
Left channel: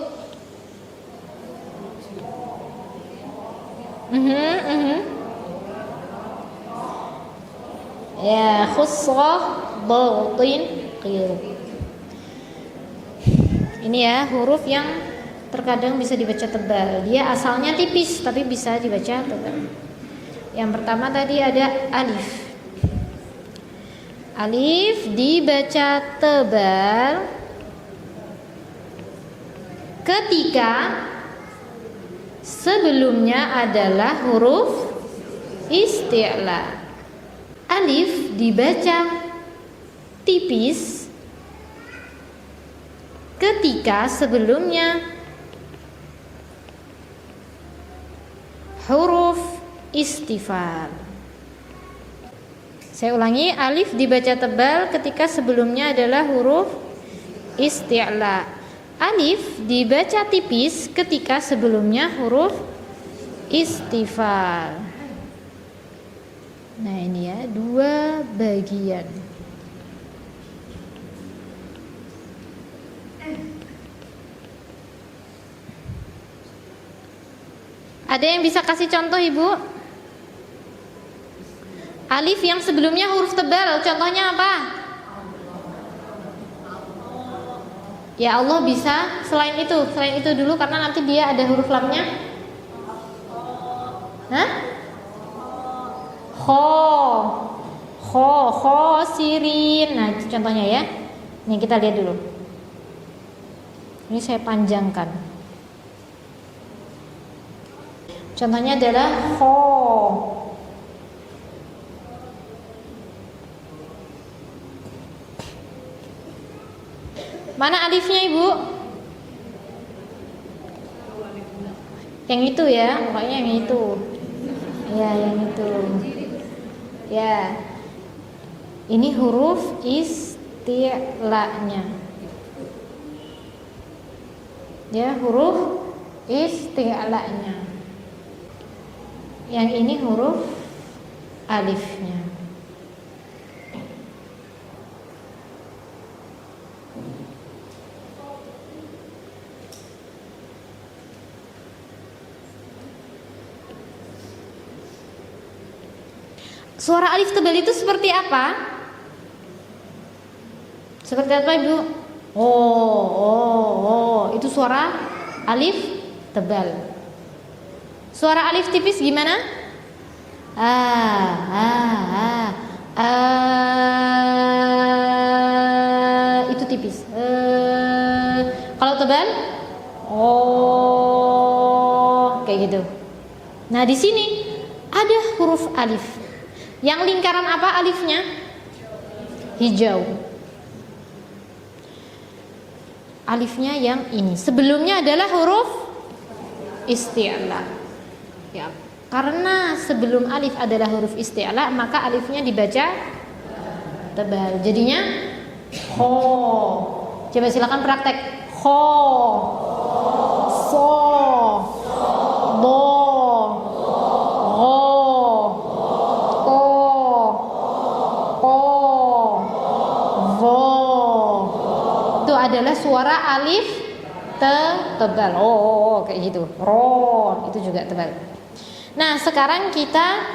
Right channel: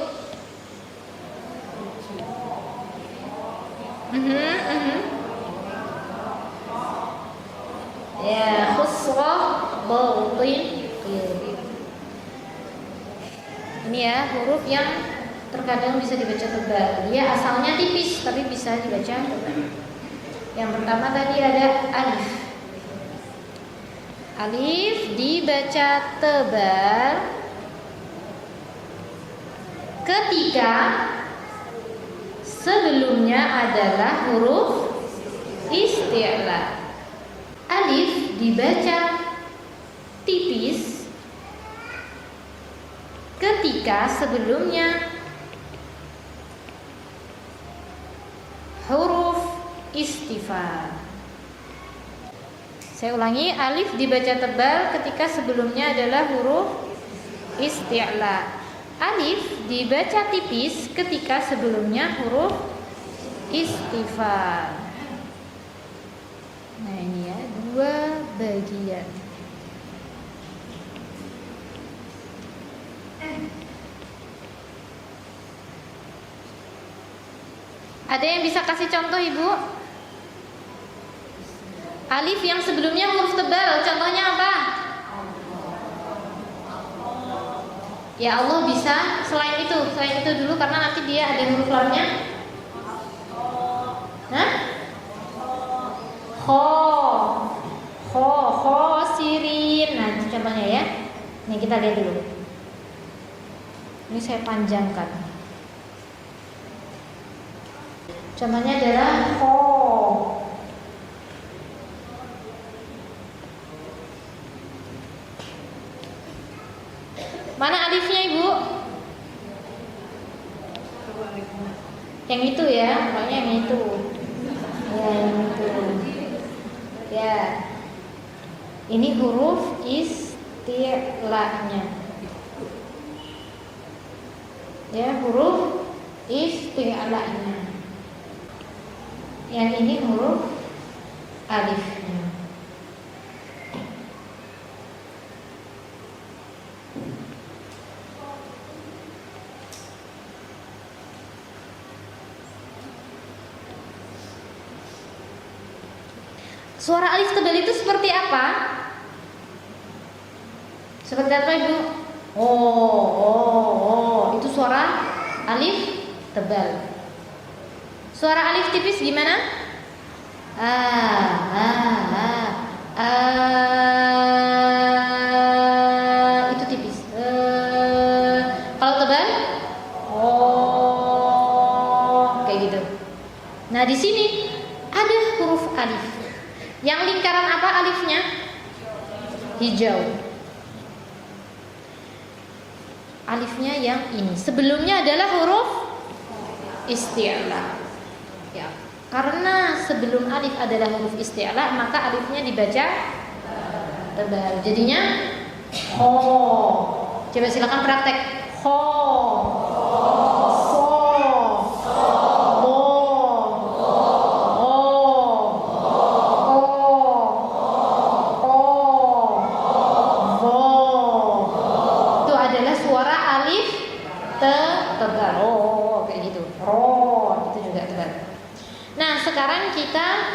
Ya, khusrah, batin, qil. Ini ya huruf yang terkadang bisa dibaca tebal. Dia asalnya tipis tapi bisa dibaca tebal. Yang pertama tadi ada alif. Alif dibaca tebal ketika sebelumnya adalah huruf isti'la. Alif dibaca tipis ketika sebelumnya huruf istifham. Saya ulangi, alif dibaca tebal ketika sebelumnya adalah huruf isti'la. Alif dibaca tipis ketika sebelumnya huruf istifham. Nah, ini ya, 2 bagian. Ada yang bisa kasih contoh, Ibu? Alif yang sebelumnya huruf tebal, contohnya apa? Ya Allah bisa, selain itu dulu karena nanti dia ada huruf lamnya. Hah? Khosirin. Nah, itu contohnya ya. Nih kita lihat dulu. Ini saya panjangkan. Contohnya adalah Mana alifnya, Ibu? Yang itu ya, pokoknya yang itu. Ya, yang itu. Ya. Ini huruf isti'lanya. Ya, huruf isti'lanya. Yang ini huruf alifnya. Suara alif tebal itu seperti apa? Seperti apa, Ibu? Oh, itu suara alif tebal. Suara alif tipis gimana? Itu tipis. Kalau tebal? Oh, kayak gitu. Nah, di sini ada huruf alif. Yang lingkaran apa alifnya? Hijau. Alifnya yang ini. Sebelumnya adalah huruf isti'la. Ya, karena sebelum alif adalah huruf isti'la, maka alifnya dibaca tebal. Jadinya ho. Coba silakan praktek. Ho. So. Do. Ho. Ko. Ko. Zo. Itu adalah suara alif tebal. Oh, kayak gitu. Ro, itu juga tebal. Nah, sekarang kita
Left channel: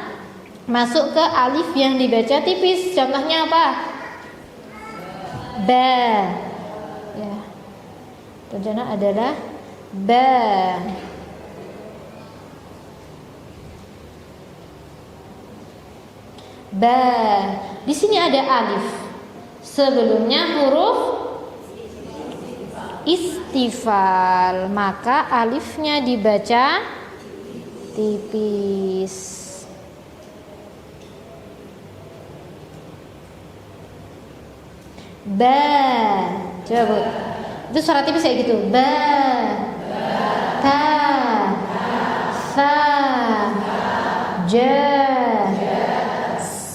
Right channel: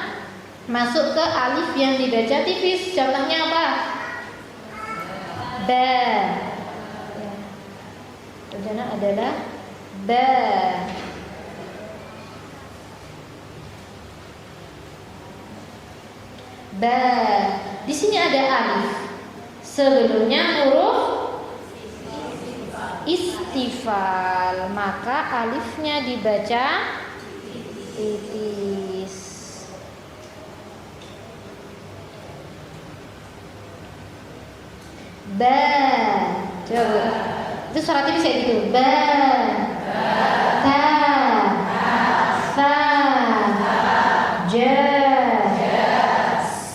masuk ke alif yang dibaca tipis. Contohnya apa? Ba. Ya. Contohnya adalah ba. Ba. Di sini ada alif. Sebelumnya huruf istifal, maka alifnya dibaca tipis. Ba. Coba. Itu suara tipis kayak gitu. Ba. Ta. Sa. Ja.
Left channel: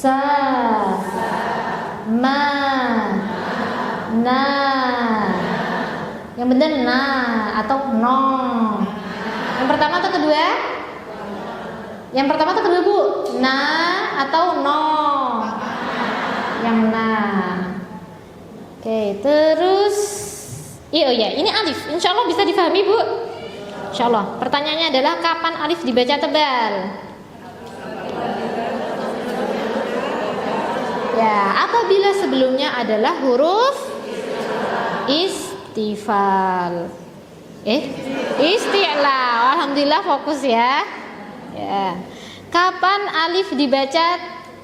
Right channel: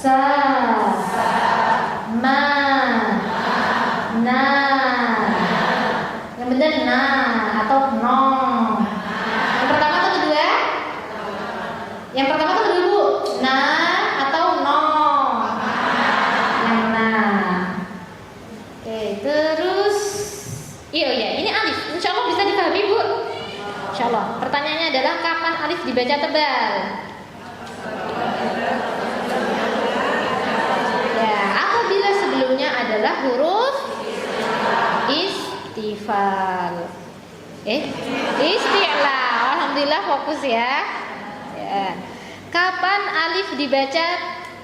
Sa. Ma. Na. Yang benar na atau no. Yang pertama atau kedua? Yang pertama atau kedua, Bu? Na atau no? Yang na. Oke, terus iya, ini alif. Insya Allah bisa dipahami, Bu. Insya Allah. Pertanyaannya adalah kapan alif dibaca tebal? Ya, apabila sebelumnya adalah huruf istifal. Isti'la. Alhamdulillah fokus ya. Ya. Kapan alif dibaca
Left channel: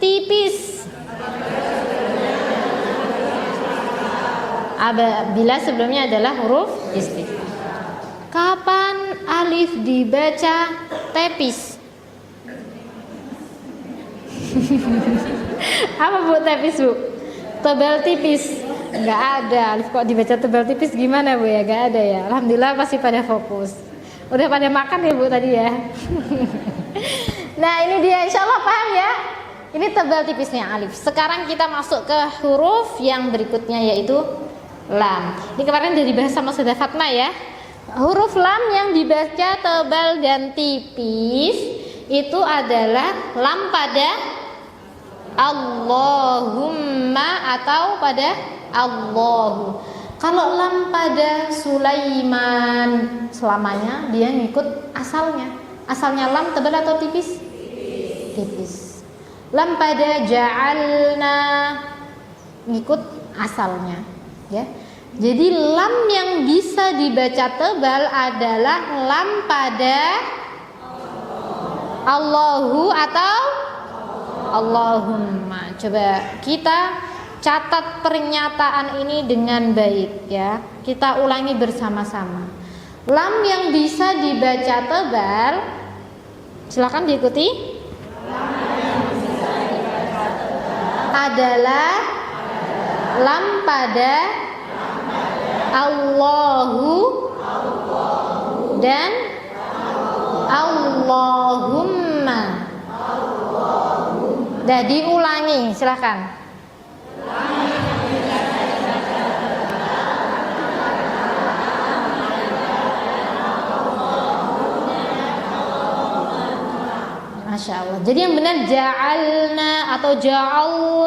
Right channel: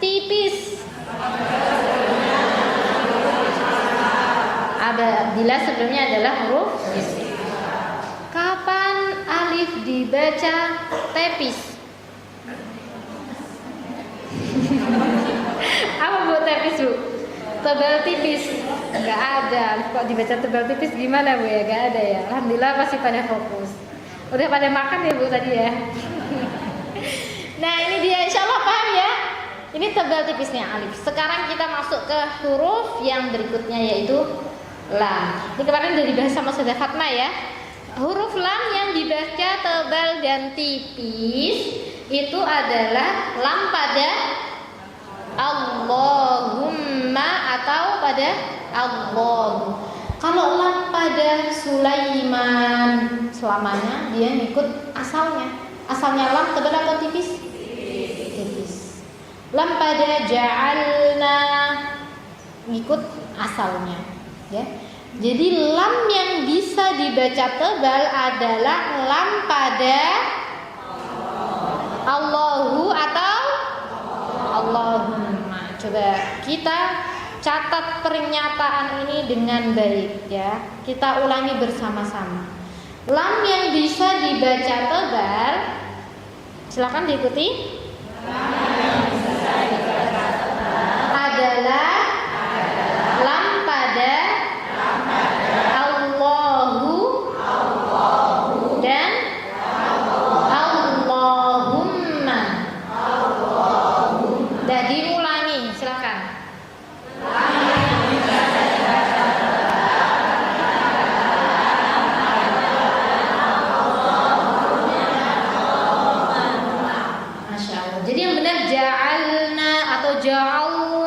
tipis? Bila sebelumnya adalah huruf istifal. Kapan alif dibaca tepis? Apa Bu tepis, Bu? Tebal tipis. Enggak ada. Alif kok dibaca tebal tipis gimana, Bu ya? Enggak ada ya. Alhamdulillah pasti pada fokus. Udah pada makan ya, Bu tadi ya. Nah, ini dia, insya Allah paham ya. Ini tebal tipisnya alif. Sekarang kita masuk ke huruf yang berikutnya yaitu lam. Ini kemarin udah dibahas sama Saudara Fatma ya. Huruf lam yang dibaca tebal dan tipis itu adalah lam pada Allahumma atau pada Allahu. Kalau lam pada Sulaiman, selamanya dia ngikut asalnya. Asalnya lam tebal atau tipis? Tipis. Lam pada ja'alna ngikut asalnya, ya. Jadi lam yang bisa dibaca tebal adalah lam pada Allahu atau Allahumma. Coba kita catat pernyataan ini dengan baik ya. Kita ulangi bersama-sama. Lam yang bisa dibaca tebal, silakan diikuti. Adalah lam pada Allahu dan Allahumma. Dah diulangi, silakan. Masya ja'alna atau ja'alna